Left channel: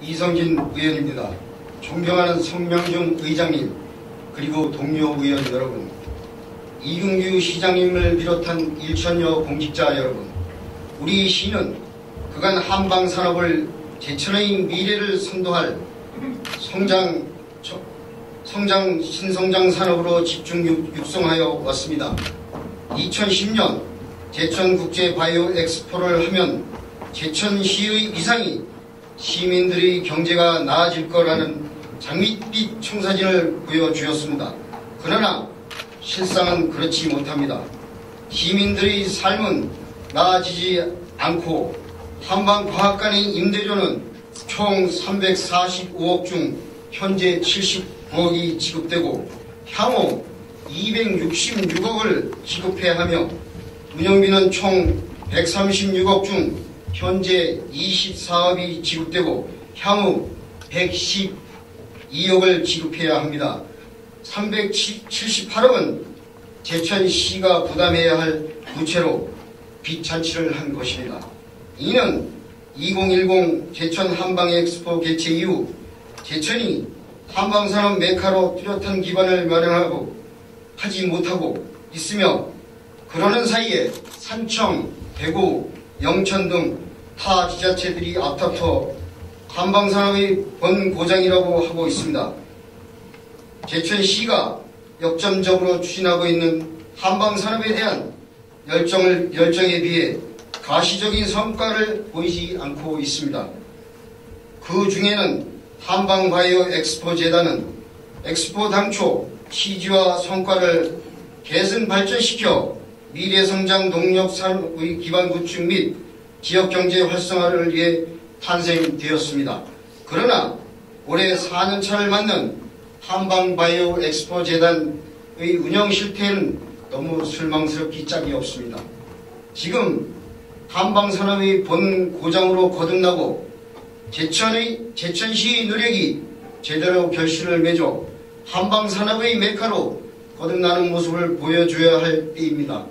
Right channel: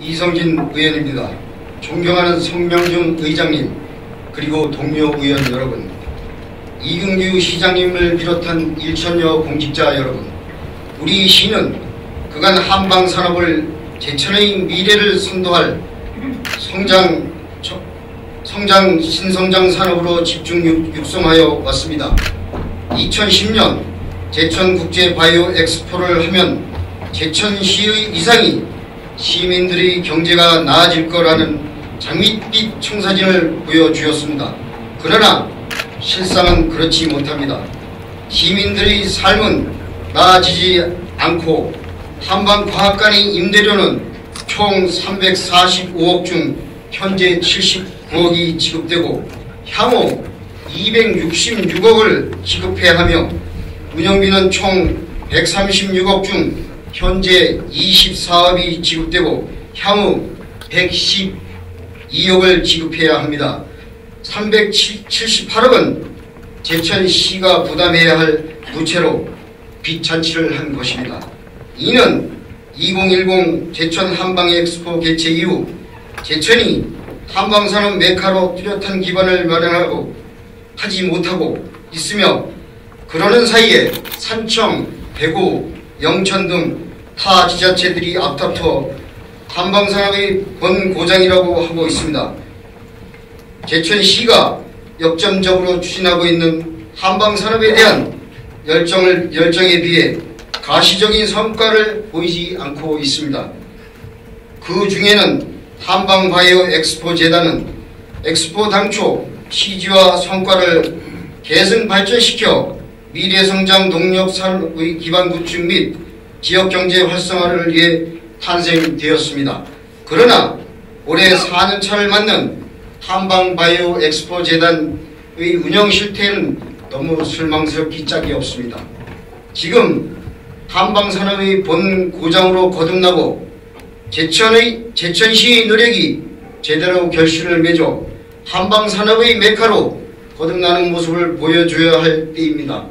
이성진 의원입니다. 존경하는 성명중 의장님, 그리고 동료 의원 여러분, 이근규 시장님을 비롯한 1천여 공직자 여러분, 우리 시는 그간 한방산업을 제천의 미래를 선도할 신성장 산업으로 집중 육성하여 왔습니다. 2010년 제천국제바이오 엑스포를 하면 제천시의 위상이 시민들의 경제가 나아질 거라는 장밋빛 청사진을 보여주었습니다. 그러나 실상은 그렇지 못합니다. 시민들의 삶은 나아지지 않고 한방과학관의 임대료는 총 345억 중 현재 79억이 지급되고 향후 266억을 지급해야 하며 운영비는 총 136억 중 현재 24억이 지급되고 향후 112억을 지급해야 합니다. 378억은 제천시가 부담해야 할 부채로 빚잔치를 한 것입니다. 이는 2010 제천 한방엑스포 개최 이후 제천이 한방산업 메카로 뚜렷한 기반을 마련하고 하지 못하고 있으며, 그러는 사이에 산청, 대구, 영천 등 타 지자체들이 앞다퉈 한방산업의 본고장이라고 하고 있습니다. 제천시가 역점적으로 추진하고 있는 한방산업에 대한 열정에 비해 가시적인 성과를 보이지 않고 있습니다. 그 중에는 한방바이오 엑스포 재단은 엑스포 당초 취지와 성과를 계승 발전시켜 미래성장 동력 산업의 기반 구축 및 지역경제 활성화를 위해 탄생되었습니다. 그러나 올해 4년차를 맞는 한방바이오 엑스포 재단의 운영 실태는 너무 실망스럽기 짝이 없습니다. 지금 한방산업의 본고장으로 거듭나고 제천시의 노력이 제대로 결실을 맺어 한방산업의 메카로 거듭나는 모습을 보여줘야 할 때입니다.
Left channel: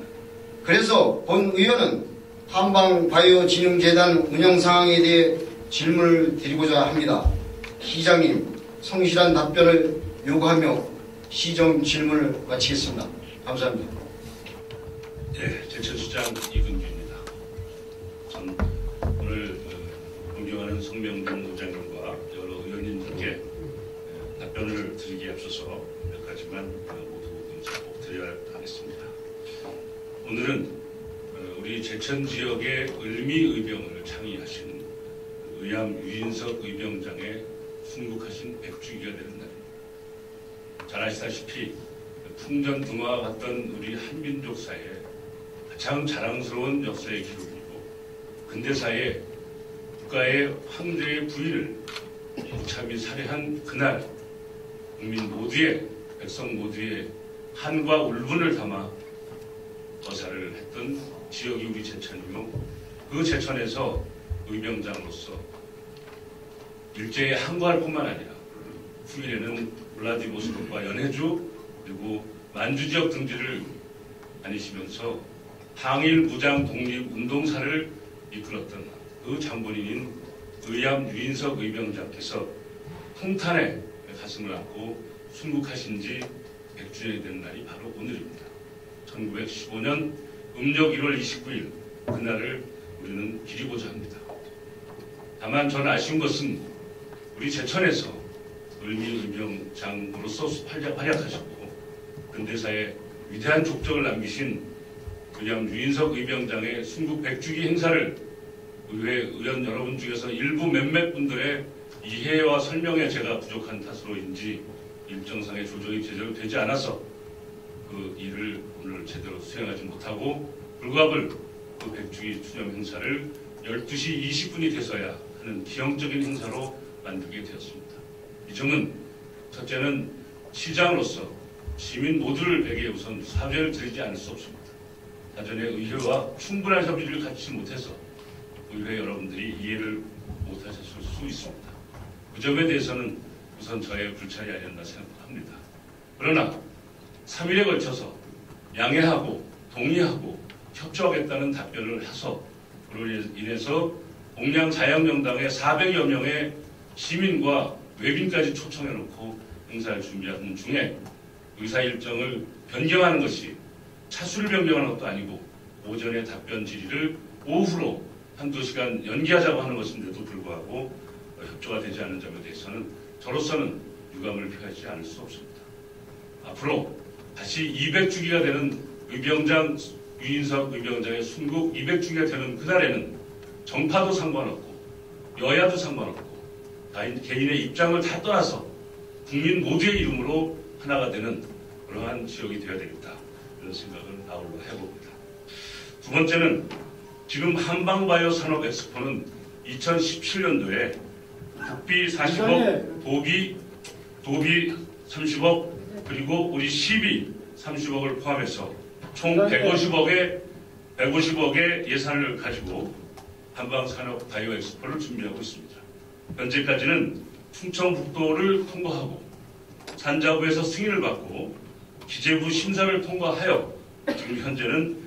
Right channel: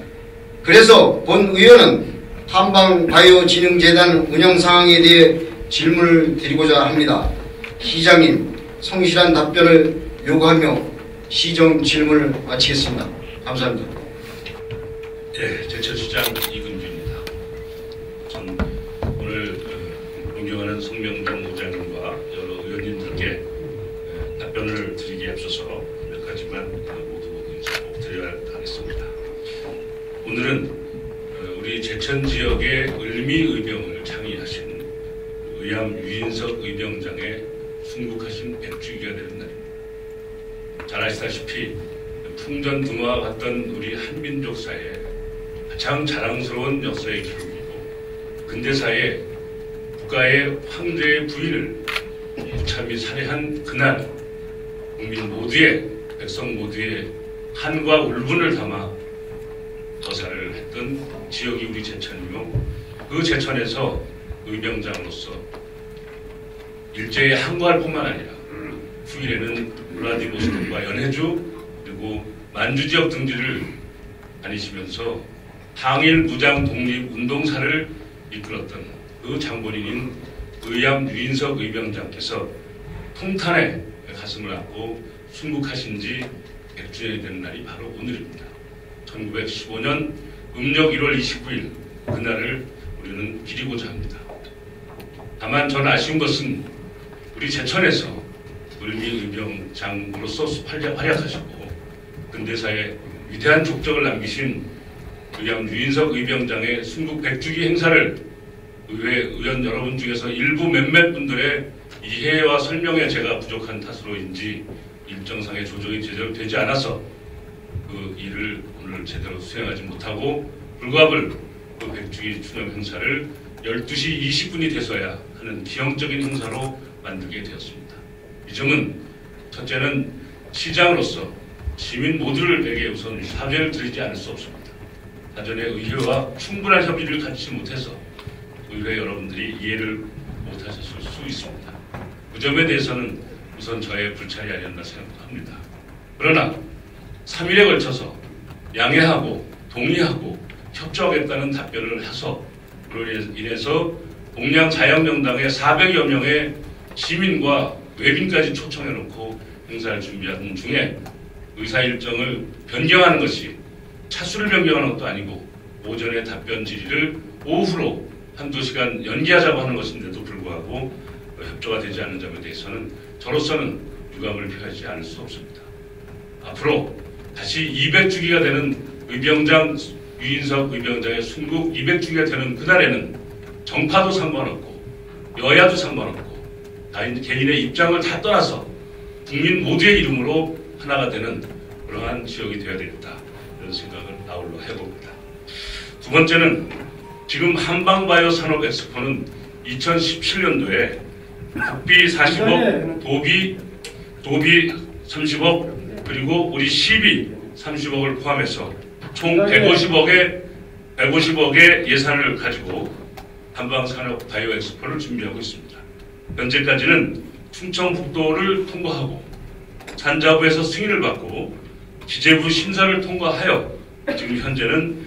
그래서 본 의원은 한방바이오진흥재단 운영 상황에 대해 질문을 드리고자 합니다. 시장님, 성실한 답변을 요구하며 시정 질문을 마치겠습니다. 감사합니다. 네, 제천시장 이근규입니다. 전 오늘 존경하는 성명중 의장님과 여러 의원님들께 답변을 드리기에 앞서서 몇 가지만 모두 인사를 드려야 하겠습니다. 오늘은 우리 제천 지역의 을미의병을 창의하신 의암 유인석 의병장의 순국하신 100주기가 되는 날입니다. 잘 아시다시피 풍전등화와 같던 우리 한민족사에 가장 자랑스러운 역사의 기록이고 근대사에 국가의 황제의 부인을 무참히 살해한 그날 국민 모두의 백성 모두의 한과 울분을 담아 거사를 했던 지역이 우리 제천이며, 그 제천에서 의병장으로서 일제히 항거할 뿐만 아니라 후일에는 울라디보스토크와 연해주 그리고 만주 지역 등지를 다니시면서 항일 무장 독립 운동사를 이끌었던 그 장본인인 의암 유인석 의병장께서 풍탄에 가슴을 안고 순국하신 지 100주년이 되는 날이 바로 오늘입니다. 1915년 음력 1월 29일 그날을 우리는 기리고자 합니다. 다만 전 아쉬운 것은 우리 제천에서 을미의병장으로서 활약하시고 근대사에 위대한 족적을 남기신 의암 유인석 의병장의 순국 100주기 행사를 의회 의원 여러분 중에서 일부 몇몇 분들의 이해와 설명에 제가 부족한 탓으로인지 일정상의 조정이 제대로 되지 않아서 그 일을 오늘 제대로 수행하지 못하고 불가불 그 100주기 추념 행사를 12시 20분이 돼서야 하는 기형적인 행사로 만들게 되었습니다. 이 점은 첫째는 시장으로서 시민 모두에게 우선 사죄를 드리지 않을 수 없습니다. 사전에 의회와 충분한 협의를 갖지 못해서 의회 여러분들이 이해를 못하셨을 수 있습니다. 그 점에 대해서는 우선 저의 불찰이 아니었나 생각합니다. 그러나 3일에 걸쳐서 양해하고 동의하고 협조하겠다는 답변을 해서 그로 인해서 동양 자연명당의 400여 명의 시민과 외빈까지 초청해놓고 행사를 준비하는 중에 의사 일정을 변경하는 것이 차수를 변경하는 것도 아니고 오전에 답변 질의를 오후로 한두 시간 연기하자고 하는 것인데도 불구하고 협조가 되지 않은 점에 대해서는 저로서는 유감을 표하지 않을 수 없습니다. 앞으로 다시 200주기가 되는 유인석 의병장의 순국 200주기가 되는 그날에는 정파도 상관없고 여야도 상관없고 개인의 입장을 다 떠나서 국민 모두의 이름으로 하나가 되는 그러한 지역이 되어야 되겠다 이런 생각을 아울러 해봅니다. 두 번째는 지금 한방바이오 산업 엑스포는 2017년도에 국비 40억, 도비 30억, 그리고 우리 시비 30억을 포함해서 총 150억의 예산을 가지고 한방산업 바이오 엑스포를 준비하고 있습니다. 현재까지는 충청북도를 통과하고 산자부에서 승인을 받고 기재부 심사를 통과하여 지금 현재는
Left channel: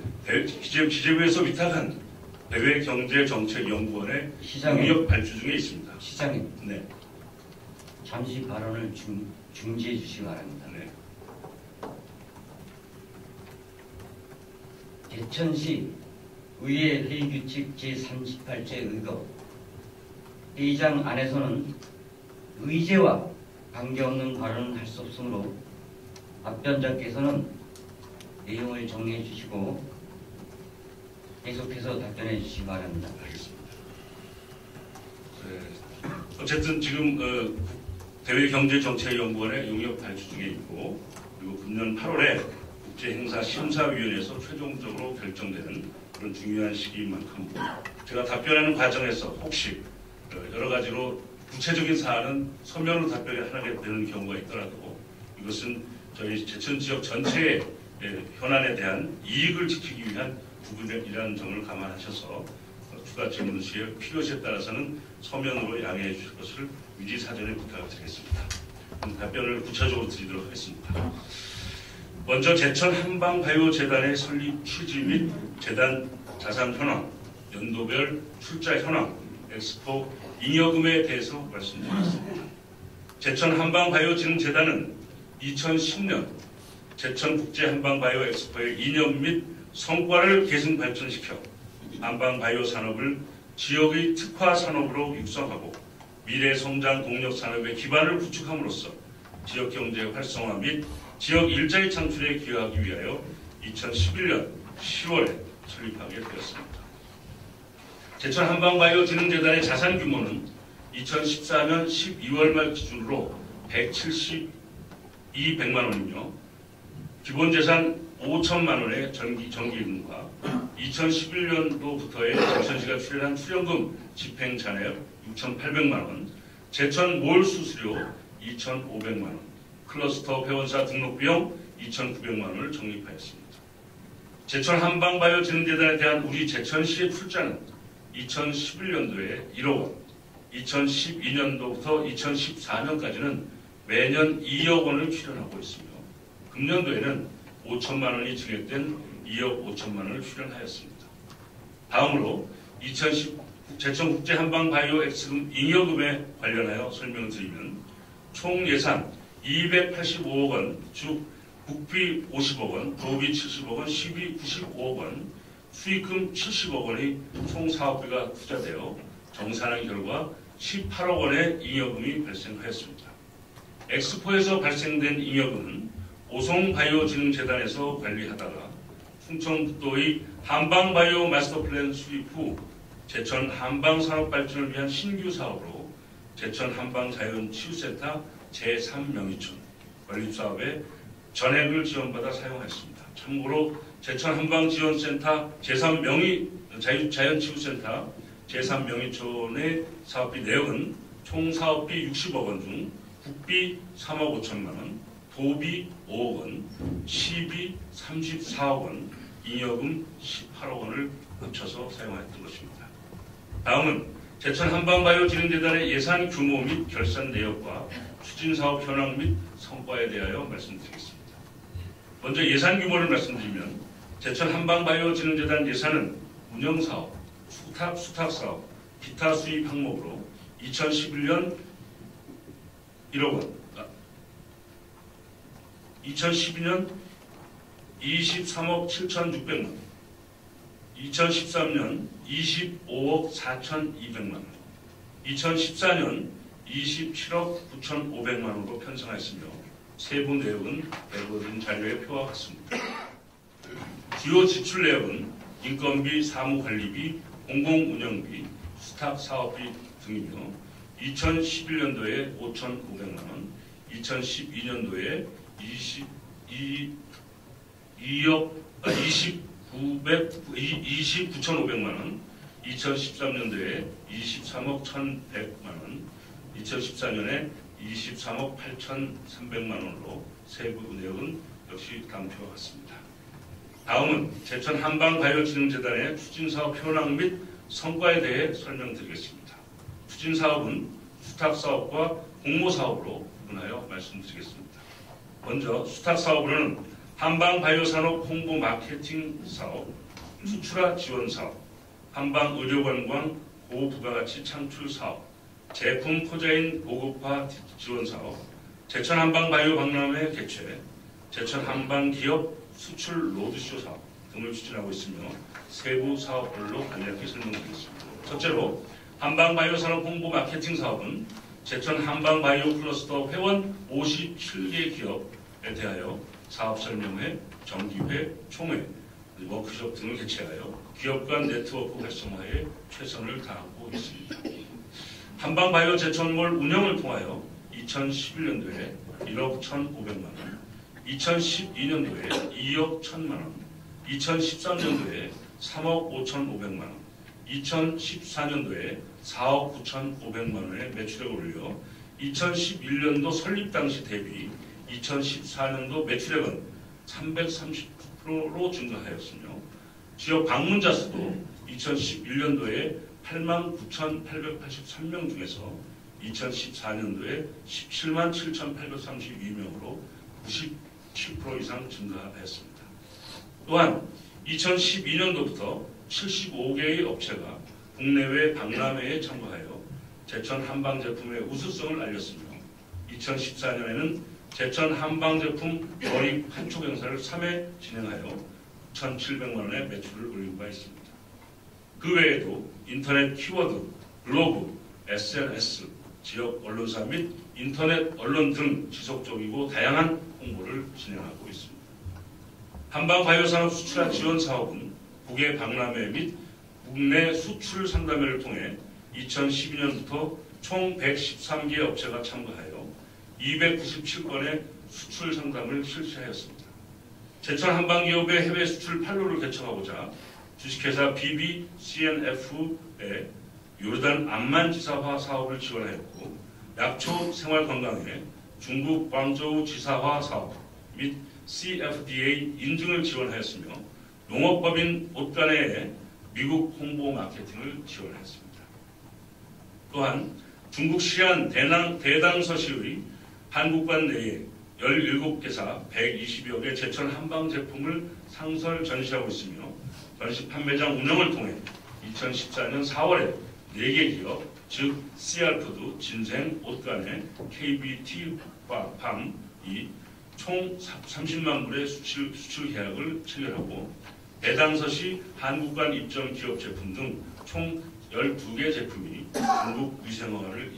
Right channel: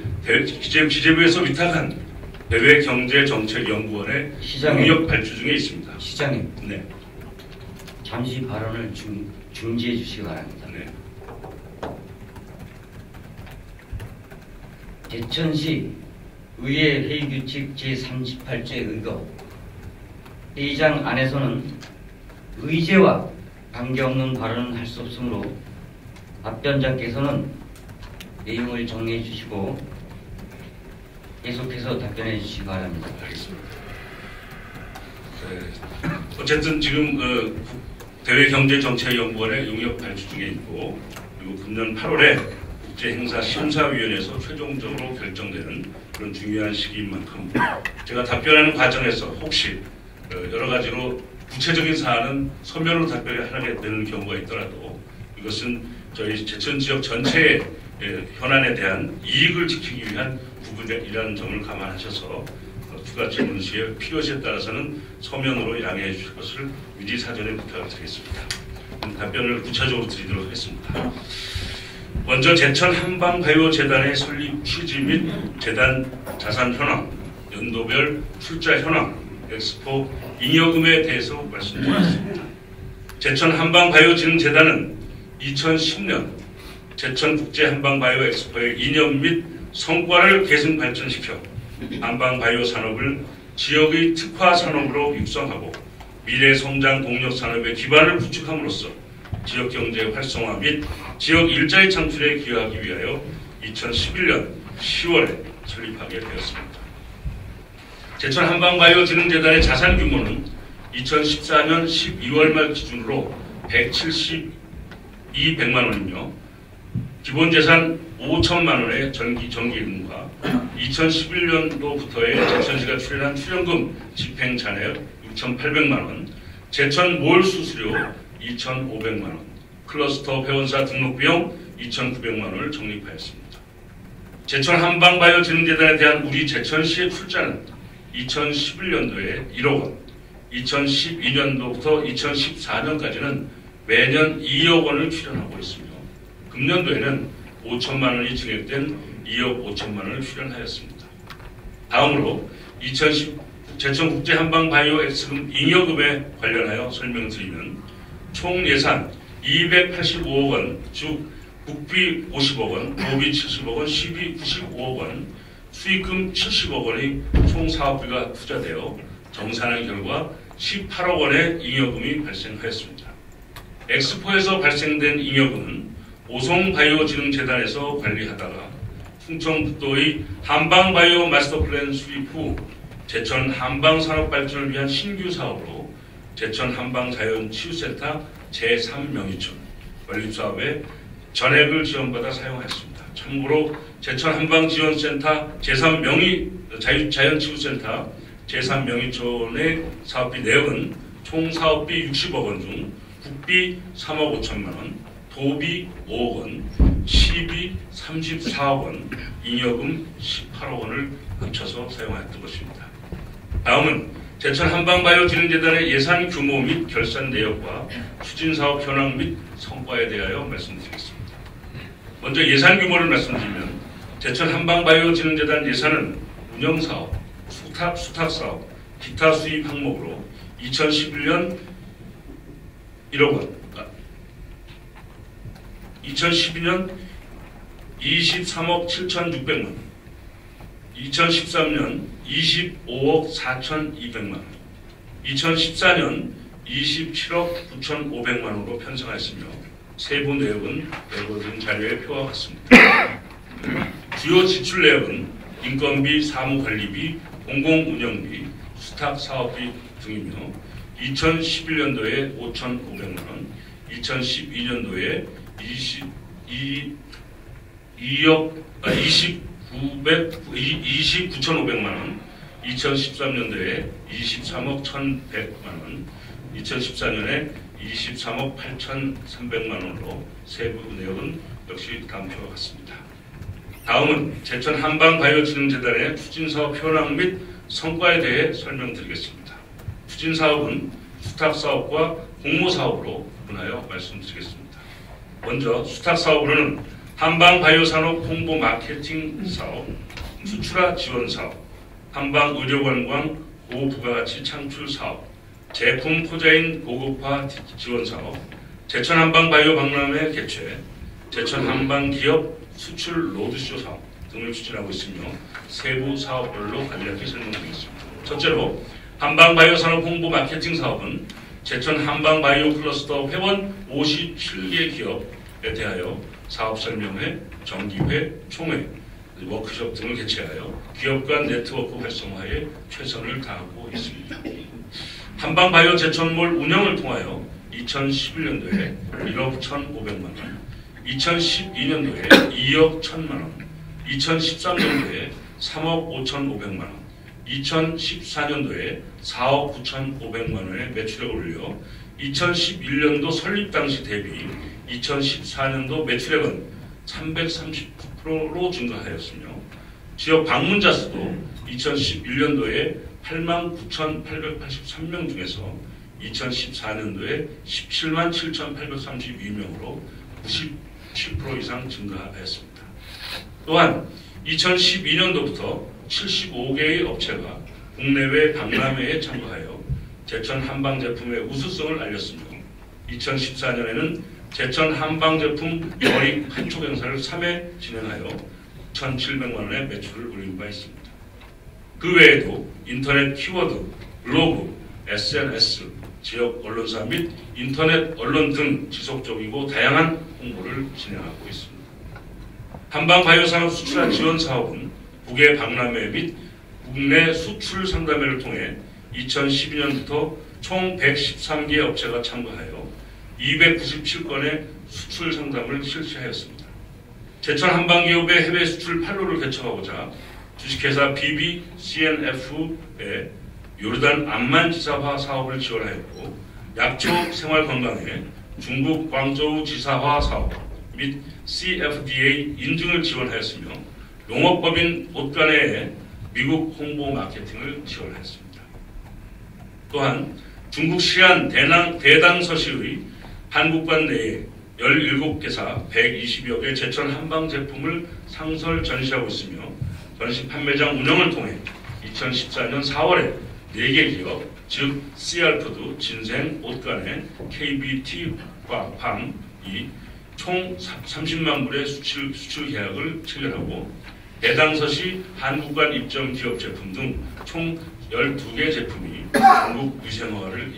기재부에서 위탁한 대외경제정책연구원의 용역 발주 중에 있습니다. 시장님, 네. 잠시 발언을 중지해 주시기 바랍니다. 네. 제천시 의회 회의규칙 제38조 의거 회의장 안에서는 의제와 관계없는 발언은 할 수 없으므로 답변자께서는 내용을 정리해 주시고 계속해서 답변해 주시기 바랍니다. 알겠습니다. 어쨌든 지금 대외경제정책연구원의 용역 발주 중에 있고 그리고 금년 8월에 국제행사심사위원회에서 최종적으로 결정되는 그런 중요한 시기인 만큼 제가 답변하는 과정에서 혹시 여러 가지로 구체적인 사안은 서면으로 답변을 하게 되는 경우가 있더라도 이것은 저희 제천 지역 전체의 현안에 대한 이익을 지키기 위한 부분이라는 점을 감안하셔서 추가 질문 시에 필요시에 따라서는 서면으로 양해해 주실 것을 미리 사전에 부탁을 드리겠습니다. 답변을 구체적으로 드리도록 하겠습니다. 먼저 제천 한방바이오재단의 설립 취지 및 재단 자산 현황, 연도별 출자 현황, 엑스포 잉여금에 대해서 말씀드리겠습니다. 제천 한방바이오진흥재단은 2010년 제천국제 한방바이오 엑스포의 이념 및 성과를 계승 발전시켜 한방바이오 산업을 지역의 특화 산업으로 육성하고 미래 성장 동력 산업의 기반을 구축함으로써 지역 경제 활성화 및 지역 일자리 창출에 기여하기 위하여 2011년 10월에 설립하게 되었습니다. 제천 한방바이오진흥재단의 자산 규모는 2014년 12월 말 기준으로 172백만 원이며 기본 재산 5천만 원의 정기금과 2011년도부터의 제천시가 출연한 출연금 집행 잔액 6,800만 원, 제천 몰 수수료 2,500만 원, 클러스터 회원사 등록 비용 2,900만 원을 적립하였습니다. 제천 한방바이오진흥재단에 대한 우리 제천시의 출자는 2011년도에 1억 원, 2012년도부터 2014년까지는 매년 2억 원을 출연하고 있으며 금년도에는 5천만 원이 증액된 2억 5천만 원을 출연하였습니다. 다음으로 2010 제천국제 한방바이오 엑스금 잉여금에 관련하여 설명을 드리면 총 예산 285억 원, 즉 국비 50억 원, 도비 70억 원, 시비 95억 원, 수익금 70억 원이 총 사업비가 투자되어 정산한 결과 18억 원의 잉여금이 발생하였습니다. 엑스포에서 발생된 잉여금은 오송바이오진흥재단에서 관리하다가 충청북도의 한방바이오 마스터플랜 수립 후 제천 한방산업발전을 위한 신규 사업으로 제천 한방자연치유센터 제3명의촌 건립사업에 전액을 지원받아 사용하였습니다. 참고로 제천 한방지원센터 제3명의 자연치유센터 제3명의촌의 사업비 내역은 총 사업비 60억 원 중 국비 3억 5천만 원, 도비 5억 원, 시비 34억 원, 잉여금 18억 원을 합쳐서 사용하였던 것입니다. 다음은 제천 한방바이오진흥재단의 예산 규모 및 결산 내역과 추진사업 현황 및 성과에 대하여 말씀드리겠습니다. 먼저 예산 규모를 말씀드리면 제천 한방바이오진흥재단 예산은 운영사업, 수탁사업, 기타 수입 항목으로 2011년 1억 원, 2012년 23억 7,600만 원, 2013년 25억 4,200만 원, 2014년 27억 9,500만 원으로 편성하였으며 세부 내역은 열거된 자료에 표와 같습니다. 주요 지출 내역은 인건비, 사무관리비, 공공운영비, 수탁사업비 등이며 2011년도에 5,500만 원, 2012년도에 29,500만 원, 2013년도에 23억 1,100만 원, 2014년에 23억 8,300만 원으로 세부 내역은 역시 다음 표와 같습니다. 다음은 제천 한방바이오진흥재단의 추진사업 현황 및 성과에 대해 설명드리겠습니다. 추진사업은 수탁사업과 공모사업으로 구분하여 말씀드리겠습니다. 먼저 수탁사업으로는 한방바이오산업 홍보 마케팅 사업, 수출화 지원 사업, 한방의료관광 고부가가치 창출 사업, 제품 포자인 고급화 지원 사업, 제천 한방바이오 박람회 개최, 제천 한방기업 수출 로드쇼 사업 등을 추진하고 있으며 세부 사업별로 간략히 설명드리겠습니다. 첫째로 한방바이오산업 홍보 마케팅 사업은 제천 한방바이오 클러스터 회원 57개 기업에 대하여 사업 설명회, 정기회, 총회, 워크숍 등을 개최하여 기업 간 네트워크 활성화에 최선을 다하고 있습니다. 한방바이오 제천몰 운영을 통하여 2011년도에 1억 1,500만 원, 2012년도에 2억 1,000만 원, 2013년도에 3억 5,500만 원, 2014년도에 4억 9,500만 원의 매출액을 올려 2011년도 설립 당시 대비 2014년도 매출액은 339%로 증가하였으며 지역 방문자 수도 2011년도에 89,883명 중에서 2014년도에 177,832명으로 97% 이상 증가하였습니다. 또한 2012년도부터 75개의 업체가 국내외 박람회에 참가하여 제천 한방 제품의 우수성을 알렸으며 2014년에는 제천 한방 제품 거리 판촉 행사를 3회 진행하여 1,700만 원의 매출을 올린 바 있습니다. 그 외에도 인터넷 키워드, 블로그, SNS, 지역 언론사 및 인터넷 언론 등 지속적이고 다양한 홍보를 진행하고 있습니다. 한방바이오산업 수출화 지원 사업은 국외 박람회 및 국내 수출 상담회를 통해 2012년부터 총 113개 업체가 참가하여 297건의 수출 상담을 실시하였습니다. 제천 한방기업의 해외 수출 판로를 개척하고자 주식회사 BBCNF의 요르단 암만 지사화 사업을 지원하였고 약초 생활건강에 중국 광저우 지사화 사업 및 CFDA 인증을 지원하였으며 농업법인 옷간의 미국 홍보 마케팅을 지원하였습니다. 또한 중국 시안 대당서시의 한국관 내에 17개사 120여 개 제천 한방 제품을 상설 전시하고 있으며 전시 판매장 운영을 통해 2014년 4월에 4개 기업, 즉 CR푸드, 진생, 옷간의 KBT, 팜이 총 30만 불의 수출 계약을 체결하고 대당서시 한국관 입점 기업 제품 등 총 12개 제품이 중국 위생허가를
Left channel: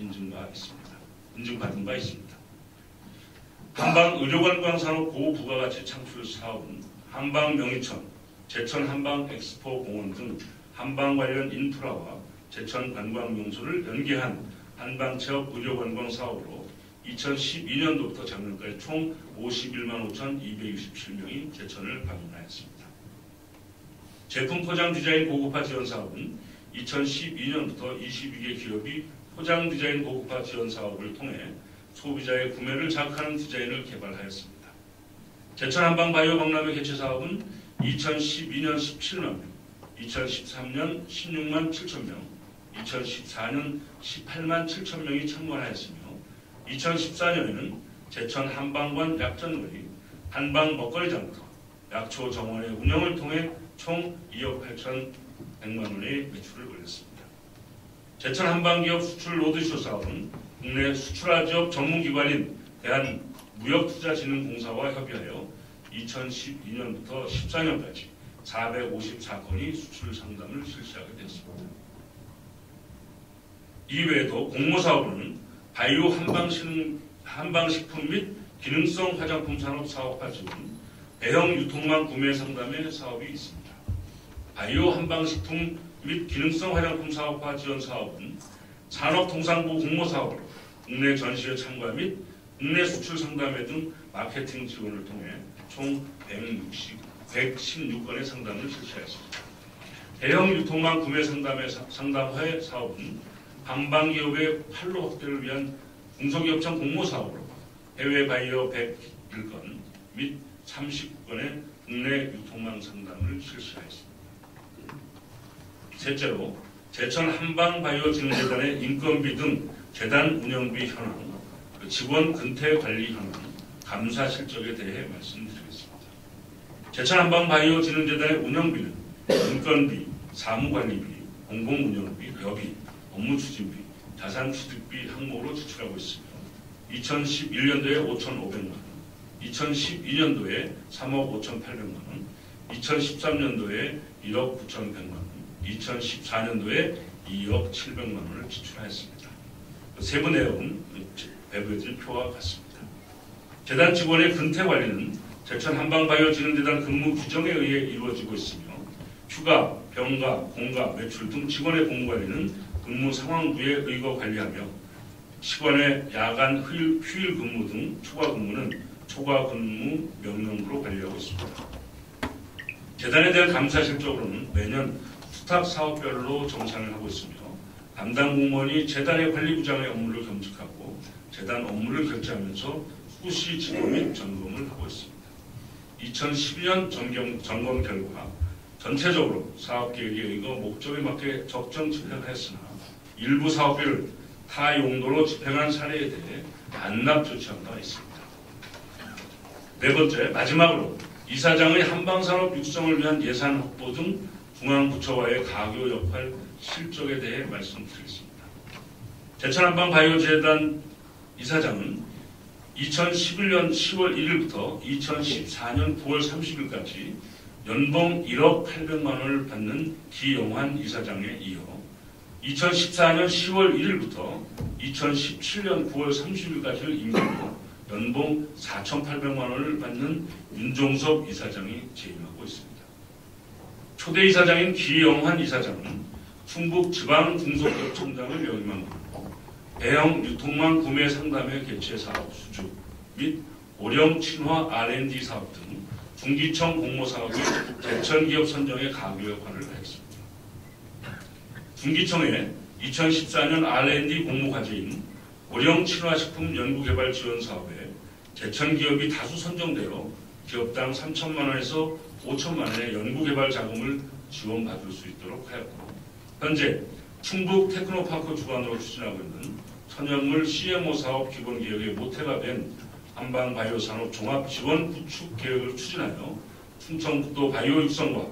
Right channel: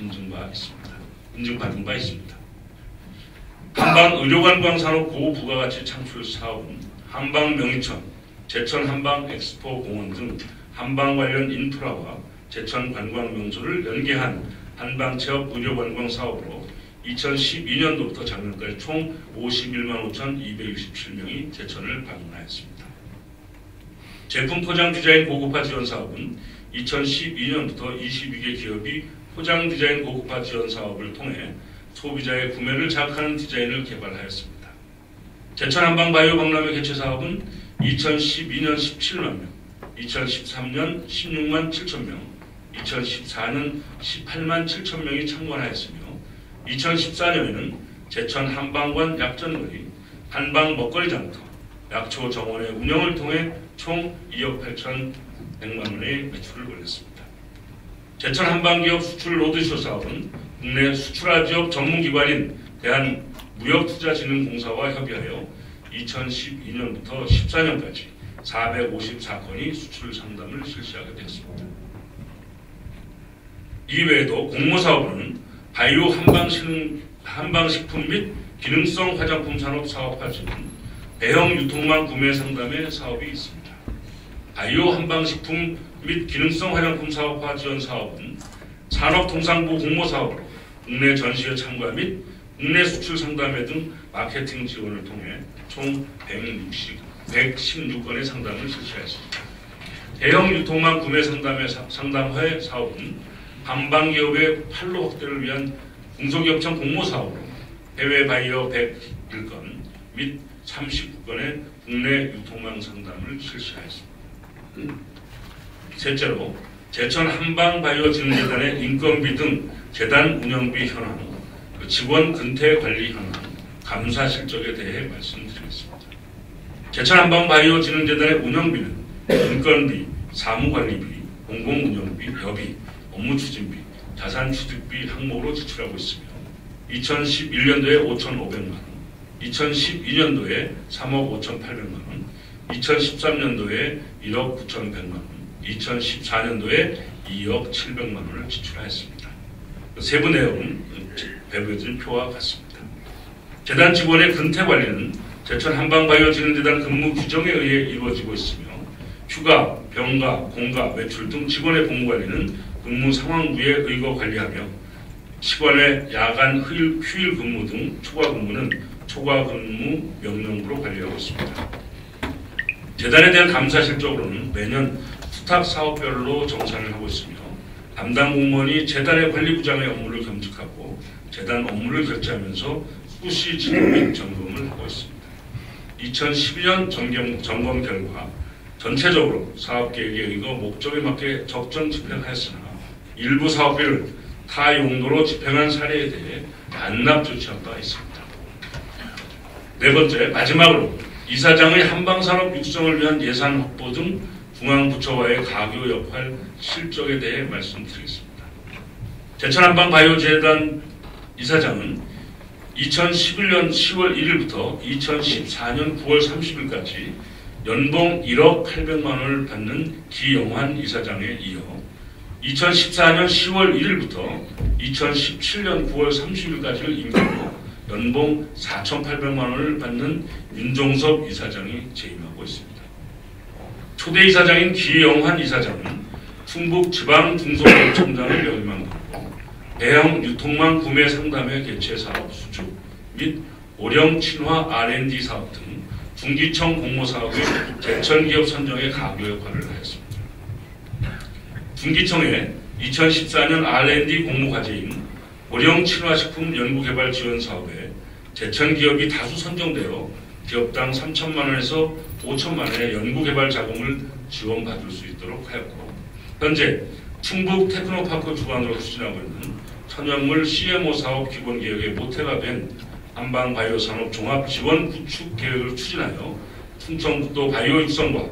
인증받은 바 있습니다. 한방의료관광산업 고부가가치 창출 사업은 한방명이천, 제천 한방엑스포 공원 등 한방 관련 인프라와 제천 관광명소를 연계한 한방체업 의료관광 사업으로 2012년도부터 작년까지 총 51만 5,267명이 제천을 방문하였습니다. 제품 포장 디자인 고급화 지원 사업은 2012년부터 22개 기업이 포장 디자인 고급화 지원 사업을 통해 소비자의 구매를 자극하는 디자인을 개발하였습니다. 제천 한방바이오 박람회 개최 사업은 2012년 17만 명, 2013년 16만 7천 명, 2014년 18만 7천 명이 참관하였으며 2014년에는 제천 한방관 약전거리, 한방 먹거리 장터, 약초 정원의 운영을 통해 총 2억 8,100만 원의 매출을 올렸습니다. 제천 한방기업 수출 로드쇼 사업은 국내 수출화 지역 전문기관인 대한무역투자진흥공사와 협의하여 2012년부터 14년까지 454건의 수출 상담을 실시하게 되었습니다. 이외에도 공모사업으로는 바이오 한방식품 및 기능성 화장품 산업 사업화 지원, 배형 유통망 구매 상담의 사업이 있습니다. 바이오 한방식품 및 기능성 화장품 사업화 지원 사업은 산업통상부 공모사업으로 국내 전시회 참가 및 국내 수출 상담회 등 마케팅 지원을 통해 총 116건의 상담을 실시했습니다. 대형 유통망 구매 상담회 사업은 한방기업의 판로 확대를 위한 중소기업청 공모사업으로 해외 바이어 101건 및 39건의 국내 유통망 상담을 실시하였습니다. 셋째로 제천 한방바이오진흥재단의 인건비 등 재단 운영비 현황, 직원 근태 관리 현황, 감사 실적에 대해 말씀드리겠습니다. 제천 한방바이오진흥재단의 운영비는 인건비, 사무관리비, 공공운영비, 여비, 업무추진비, 자산취득비 항목으로 지출하고 있으며 2011년도에 5,500만 원, 2012년도에 3억 5,800만 원, 2013년도에 1억 9,100만 원, 2014년도에 2억 700만 원을 지출하였습니다. 세부 내용은 배부해진 표와 같습니다. 재단 직원의 근태 관리는 제천 한방바이오진흥재단 근무 규정에 의해 이루어지고 있으며 휴가, 병가, 공가, 외출 등 직원의 근무 관리는 근무 상황부에 의거 관리하며 시간의 야간 휴일 근무 등 초과 근무는 초과 근무 명령으로 관리하고 있습니다. 재단에 대한 감사 실적으로는 매년 수탁 사업별로 정산을 하고 있으며 담당 공무원이 재단의 관리부장의 업무를 겸직하고 재단 업무를 결제하면서 수시 지도 및 점검을 하고 있습니다. 2012년 점검 결과 전체적으로 사업계획에 의거 목적에 맞게 적정 집행하였으나 일부 사업비를 타 용도로 집행한 사례에 대해 반납 조치한 바 있습니다. 네 번째, 마지막으로 이사장의 한방산업 육성을 위한 예산 확보 등 중앙부처와의 가교 역할 실적에 대해 말씀드리겠습니다. 제천 한방바이오재단 이사장은 2011년 10월 1일부터 2014년 9월 30일까지 연봉 1억 800만 원을 받는 기영환 이사장에 이어 2014년 10월 1일부터 2017년 9월 30일까지를 임기로 연봉 4,800만 원을 받는 윤종섭 이사장이 재임하고 있습니다. 초대 이사장인 기영환 이사장은 충북지방중소기업청장을 역임하고 배형 유통망 구매 상담회 개최 사업 수주 및 오령 친화 R&D 사업 등 중기청 공모사업의 제천기업 선정에 가교 역할을 하였습니다. 중기청의 2014년 R&D 공모과제인 오령 친화식품 연구개발 지원 사업에 제천기업이 다수 선정되어 기업당 3천만 원에서 5천만 원의 연구개발 자금을 지원받을 수 있도록 하였고 현재 충북 테크노파크 주관으로 추진하고 있는 천연물 CMO 사업 기본계획의 모태가 된 한방바이오산업 종합지원 구축 계획을 추진하여 충청북도 바이오육성과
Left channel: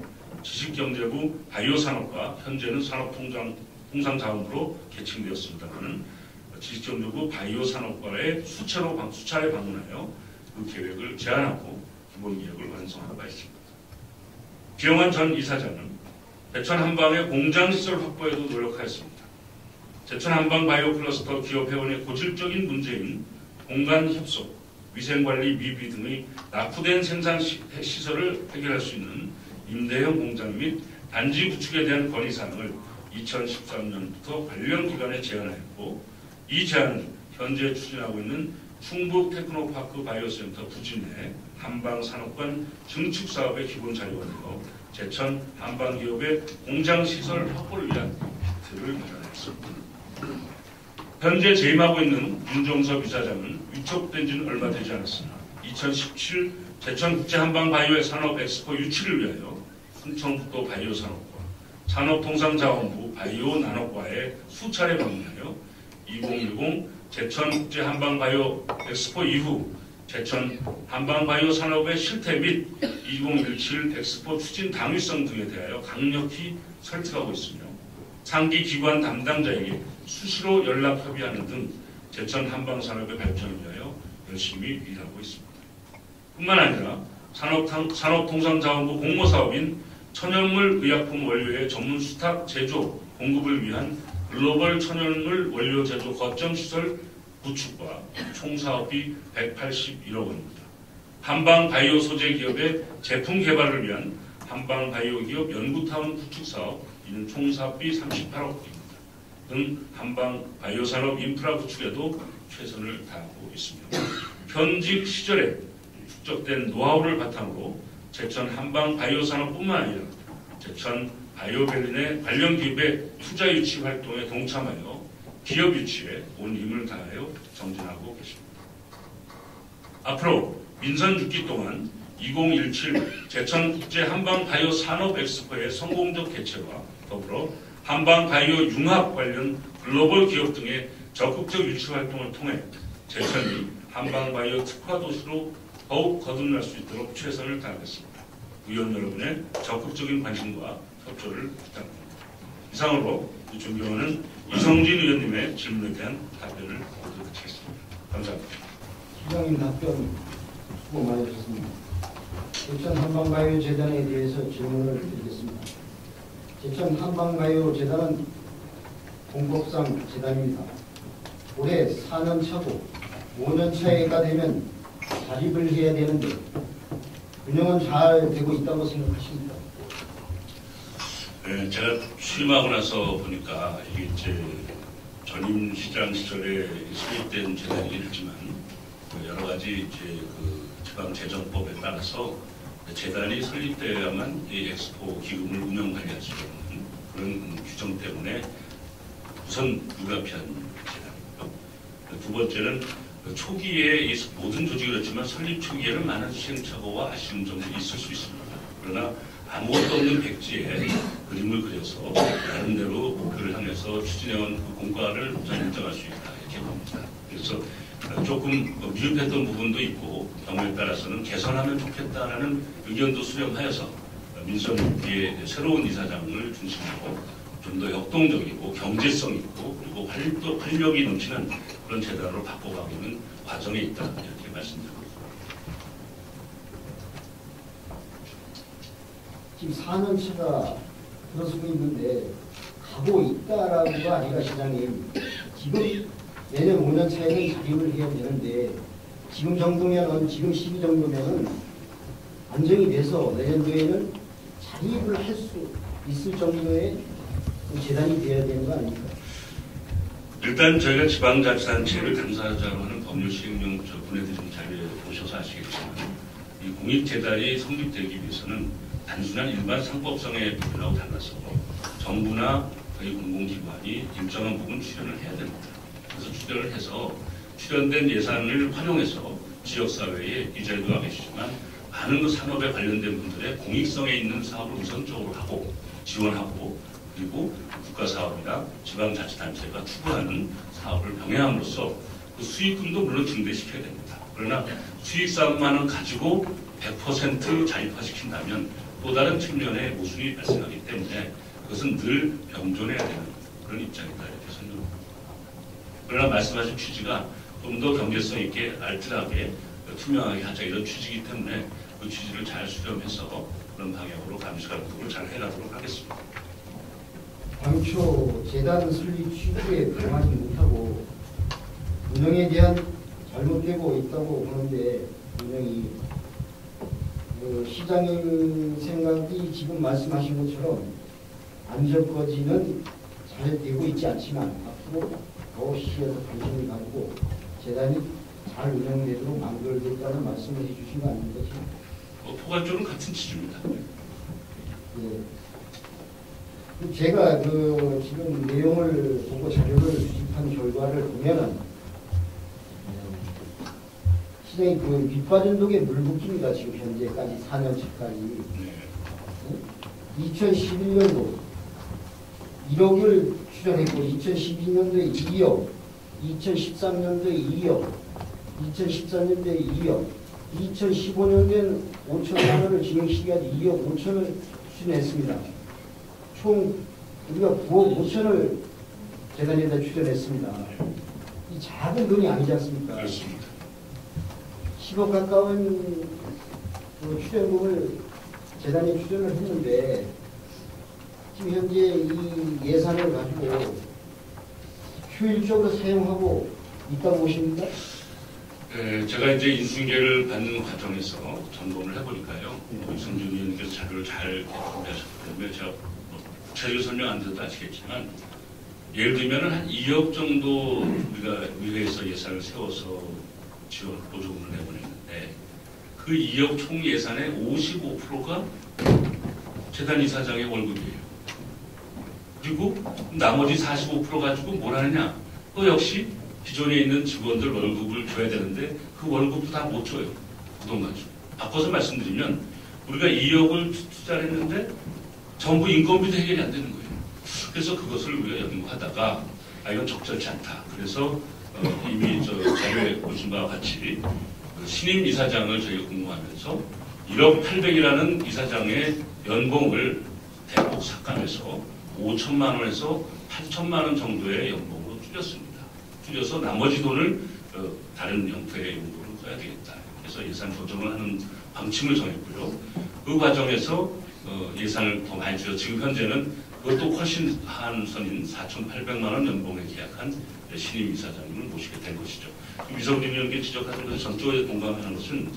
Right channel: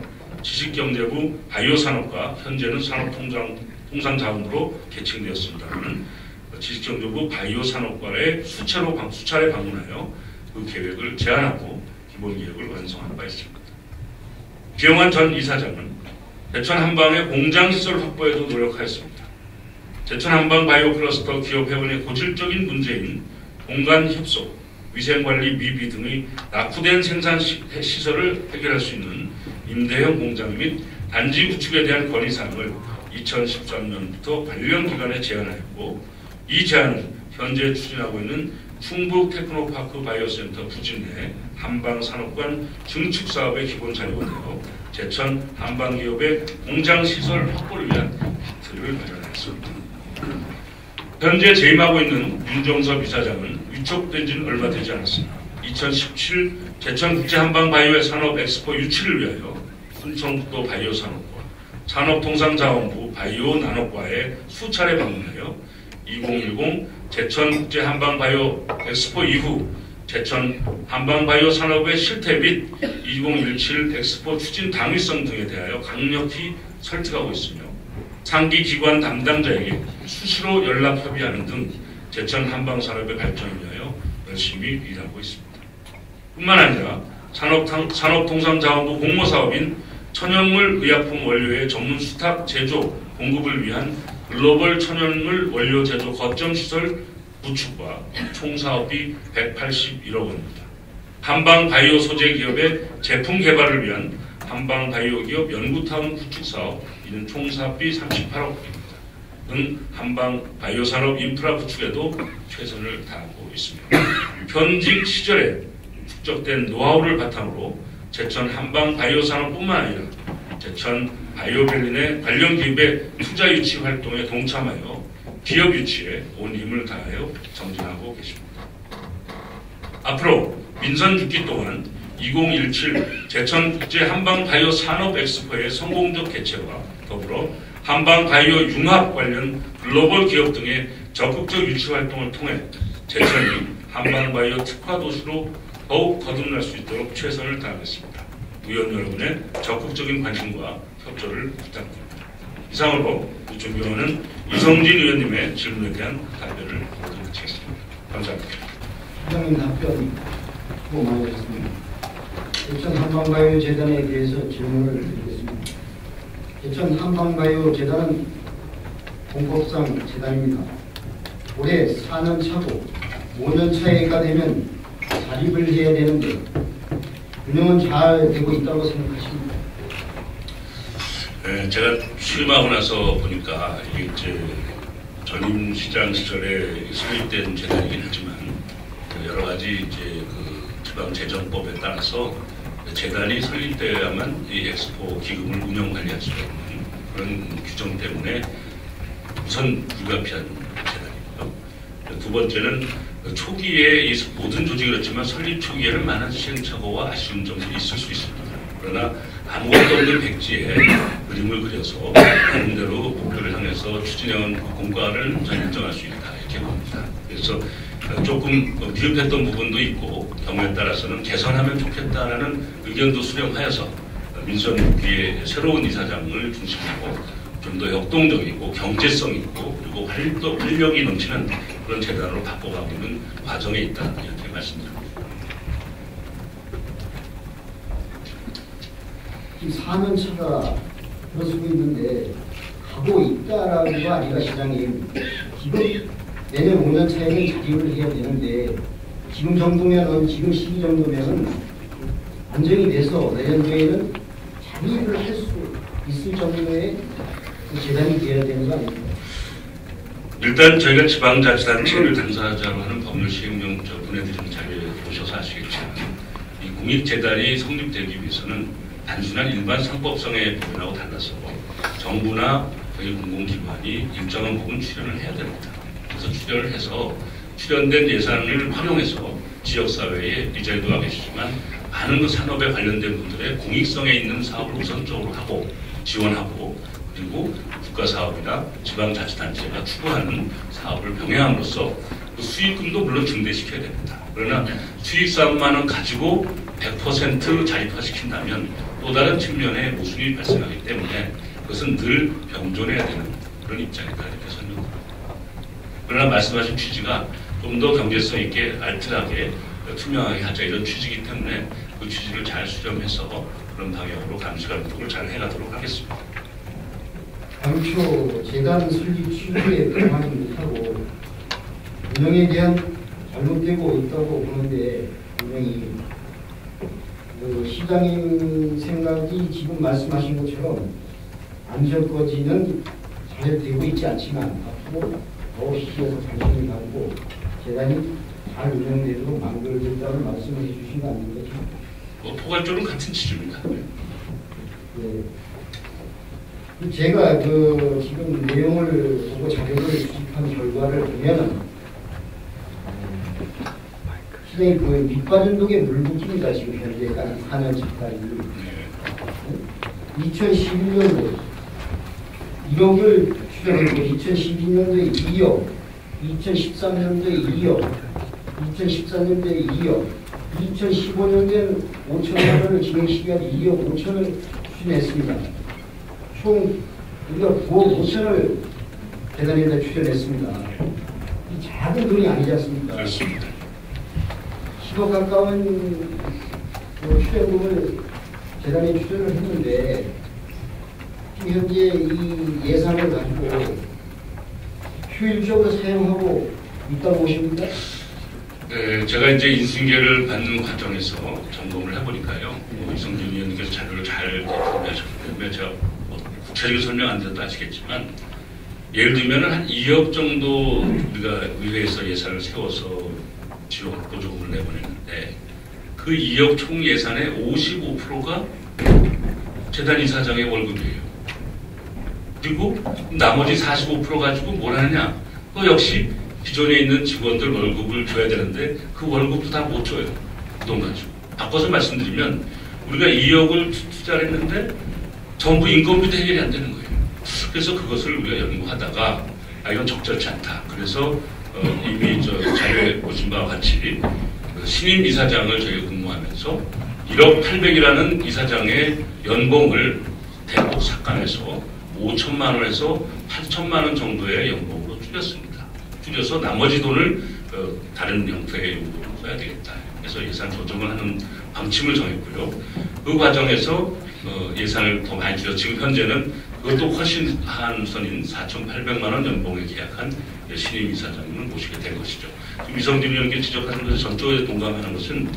지식경제부 바이오산업과 현재는 산업통상자원부로 개칭되었습니다. 지식경제부 바이오산업과의 수차례 방문하여 그 계획을 제안하고 기본계획을 완성한 바 있습니다. 기영환 전 이사장은 제천 한방의 공장시설 확보에도 노력하였습니다. 제천 한방 바이오 클러스터 기업 회원의 고질적인 문제인 공간 협소, 위생관리 미비 등의 낙후된 생산 시설을 해결할 수 있는 임대형 공장 및 단지 구축에 대한 건의사항을 2013년부터 관련 기관에 제안하였고 이 제안은 현재 추진하고 있는 충북 테크노파크 바이오센터 부진 내 한방산업관 증축 사업의 기본 자료가 되어 제천 한방기업의 공장시설 확보를 위한 기틀을 마련했습니다. 현재 재임하고 있는 윤종섭 이사장은 위촉된 지는 얼마 되지 않았으나 2017 제천국제한방바이오 산업 엑스포 유치를 위하여 충청북도 바이오산업과 산업통상자원부 바이오나노과에 수차례 방문하여 2010 제천국제한방바이오 엑스포 이후 제천 한방바이오 산업의 실태 및 2017 엑스포 추진 당위성 등에 대하여 강력히 설득하고 있으며 상기 기관 담당자에게 수시로 연락 협의하는 등 제천 한방산업의 발전을 위하여 열심히 일하고 있습니다. 뿐만 아니라 산업통상자원부 공모사업인 천연물 의약품 원료의 전문 수탁 제조 공급을 위한 글로벌 천연물 원료 제조 거점 시설 구축과 총 사업비 181억 원입니다. 한방 바이오 소재 기업의 제품 개발을 위한 한방 바이오 기업 연구타운 구축 사업 이는 총 사업비 38억 원입니다. 등 한방 바이오 산업 인프라 구축에도 최선을 다하고 있습니다. 현직 시절에 축적된 노하우를 바탕으로 제천 한방 바이오 산업뿐만 아니라 제천 바이오밸리 내 관련 기업의 투자 유치 활동에 동참하여 기업 유치에 온 힘을 다하여 정진하고 계십니다. 앞으로 민선 6기 동안 2017 제천 국제 한방 바이오 산업 엑스포의 성공적 개최와 더불어 한방 바이오 융합 관련 글로벌 기업 등의 적극적 유치 활동을 통해 제천이 한방 바이오 특화 도시로 더욱 거듭날 수 있도록 최선을 다하겠습니다. 의원 여러분의 적극적인 관심과 협조를 부탁드립니다. 이상으로 존경하는 이성진 의원님의 질문에 대한 답변을 드리겠습니다. 감사합니다. 회장님 답변 수고 많으셨습니다. 제천 한방바이오 재단에 대해서 질문을 드리겠습니다. 제천 한방바이오 재단은 공법상 재단입니다. 올해 4년 차고 5년 차가 되면 자립을 해야 되는데 운영은 잘 되고 있다고 생각하십니까? 네, 제가 취임하고 나서 보니까 이게 이제 전임 시장 시절에 설립된 재단이긴 하지만 여러 가지 이제 그 지방재정법에 따라서 재단이 설립되어야만 이 엑스포 기금을 운영 관리할 수 있는 그런 규정 때문에 우선 불가피한 재단이고요. 두 번째는 초기에 이 모든 조직이 그렇지만 설립 초기에는 많은 시행착오와 아쉬운 점들이 있을 수 있습니다. 그러나 아무것도 없는 백지에 그림을 그려서 나름대로 목표를 향해서 추진해온 공과를 인정할 수 있다 이렇게 봅니다. 그래서 조금 미흡했던 부분도 있고 경우에 따라서는 개선하면 좋겠다라는 의견도 수렴하여서 민선 6기의 새로운 이사장을 중심으로 좀 더 역동적이고 경제성 있고 그리고 활력이 넘치는 그런 재단으로 바꿔가고 있는 과정에 있다 이렇게 말씀드립니다. 지금 4년 차가 들어서고 있는데 가고 있다라고가 아니라 시장님 지금 내년 5년 차에는 자립을 해야 되는데 지금 정도면은 지금 시기 정도면은 안정이 돼서 내년도에는 자립을 할 수 있을 정도의 재단이 되어야 되는 거 아닙니까? 일단 저희가 지방자치단체를 당사자로 하는 법률 시행령 보내드리는 자리에 보셔서 아시겠지만 이 공익재단이 성립되기 위해서는 단순한 일반 상법성의 법이라고 달라서 정부나 저희 공공기관이 일정한 부분 출연을 해야 됩니다. 그래서 출연을 해서 출연된 예산을 활용해서 지역사회에 이 자리도 와 계시지만 많은 그 산업에 관련된 분들의 공익성에 있는 사업을 우선적으로 하고 지원하고 그리고 국가사업이나 지방자치단체가 추구하는 사업을 병행함으로써 그 수익금도 물론 증대시켜야 됩니다. 그러나 수익사업만은 가지고 100% 자립화시킨다면 또 다른 측면의 모순이 발생하기 때문에 그것은 늘 병존해야 되는 그런 입장이다 이렇게 설명드립니다. 그러나 말씀하신 취지가 좀 더 경제성 있게 알뜰하게 투명하게 하자 이런 취지이기 때문에 그 취지를 잘 수렴해서 그런 방향으로 감시감독을 잘 해가도록 하겠습니다. 당초 재단 설립 취지에 불만하고 운영에 대한 잘못되고 있다고 보는데 분명히 시장님 생각이 지금 말씀하신 것처럼 안전거지는 잘 되고 있지 않지만 앞으로 더 시행을 당신이 하고 재단이 잘 운영되도록 만들어진다는 말씀을 해주신 거 아닙니까? 포괄적으로 같은 취지입니다. 네. 제가 지금 내용을 하고 자료를 수집한 결과를 보면 실행이 밑빠진 독에 물붓기입니다. 지금 현재 4년 차까지 2011년도 1억을 추정했고 2012년도에 2억 2013년도에 2억 2014년도에 2억 2015년도에는 5천만 원을 진행시켜야지 2억 5천을 추진했습니다. 총 우리가 9억 5천을 재단에다 추진했습니다. 작은 돈이 아니지 않습니까? 그렇습니다. 10억 가까운 휴대금을 재단에 추진을 했는데 지금 현재 이 예산을 가지고 효율적으로 사용하고 있다고 보십니까? 네, 제가 이제 인수인계를 받는 과정에서 점검을 해보니까요. 이성준 의원님께서 자료를 잘 준비하셨기 때문에 제가 구체적으로 설명 안 드려도 아시겠지만 예를 들면 한 2억 정도 우리가 의회에서 예산을 세워서 지원 보조금을 내보냈는데 그 2억 총 예산의 55%가 재단 이사장의 월급이에요. 그리고 나머지 45% 가지고 뭘 하느냐? 그 역시 기존에 있는 직원들 월급을 줘야 되는데 그 월급도 다 못 줘요. 돈 가지고. 바꿔서 말씀드리면 우리가 2억을 투자를 했는데 전부 인건비도 해결이 안 되는 거예요. 그래서 그것을 우리가 연구하다가 이건 적절치 않다. 그래서 이미 저 자료에 보신 바와 같이 그 신임 이사장을 저희가 근무하면서 1억 800이라는 이사장의 연봉을 대폭 삭감해서 5천만 원에서 8천만 원 정도의 연봉으로 줄였습니다. 줄여서 나머지 돈을 다른 형태의 용도로 써야 되겠다. 그래서 예산 조정을 하는 방침을 정했고요. 그 과정에서 예산을 더 많이 줄여 지금 현재는 그것도 훨씬 한선인 4,800만 원 연봉에 계약한 신임 이사장님을 모시게 된 것이죠. 이성진 의원께 지적하신 것에 전적으로 동감하는 것은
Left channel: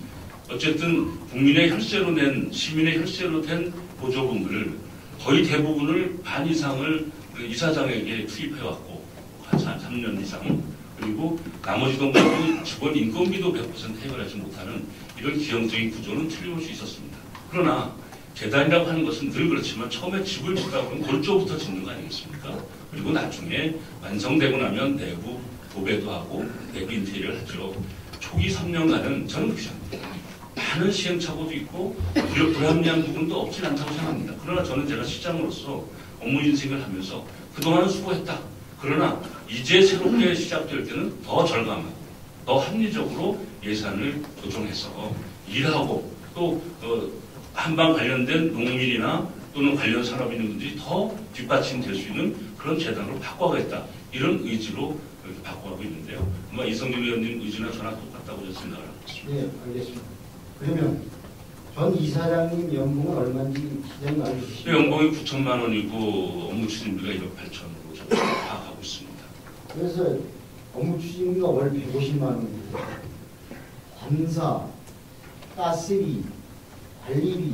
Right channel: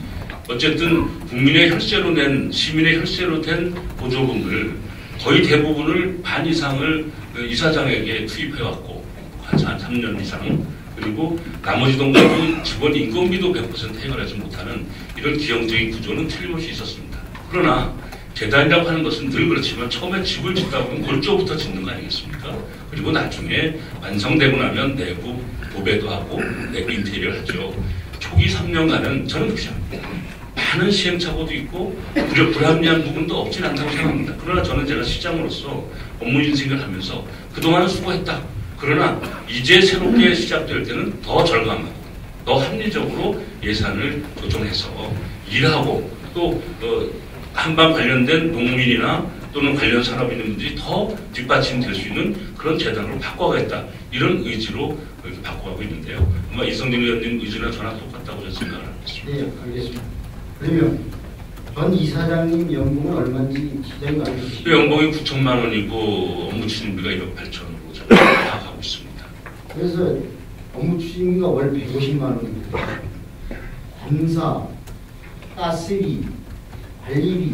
어쨌든 국민의 혈세로 낸 시민의 혈세로 된 보조금을 거의 대부분을 반 이상을 이사장에게 투입해왔고 한 3년 이상 그리고 나머지 돈과도 직원 인건비도 100% 해결하지 못하는 이런 기형적인 구조는 틀림없이 있었습니다. 그러나 재단이라고 하는 것은 늘 그렇지만 처음에 집을 짓다 보면 골조부터 짓는 거 아니겠습니까? 그리고 나중에 완성되고 나면 내부 도배도 하고 내부 인테리어를 하죠. 초기 3년간은 저는 그렇게 생각합니다. 많은 시행착오도 있고 불합리한 부분도 없진 않다고 생각합니다. 그러나 저는 제가 시장으로서 업무 인식을 하면서 그동안은 수고했다. 그러나 이제 새롭게 시작될 때는 더 절감하고 더 합리적으로 예산을 조정해서 일하고 또 한방 관련된 농민이나 또는 관련 산업에 있는 분들이 더 뒷받침될 수 있는 그런 재단으로 바꿔가겠다. 이런 의지로 이렇게 바꿔가고 있는데요. 아마 이성진 의원님 의지나 저나 똑같다고 저는 생각을 합니다. 네, 알겠습니다. 그러면 전 이사장님 연봉은 얼마인지 시장이 알려주시죠. 그 연봉이 9천만 원이고 업무 추진비가 1억 8천 원으로 저는 파악하고 있습니다. 그래서 업무 추진비가 월 150만 원입니다. 공사, 가스비, 관리비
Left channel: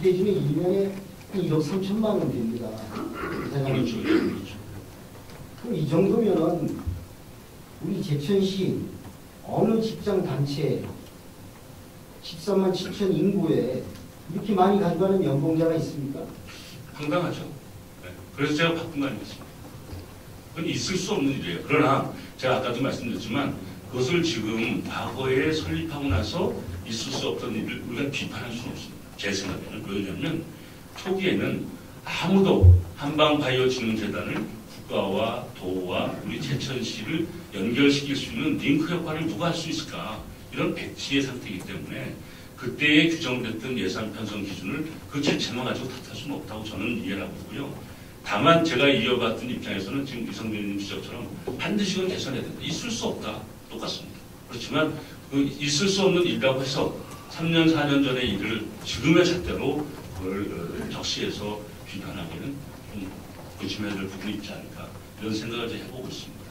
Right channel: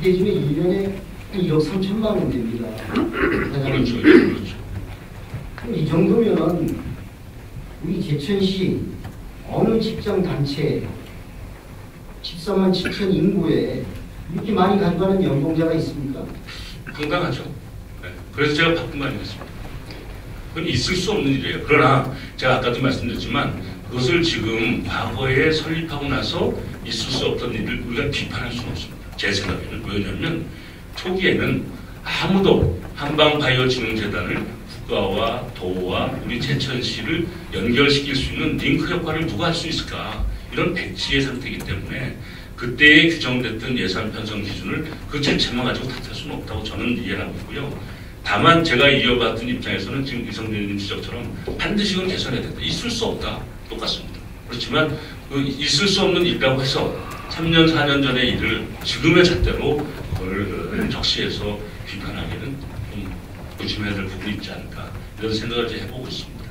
이게 지금 1년에 1억 3천만 원 됩니다. 그렇죠. 그렇죠. 이 정도면 우리 제천시 어느 직장 단체 14만 7천 인구에 이렇게 많이 간다는 연봉자가 있습니까? 건강하죠. 네. 그래서 제가 바꾼 거 아니겠습니까? 그건 있을 수 없는 일이에요. 그러나 제가 아까도 말씀드렸지만 그것을 지금 과거에 설립하고 나서 있을 수 없던 일을 우리가 비판할 수는 없습니다. 제 생각에는 왜냐하면 초기에는 아무도 한방바이오진흥재단을 국가와 도와 우리 제천시를 연결시킬 수 있는 링크 역할을 누가 할 수 있을까? 이런 백지의 상태이기 때문에 그때에 규정됐던 예산 편성 기준을 그 자체만 가지고 탓할 수는 없다고 저는 이해하고 있고요. 다만 제가 이어받은 입장에서는 지금 이성진 의원님 지적처럼 반드시 그건 개선해야 된다. 있을 수 없다. 똑같습니다. 그렇지만 그 있을 수 없는 일이라고 해서 3년, 4년 전의 일을 지금의 잣대로 그걸 적시해서 비판하기는 좀 조심해야 될 부분이 있지 않을까 이런 생각을 이제 해보고 있습니다.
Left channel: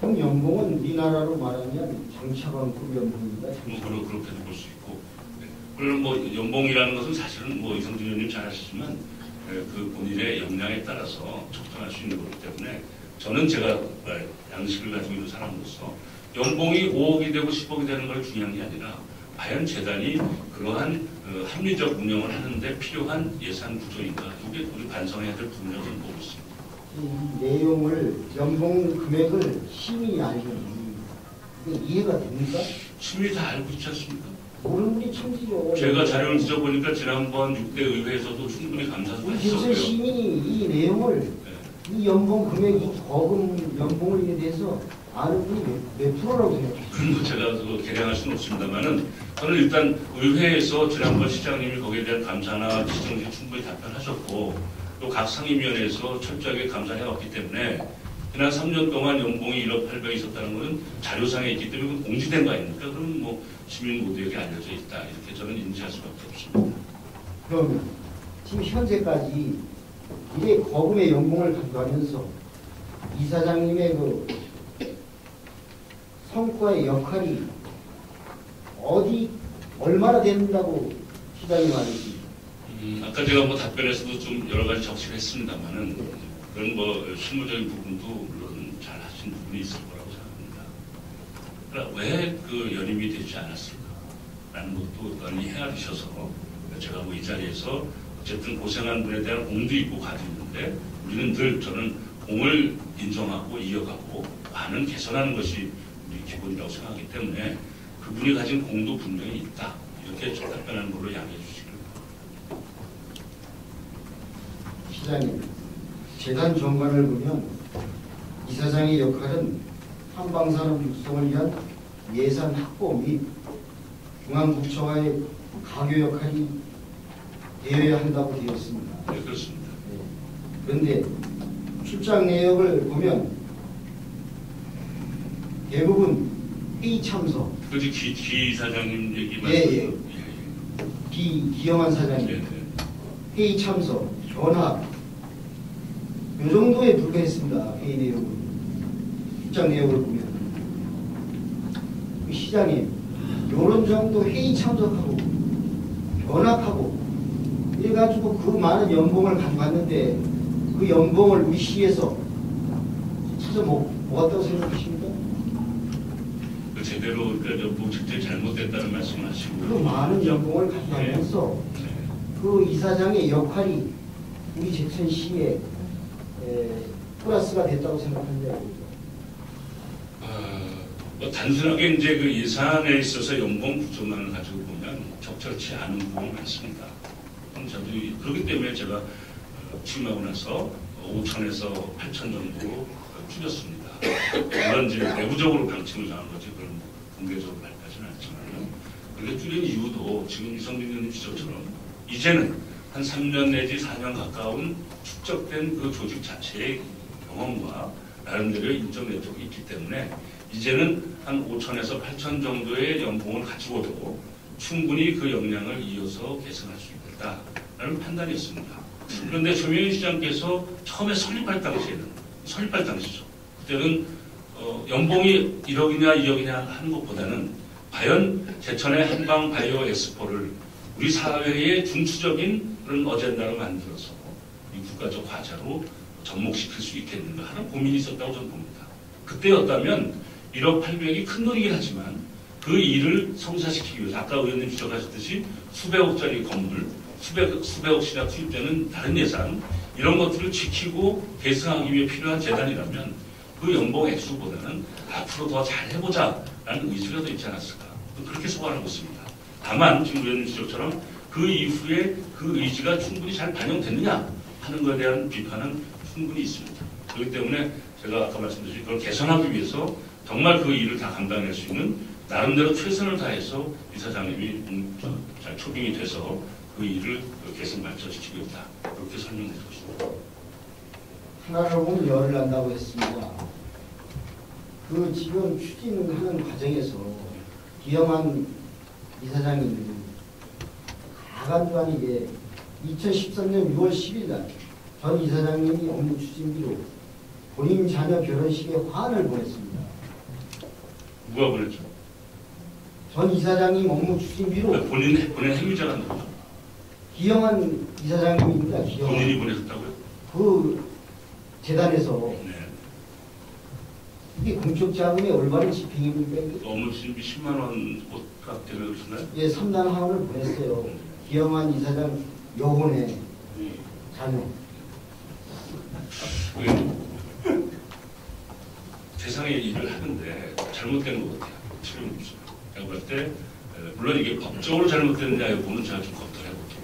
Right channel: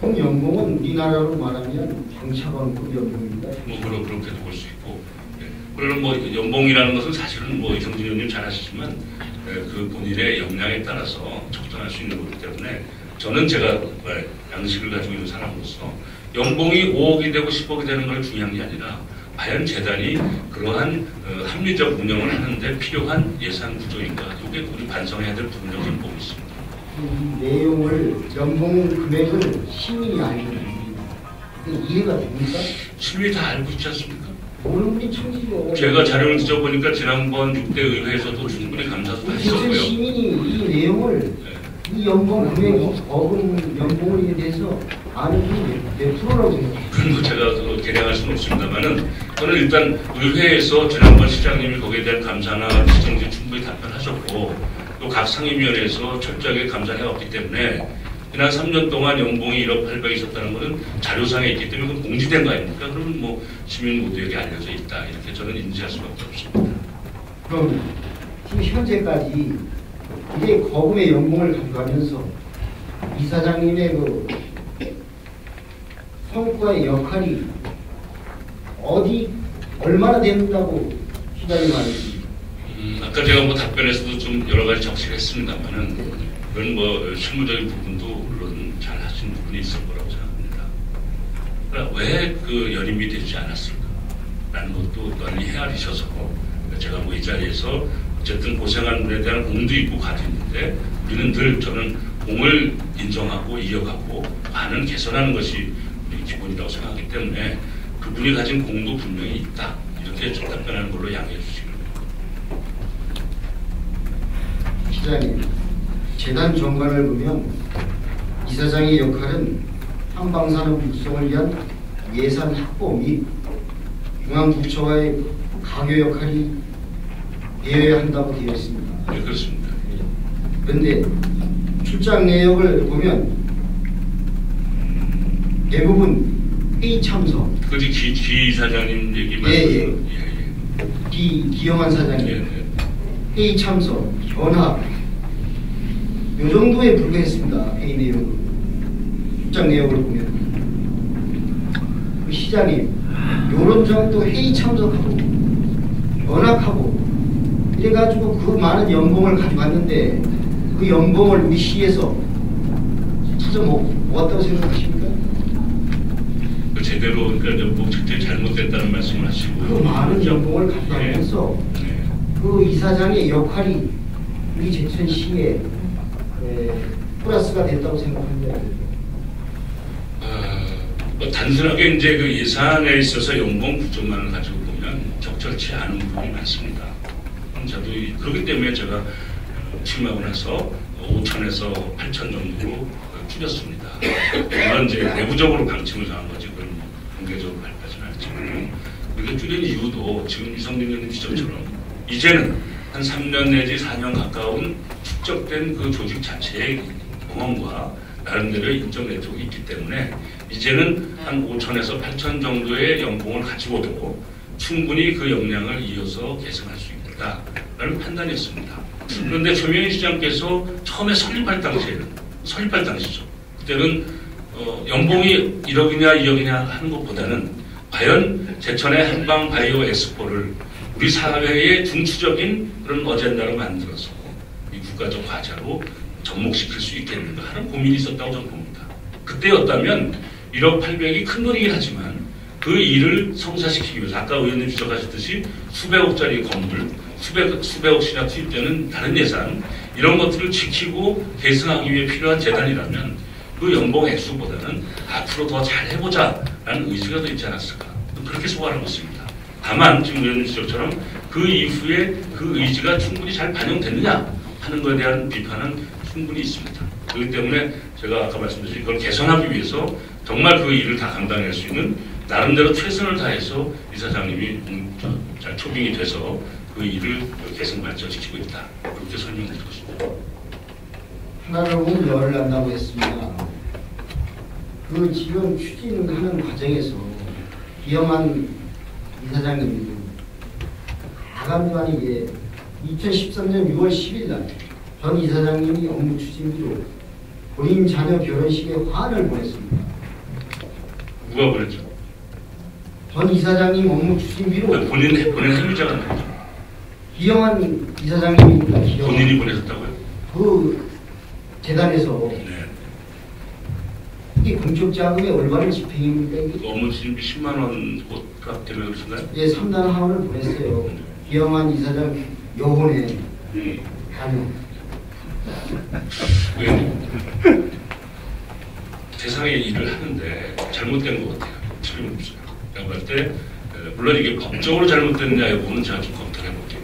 총 연봉은 우리나라로 말하면 경찰관급 연봉입니다. 뭐 그렇게도 볼 수 있고 그러는 뭐 연봉이라는 것은 사실은 뭐 이성진 의원님 잘 아시지만 그 본인의 역량에 따라서 적정할 수 있는 거기 때문에 저는 제가 양식을 가지고 있는 사람으로서 연봉이 5억이 되고 10억이 되는 걸 중요한 게 아니라 과연 재단이 그러한 합리적 운영을 하는데 필요한 예산 구조인가 그게 우리 반성해야 될 부분이라고 보고 있습니다. 이 내용을 연봉 금액을 시민이 알고 있습니다. 이해가 됩니까? 시민이 다 알고 있지 않습니까? 모르는 분이 천지고. 제가 자료를 뒤져보니까 지난번 6대 의회에서도 충분히 감사도 했었고요. 시민이 이 내용을 이 연봉 금액이 적은 연봉에 대해서 아는 게 몇 프로라고 생각해요? 그건 제가 계량할 수는 없습니다만은 저는 일단 의회에서 지난번 시장님이 거기에 대한 감사나 지적에 충분히 답변하셨고 또 각 상임위원회에서 철저하게 감사를 해왔기 때문에 지난 3년 동안 연봉이 1억 800이 있었다는 것은 자료상에 있기 때문에 그건 공지된 거 아닙니까? 그러면 뭐 시민 모두에게 알려져 있다. 이렇게 저는 인지할 수밖에 없습니다. 그럼 지금 현재까지 이제 거금의 연봉을 가져가면서 이사장님의 그 성과의 역할이 어디 얼마나 된다고 시장님 말씀이십니까? 아까 제가 뭐 답변에서도 좀 여러 가지 적시를 했습니다만은 그런 뭐 실무적인 부분도 물론 잘 하신 부분이 있을 거라고 생각합니다. 그러니까 왜 그 연임이 되지 않았을까? 라는 것도 널리 헤아리셔서 제가 뭐 이 자리에서 어쨌든 고생한 분에 대한 공도 있고 가지는데 우리는 늘 저는 공을 인정하고 이어가고 반은 개선하는 것이 우리 기본이라고 생각하기 때문에 그분이 가진 공도 분명히 있다. 이렇게 좀 답변하는 걸로 양해해 주시기 바랍니다. 시장님, 재단 정관을 보면 이사장의 역할은 한방산업 육성을 위한 예산 확보 및 중앙부처와의 가교 역할이 되어야 한다고 되어 있습니다. 네, 그렇습니다. 그런데 출장 내역을 보면 대부분 회의 참석, 그지 기 이사장님 얘기 예, 말씀. 기영환 사장님 예, 예. 회의 참석, 전화 요 정도에 불과했습니다. 회의 내용으로 출장 내역을 보면 시장님 요런 정도 회의 참석하고 연락하고 이래가지고 그 많은 연봉을 가져갔는데 그 연봉을 우리 시에서 찾아 먹었다고 생각하십니까? 그 제대로 그러니까 뭐 직접 잘못됐다는 말씀을 하시고 그 많은 연봉을 가져가면서 네. 그 이사장의 역할이 우리 제천시에 플러스가 됐다고 생각합니다. 뭐 단순하게 이제 그 예산에 있어서 연봉 구조만을 가지고 보면 적절치 않은 부분이 많습니다. 저도 그렇기 때문에 제가 취임하고 나서 5천에서 8천 정도로 줄였습니다. 물론 이제 내부적으로 방침을 정한 거지 그런 공개적으로 발표하지는 않지만 그게 줄인 이유도 지금 이성민 의원님 지적처럼 이제는 한 3년 내지 4년 가까운 축적된 그 조직 자체의 경험과 나름대로 인적 네트워크가 있기 때문에 이제는 한 5천에서 8천 정도의 연봉을 가지고도 충분히 그 역량을 이어서 개선할 수 있다라는 판단이었습니다. 그런데 조명희 시장께서 처음에 설립할 당시죠. 그때는 연봉이 1억이냐 2억이냐 하는 것보다는 과연 제천의 한방바이오 엑스포를 우리 사회의 중추적인 그런 어젠다를 만들어서 이 국가적 과제로 접목시킬 수 있겠는가 하는 고민이 있었다고 저는 봅니다. 그때였다면 1억 800이 큰 돈이긴 하지만 그 일을 성사시키기 위해서 아까 의원님 지적하셨듯이 수백억짜리 건물, 수백억씩이나 투입되는 다른 예산 이런 것들을 지키고 계승하기 위해 필요한 재단이라면 그 연봉 액수보다는 앞으로 더 잘해보자라는 의지가 더 있지 않았을까 그렇게 소관하고 있습니다. 다만 지금 의원님 지적처럼 그 이후에 그 의지가 충분히 잘 반영됐느냐 하는 것에 대한 비판은 충분히 있습니다. 그렇기 때문에 제가 아까 말씀드린 그걸 개선하기 위해서 정말 그 일을 다 감당할 수 있는 나름대로 최선을 다해서 이사장님이 잘 초빙이 돼서 그 일을 개선 발전시키고 있다. 그렇게 설명드리고 싶습니다. 하나를 보면 열을 한다고 했습니다. 그 지금 추진하는 과정에서 기영환 이사장님이 가감관에게 2013년 6월 10일 날 전 이사장님이 업무 추진비로 본인 자녀 결혼식에 화를 보냈습니다. 누가 보냈죠? 전 이사장님 업무 추진비로 본인 행위자가 나죠. 기영환 이사장님입니다. 본인이 보내셨다고요? 그 재단에서 네. 이게 공적 자금의 올바른 집행입니까? 그 업무 추진비 10만 원 값 때문에 그러신가요? 예, 상당 하원을 보냈어요. 기영환 이사장 요번에 세상의 일을 하는데 잘못된 것 같아요. 틀림없어요. 제가 볼 때 물론 이게 법적으로 잘못됐냐 여부는 제가 좀 검토를 해볼게요.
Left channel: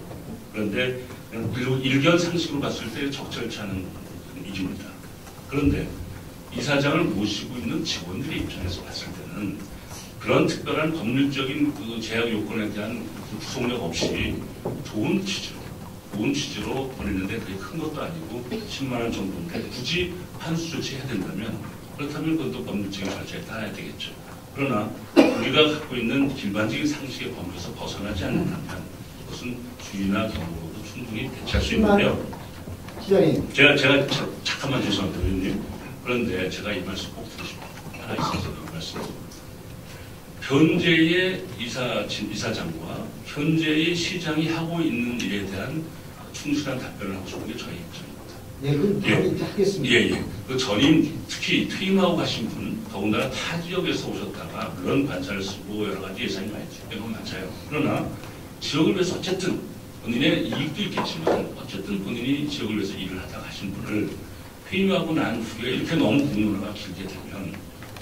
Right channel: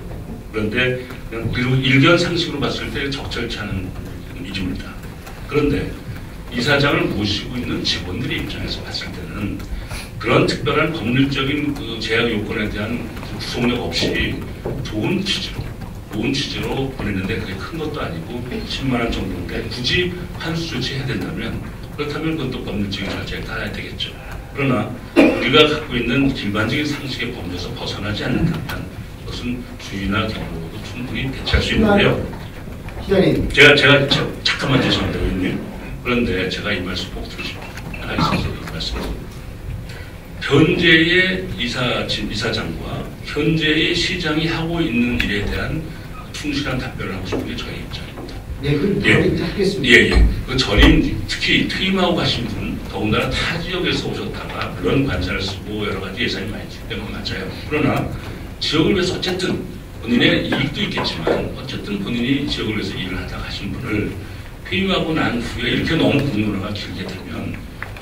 그런데 그냥 일견 상식으로 봤을 때 적절치 않은 일입니다. 그런데 이사장을 모시고 있는 직원들의 입장에서 봤을 때는 그런 특별한 법률적인 그 제약 요건에 대한 구속력 없이 좋은 취지로 좋은 취지로 보냈는데 그게 큰 것도 아니고 10만 원 정도인데 굳이 환수 조치해야 된다면 그렇다면 그건 또 법률적인 절차에 따라야 되겠죠. 그러나 우리가 갖고 있는 일반적인 상식의 범위에서 벗어나지 않는다면 그것은 주의나 경로로도 충분히 대체할 수 있는데요. 시장님, 제가 잠깐만 죄송합니다, 의원님. 그런데 제가 이 말씀 꼭 드리고 싶어요. 하나 있어서 이 말씀. 현재의 이사장과 현재의 시장이 하고 있는 일에 대한 충실한 답변을 하고 싶은 게 저희 입장입니다. 네, 그럼 하겠습니다. 예. 그 전임 특히 퇴임하고 가신 분 더군다나 타 지역에서 오셨다가 그런 관사를 쓰고 여러 가지 예산이 많이 있기 때문에 맞아요. 그러나 지역을 위해서 어쨌든 본인의 이익도 있겠지만 어쨌든 본인이 지역을 위해서 일을 하다 가신 분을 퇴임하고 난 후에 이렇게 너무 공문화가 길게 되면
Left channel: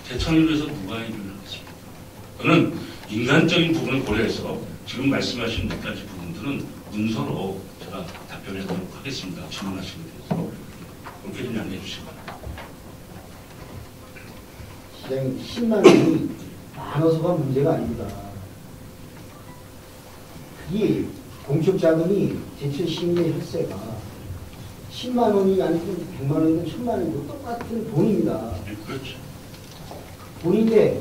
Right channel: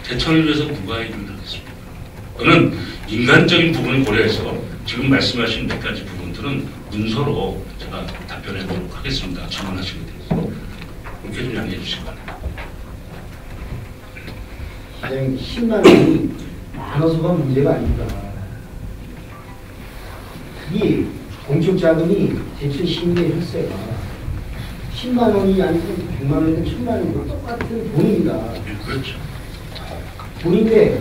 대천을 위해서 누가 일을 하겠습니까? 저는 인간적인 부분을 고려해서 지금 말씀하신 몇 가지 부분들은 문서로 제가 답변해 보도록 하겠습니다. 질문하시면 돼서 그렇게 좀 양해해 주시기 바랍니다. 시장님, 10만 원이 많아서가 문제가 아닙니다. 이 공적 자금이 대체 신뢰했어요. 10만 원이 아니고 100만 원이면 10만 원이고 똑같은 돈입니다. 그렇죠. 돈인데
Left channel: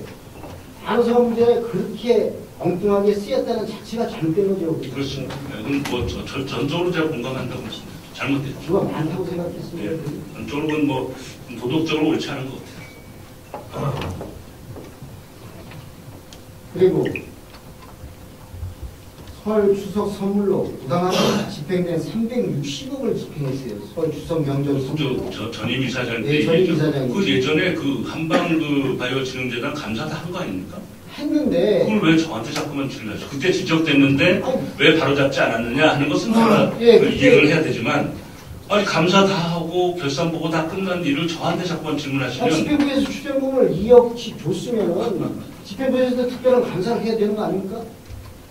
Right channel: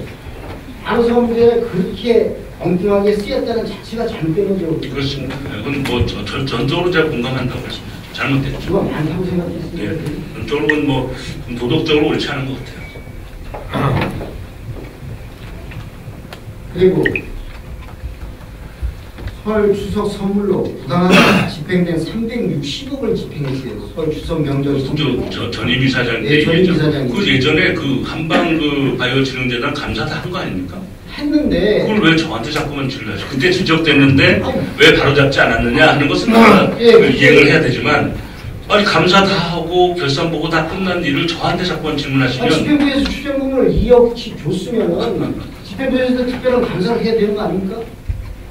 안성부에 그렇게 엉뚱하게 쓰였다는 자체가 잘못된 거죠. 그렇습니다. 그건 뭐 전적으로 제가 공감한다고 했습니다. 잘못됐죠. 그건 많다고 생각했어요. 예. 전적으로는 뭐 도덕적으로 옳지 않은 것 같아요. 그리고 설 추석 선물로 부당하게 집행된 360억을 집행했어요. 설 추석 명절 선물로. 전임 이사장 때 네, 전임 얘기죠. 이사장이. 그 예전에 그 한방 그 바이오 진흥재단 감사 다 한 거 아닙니까? 했는데 그걸 왜 저한테 자꾸만 질러요? 그때 지적됐는데 왜 바로 잡지 않았느냐 하는 것은 제가 이해를 해야 되지만 아니 감사 다 하고 결산 보고 다 끝난 일을 저한테 자꾸만 질문하시면 집행부에서 추정금을 2억씩 줬으면 집행부에서도 특별한 감사를 해야 되는 거 아닙니까?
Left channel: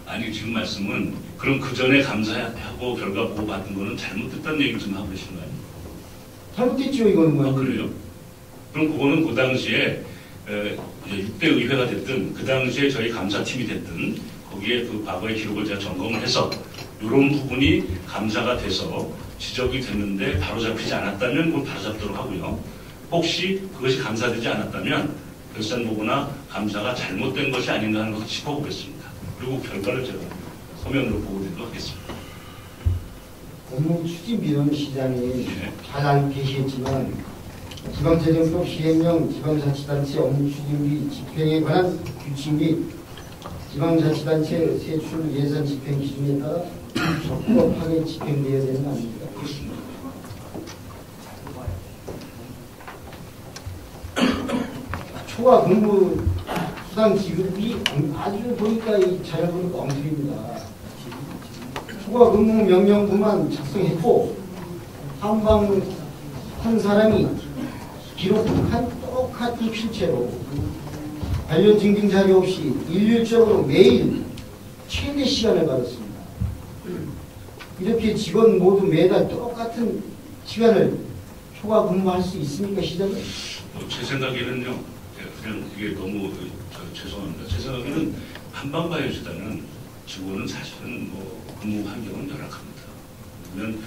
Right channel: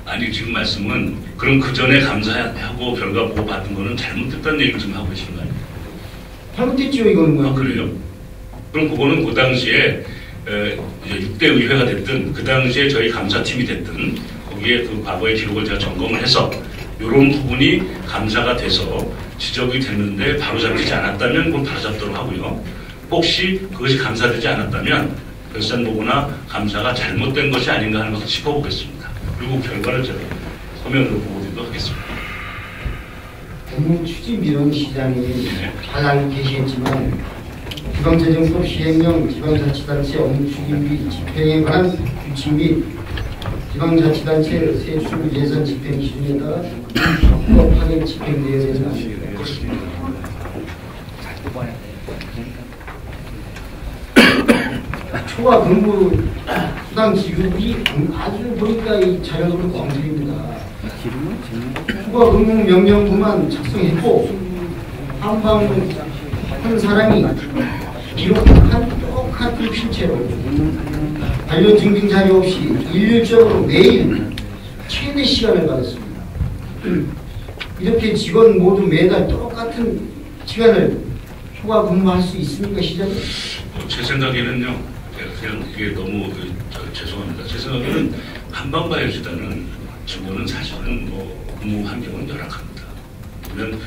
아니 지금 말씀은 그럼 그 전에 감사하고 결과 보고 받은 거는 잘못됐다는 얘기를 좀 하고 계시는 거 아니에요? 잘못했죠 이거는. 아 그래요? 그럼 그거는 그 당시에 6대 의회가 됐든 그 당시에 저희 감사팀이 됐든 거기에 그 과거의 기록을 제가 점검을 해서 이런 부분이 감사가 돼서 지적이 됐는데 바로 잡히지 않았다면 그건 바로 잡도록 하고요. 혹시 그것이 감사되지 않았다면 결산보고나 감사가 잘못된 것이 아닌가 하는 것을 짚어보겠습니다. 그리고 결과를 제가 서면으로 보고드리도록 하겠습니다. 추진위원시장이 잘 알고 계시겠지만 지방재정법 시행령 지방자치단체 업무추진비 집행에 관한 규칙 및 지방자치단체 세출 예산 집행 기준에 따라 합법하게 집행되어야 된다. 초과 근무 수당 지급이 아주 보니까 이 전형으로 검토입니다. 초과 근무 명령부만 작성했고 한방 한 사람이 기록한 똑같은 필체로 관련 증빙 자료 없이 일률적으로 매일 최대 시간을 받았습니다. 이렇게 직원 모두 매달 똑같은 시간을 초과 근무할 수 있습니까, 시장님? 제 생각에는요, 그냥 이게 너무 죄송합니다. 제 생각에는 한방바이오시다는 직원은 사실은 뭐 근무 환경은 열악합니다. 물론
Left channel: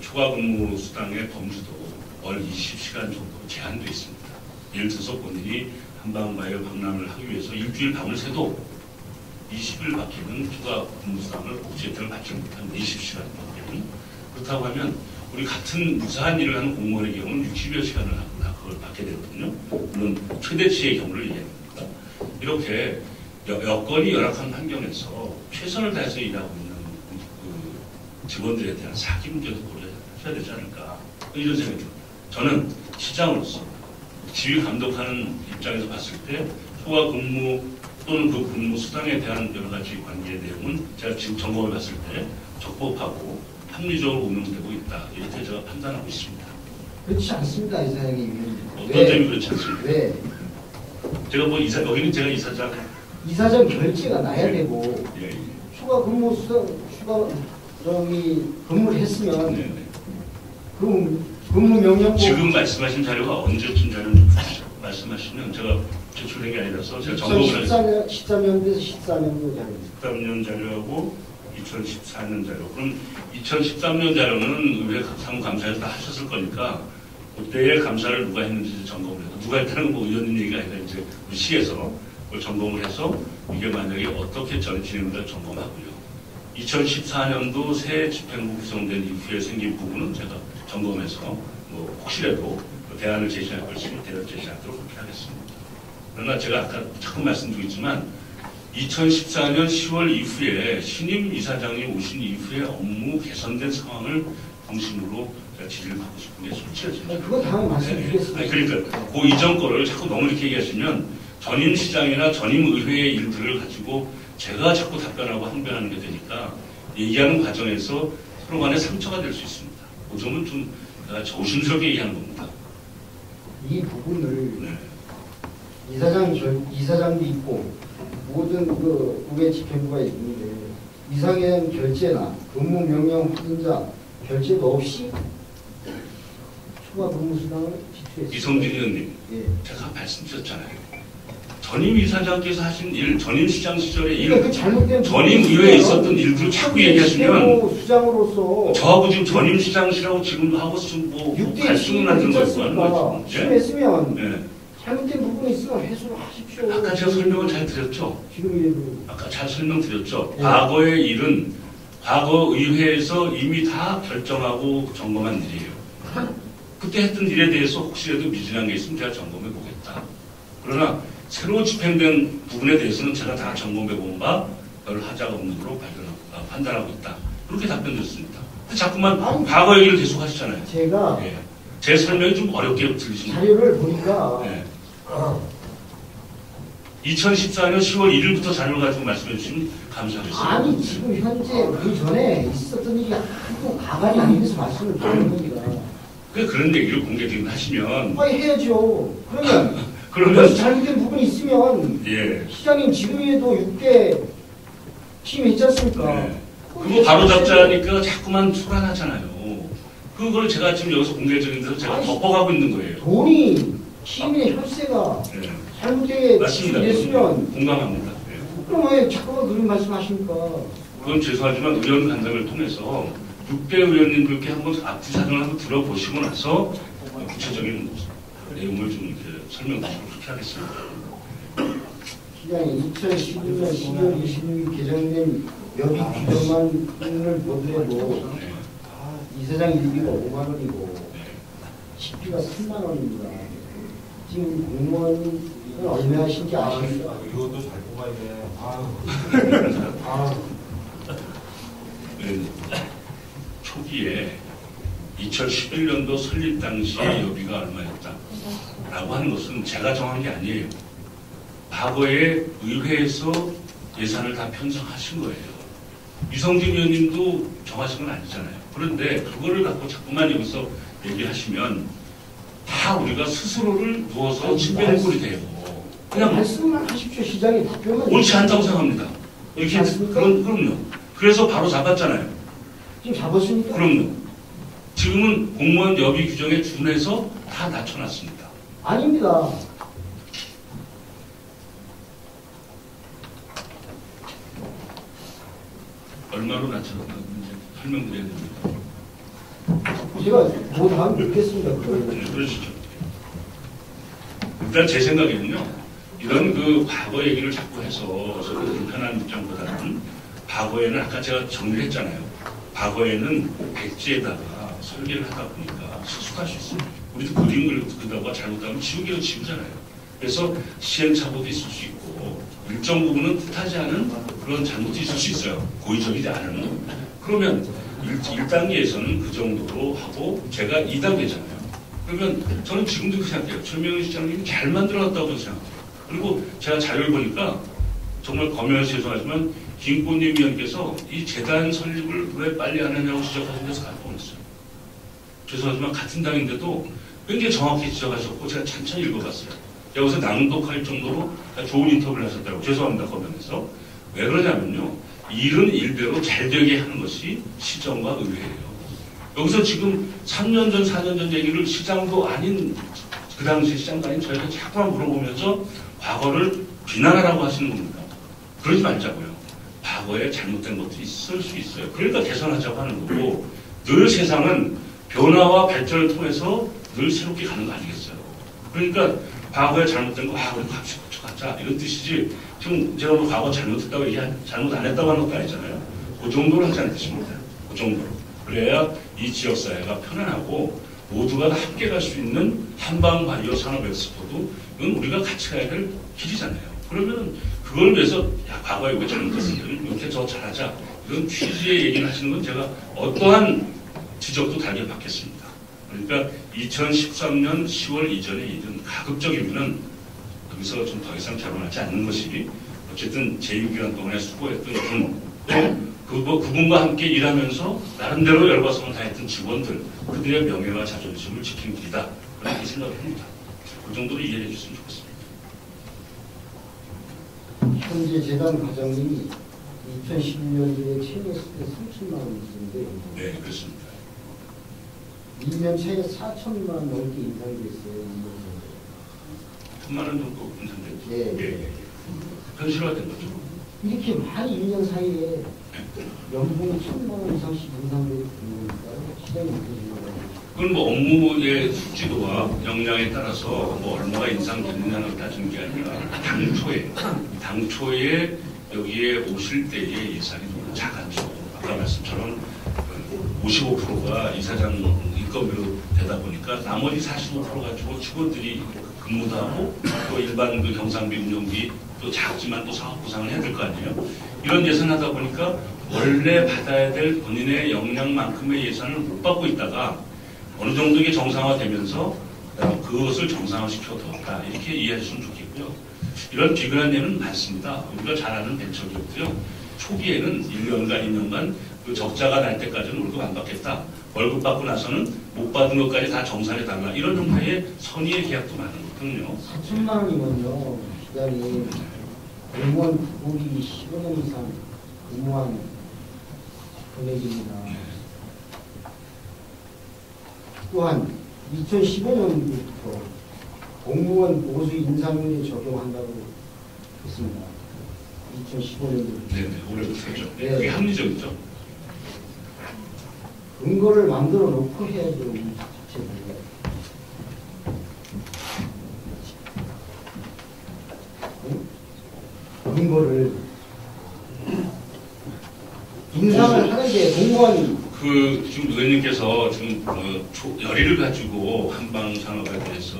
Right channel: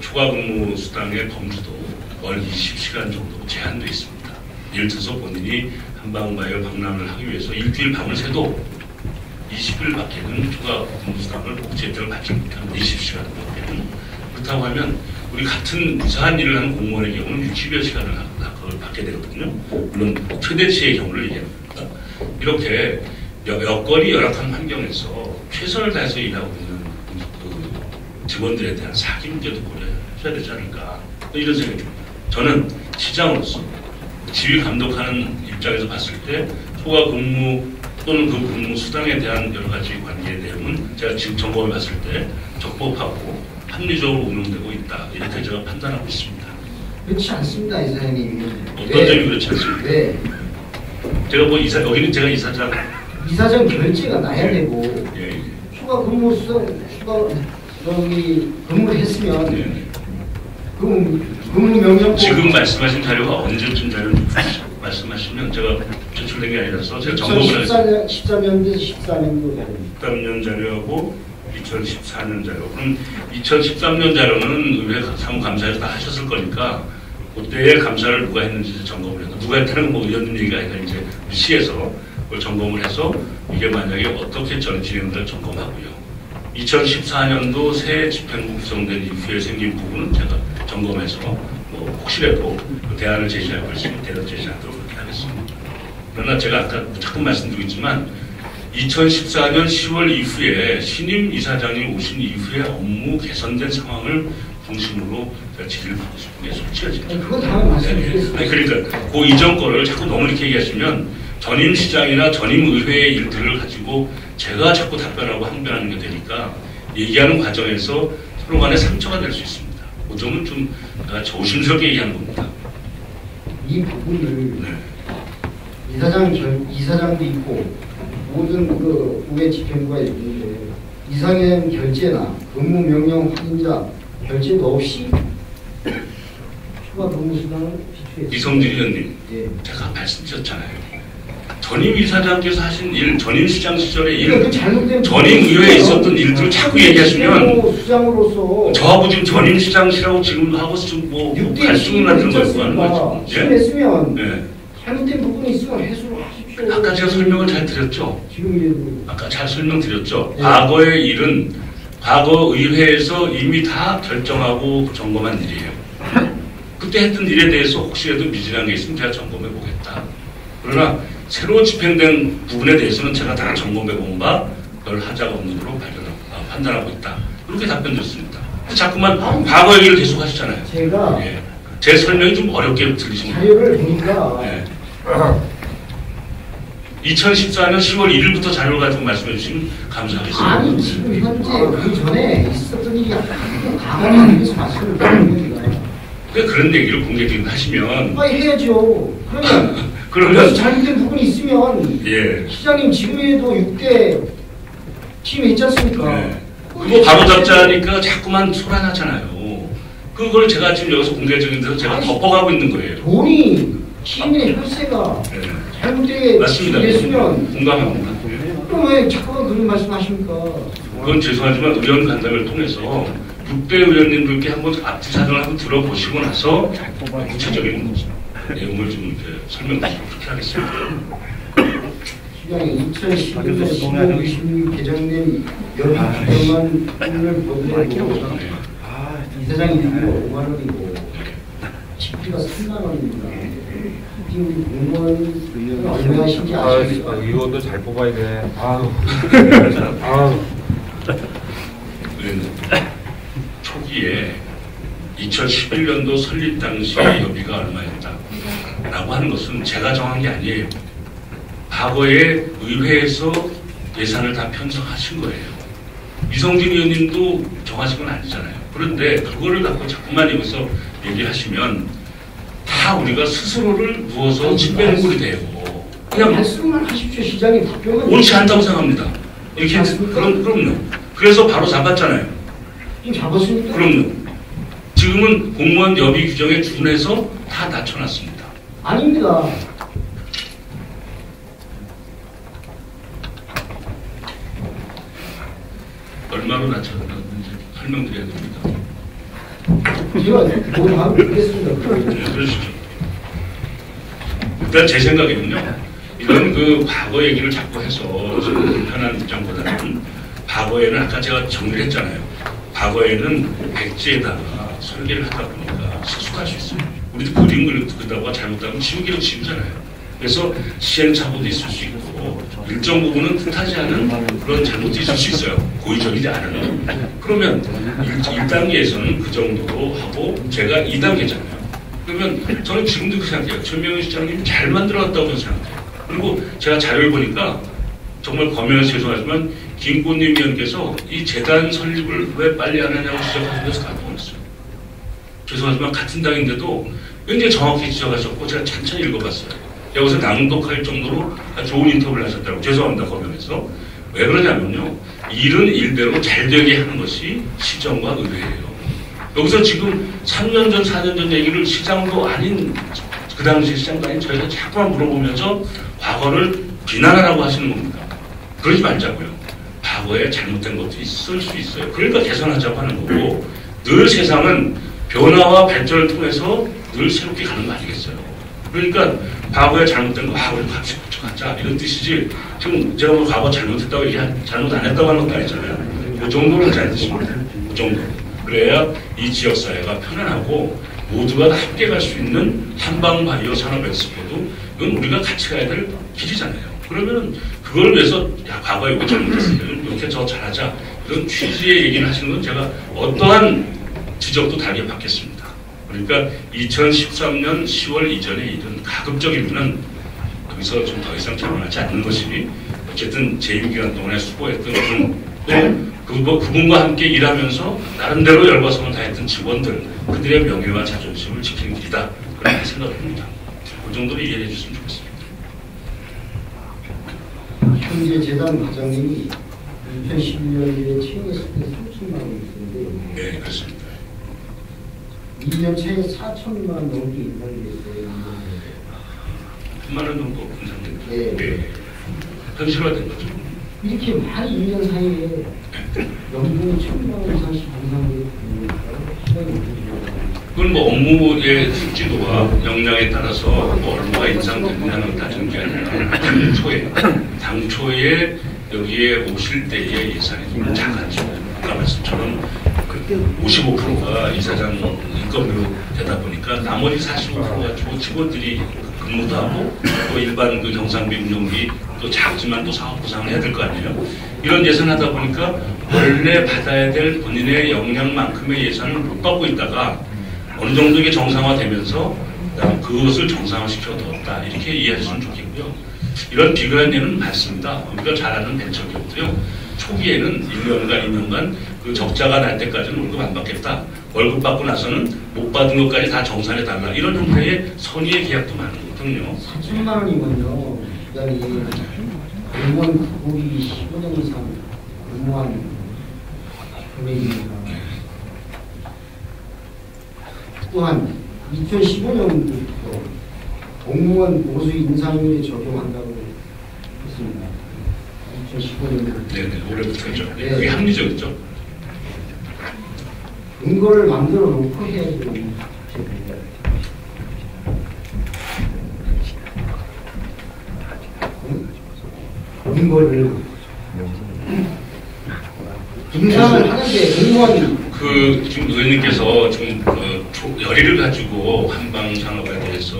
초과 근무 수당의 범주도 월 20시간 정도 제한되어 있습니다. 예를 들어서 본인이 한방바이오 방문을 하기 위해서 일주일 밤을 새도 20일밖에는 초과 근무 수당을 복지 혜택을 받지 못합니다. 20시간밖에는. 그렇다고 하면 우리 같은 무사한 일을 하는 공무원의 경우는 60여 시간을 그걸 받게 되거든요. 물론 최대치의 경우를 얘기합니다. 이렇게 여건이 열악한 환경에서 최선을 다해서 일하고 있는 그 직원들에 대한 사기 문제도 고려해야 되지 않을까 이런 생각이 듭니다. 저는 시장으로서 지휘 감독하는 입장에서 봤을 때 초과 근무 또는 그 근무 수당에 대한 여러 가지 관계의 내용은 제가 지금 점검을 봤을 때 적법하고 합리적으로 운영되고 있다 이렇게 제가 판단하고 있습니다. 그렇지 않습니다, 이사장님. 어떤 점이 그렇지 않습니까? 네. 제가 뭐 여기는 제가 이사장 이사장 결제가 나야 되고 예. 추가 근무 수당 여기 근무를 했으면 근무 명령 지금 말씀하신 자료가 언제쯤 자료를 말씀하시면 제가 제출된 게 아니라서 제가 점검을 했어요. 13년도 14년도 13년 자료하고 2014년 자료. 그럼 2013년 자료는 의회 사무감사에서 다 하셨을 거니까 그때의 감사를 누가 했는지 점검을 해서 누가 했다는 뭐 의원님 얘기가 아니라 이제 시에서 그걸 점검을 해서 이게 만약에 어떻게 진행될 점검하고요. 2014년도 새 집행부 구성된 이후에 생긴 부분은 제가 점검해서 뭐 혹시라도 대안을 제시할 것 있으면 대안 제시하도록 그렇게 하겠습니다. 그러나 제가 아까 자꾸 말씀드리고 있지만 2014년 10월 이후에 신임 이사장이 오신 이후에 업무 개선된 상황을 중심으로 질의를 받고 싶은데 솔직히 지금 아니 그러니까 그 이전 거를 자꾸 너무 이렇게 얘기하시면 전임 시장이나 전임 의회의 일들을 가지고 제가 자꾸 답변하고 항변하는 게 되니까 얘기하는 과정에서 서로 간에 상처가 될 수 있습니다. 그 점은 좀 조심스럽게 얘기하는 겁니다. 이 부분을 이사장도 있고 모든 그 의회 집행부가 있는데 이상현 결재나 법무명령 확인자 결재도 없이 추가 법무수단을 지출했습니다. 이성진 의원님, 예. 제가 말씀드렸잖아요. 전임 이사장께서 하신 일, 전임 시장 시절의 일, 전임 의회에 있었던 일들을 자꾸 얘기하시면 수장으로서 저하고 지금 전임 시장시라고 지금도 하고 뭐 갈등이 만드는 거예요. 하는 거죠. 했으면 예? 잘못된 부분이 있으면 해소를 하십시오. 아까 제가 설명을 잘 드렸죠. 지금 아까 잘 설명드렸죠. 예. 과거의 일은 과거 의회에서 이미 다 결정하고 점검한 일이에요. 그때 했던 일에 대해서 혹시라도 미진한 게 있으면 제가 점검해 보겠다. 그러나 새로 집행된 부분에 대해서는 제가 다 점검해 본 바 별 하자가 없는 걸로 판단하고 있다. 그렇게 답변드렸습니다. 자꾸만 과거 얘기를 계속 하시잖아요. 제가 예. 제 설명이 좀 어렵게 들리십니다. 자료를 보니까 예. 2014년 10월 1일부터 자료를 가지고 말씀해 주시면 감사하겠습니다. 아니 지금 현재 그 전에 있었던 일이 과거에 대해서 말씀을 드리는 거예요. 그런 얘기를 공개적으로 하시면 해야죠. 그러면 잘못된 부분이 있으면 예. 시장님 지금에도 6대 팀에 있지 않습니까? 네. 그거 바로 잡자니까 자꾸만 소란하잖아요. 그걸 제가 지금 여기서 공개적인 데서 제가 덮어가고 있는 거예요. 돈이 시민의 혈세가 네. 잘못되게 맞습니다. 됐으면 공감합니다. 그럼 왜 자꾸 그런 말씀하십니까? 그건 죄송하지만 의원 간담회를 통해서 6대 의원님들께 한번 앞뒤 사정을 한번 들어보시고 나서 구체적인 내용을 좀 이렇게 설명드리도록 그렇게 하겠습니다. 2012년 12월 16일 개정된 여비 규정안 법을 이사장이 5만 원이고 집회가 3만 원입니다. 지금 공무원 얼마신지 아십니까? 의원도 잘 뽑아야 돼. 초기에 2011년도 설립 당시 여비가 얼마였다라고 하는 것은 제가 정한 게 아니에요. 과거에 의회에서 예산을 다 편성하신 거예요. 이성진 의원님도 정하신 건 아니잖아요. 그런데 그거를 갖고 자꾸만 여기서 얘기하시면 다 우리가 스스로를 누워서 침뱉는 꼴이 돼요. 그냥 말씀을 하십시오. 시장님 답변은 옳지 않다고 생각합니다. 이렇게 그럼요. 그래서 바로 잡았잖아요. 잡았습니까? 그럼요. 지금은 공무원 여비 규정에 준해서 다 낮춰놨습니다. 아닙니다. 얼마로 낮췄는지 설명드려야 됩니다. 제가 그거 다 보겠습니다. 네, 그러시죠. 일단 제 생각에는요. 이런 그 과거 얘기를 자꾸 해서 지금 불편한 입장보다는 과거에는 아까 제가 정리를 했잖아요. 과거에는 백지에다가 설계를 하다 보니까 실수할 수 있어요. 우리도 그림 그리다가 잘못하면 지우개로 지우잖아요. 그래서 시행착오도 있을 수 있고 일정 부분은 뜻하지 않은 그런 잘못이 있을 수 있어요. 고의적이지 않은. 그러면 1단계에서는 그 정도로 하고 제가 2단계잖아요. 그러면 저는 지금도 그 생각해요. 전명희 시장님 잘 만들어왔다고 생각해요. 그리고 제가 자료를 보니까 정말 검열해서 죄송하지만 김꽃님 의원께서 이 재단 설립을 왜 빨리 안 하냐고 지적하셔서 깜짝 놀랐어요. 죄송하지만 같은 당인데도 굉장히 정확히 지적하셨고 제가 천천히 읽어봤어요. 여기서 낭독할 정도로 좋은 인터뷰를 하셨다고. 죄송합니다. 검열해서. 왜 그러냐면요. 일은 일대로 잘 되게 하는 것이 시정과 의회예요. 여기서 지금 3년 전, 4년 전 얘기를 시장도 아닌 그 당시 시장도 아닌 저희가 자꾸만 물어보면서 과거를 비난하라고 하시는 겁니다. 그러지 말자고요. 과거에 잘못된 것들이 있을 수 있어요. 그러니까 개선하자고 하는 거고 늘 세상은 변화와 발전을 통해서 늘 새롭게 가는 거 아니겠어요. 그러니까 과거에 잘못된 거 우리 같이 고쳐가자 이런 뜻이지 지금 제가 뭐 과거 잘못했다고 잘못 안 했다고 하는 것도 아니잖아요. 그 정도는 잘 드십니다. 그 정도. 그래야 이 지역사회가 편안하고 모두가 다 함께 갈 수 있는 한방바이오 산업 엑스포도 이건 우리가 같이 가야 될 길이잖아요. 그러면은 그걸 위해서 야 과거에 이거 잘못했어요. 이렇게 더 잘하자 이런 취지의 얘기를 하시는 건 제가 어떠한 지적도 달게 받겠습니다. 그러니까 2013년 10월 이전에 이런 가급적이면은 거기서 좀 더 이상 결혼하지 않는 것이 어쨌든 제2기간 동안에 수고했던 그분과 함께 일하면서 나름대로 열과성을 다했던 직원들 그들의 명예와 자존심을 지키는 길이다 그렇게 생각합니다. 그 정도로 이해해 주시면 좋겠습니다. 현재 재단 과장님이 2011년에 채용했을 때 30만 원이었는데 네 그렇습니다. 2년 차에 4천만 원 넘게 인상이 됐어요. 9만 원 정도 인상됩니다. 네. 네. 현실화된 거죠. 이렇게 만 2년 사이에 연봉이 1,000만 원 이상씩 인상되고 그건 뭐 업무의 숙지도와 역량에 따라서 뭐 얼마가 인상됐냐는 따지는 게 아니라 당초에 여기에 오실 때의 예산이 좀 작았죠. 아까 말씀처럼 55%가 이사장 인건비로 되다 보니까 나머지 45%가 주고 직원들이 근무도 하고 또 일반 그 경상비 운영비 또 작지만 또 사업 구상을 해야 될 거 아니에요. 이런 예산 하다 보니까 원래 받아야 될 본인의 역량만큼의 예산을 못 받고 있다가 어느 정도 이게 정상화되면서 그것을 정상화시켜 두었다. 이렇게 이해하시면 좋겠고요. 이런 비교한 예는 많습니다. 우리가 잘 아는 벤처기업도요. 초기에는 1년간 2년간 그 적자가 날 때까지는 월급 안 받겠다. 월급 받고 나서는 못 받은 것까지 다 정산해 달라. 이런 형태의 선의의 계약도 많거든요. 4천만 원이면요. 그다음에 공무원 국공이 15년 이상 근무한 금액이니까. 또한 2015년부터 공무원 보수 인사율에 적용한다고 했습니다. 2015년. 네네, 올해부터죠. 그게 합리적이죠. 근거를 만들어 놓고 해야지. 근거를 인상을 하는데 공무원이 지금 의원님께서 지금 열의를 가지고 한방 산업에 대해서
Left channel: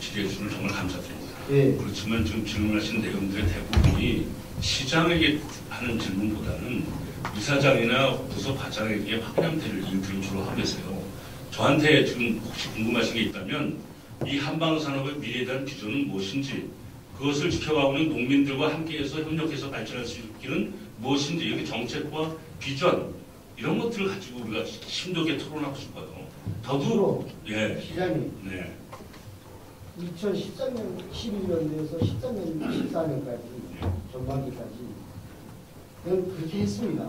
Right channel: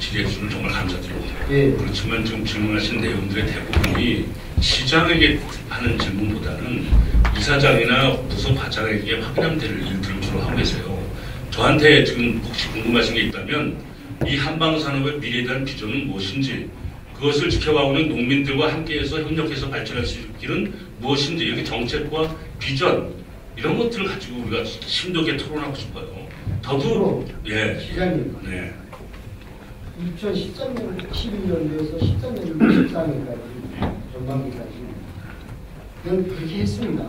질의해 주시는 정말 감사드립니다. 예. 그렇지만 지금 질문하신 내용들의 대부분이 시장에게 하는 질문보다는 이사장이나 부서 과장에게 확인하면 될 일들을 주로 하고 계세요. 저한테 지금 혹시 궁금하신 게 있다면 이 한방 산업의 미래에 대한 비전은 무엇인지 그것을 지켜가고 있는 농민들과 함께해서 협력해서 발전할 수 있는 길은 무엇인지 이렇게 정책과 비전 이런 것들을 가지고 우리가 심도 있게 토론하고 싶어요. 저도 예. 시장님 네. 2013년 11년도에서 13년도 14년까지 전반기까지 그건 그렇게 했습니다.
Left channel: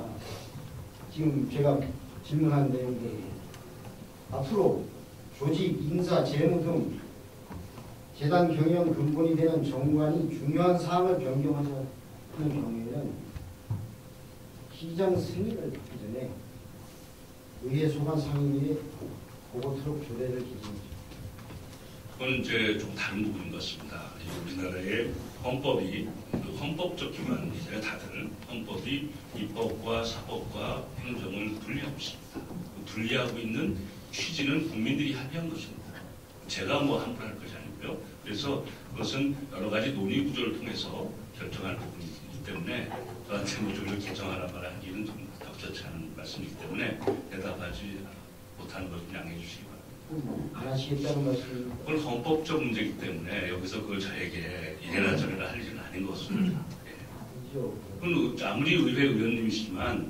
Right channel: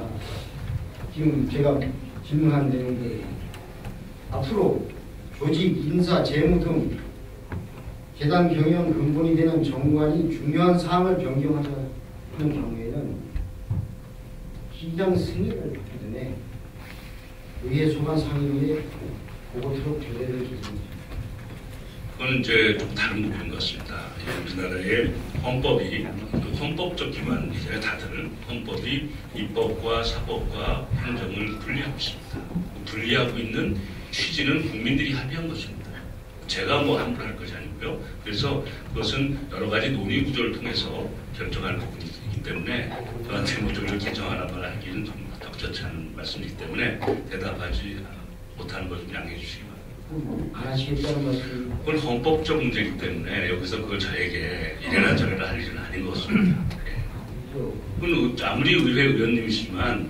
지금 제가 질문한 내용들 앞으로 조직, 인사, 재무 등 재단 경영 근본이 되는 정관이 중요한 사항을 변경하자는 경우에는 시장 승인을 받기 전에 의회 소관 상임위에 보고서로 결의를 드립니다. 그건 이제 좀 다른 부분인 것 같습니다. 우리나라의 헌법이 헌법적 기관이잖아요. 다들 헌법이 입법과 사법과 행정을 분리하고 있습니다. 분리하고 있는 취지는 국민들이 합의한 것입니다. 제가 뭐 함부로 할 것이 아니고요. 그래서 그것은 여러 가지 논의 구조를 통해서 결정할 부분이기 때문에 저한테 뭐 저를 결정하나 말 하기는 좀 적절치 않은 말씀이기 때문에 대답하지 못하는 것 좀 양해해 주시기 바랍니다. 안 하시겠다는 말씀. 그건 헌법적 문제이기 때문에 여기서 그걸 저에게 이래나 저래나 할 일은 아닌 것 같습니다. 그건 아무리 의회 의원님이시지만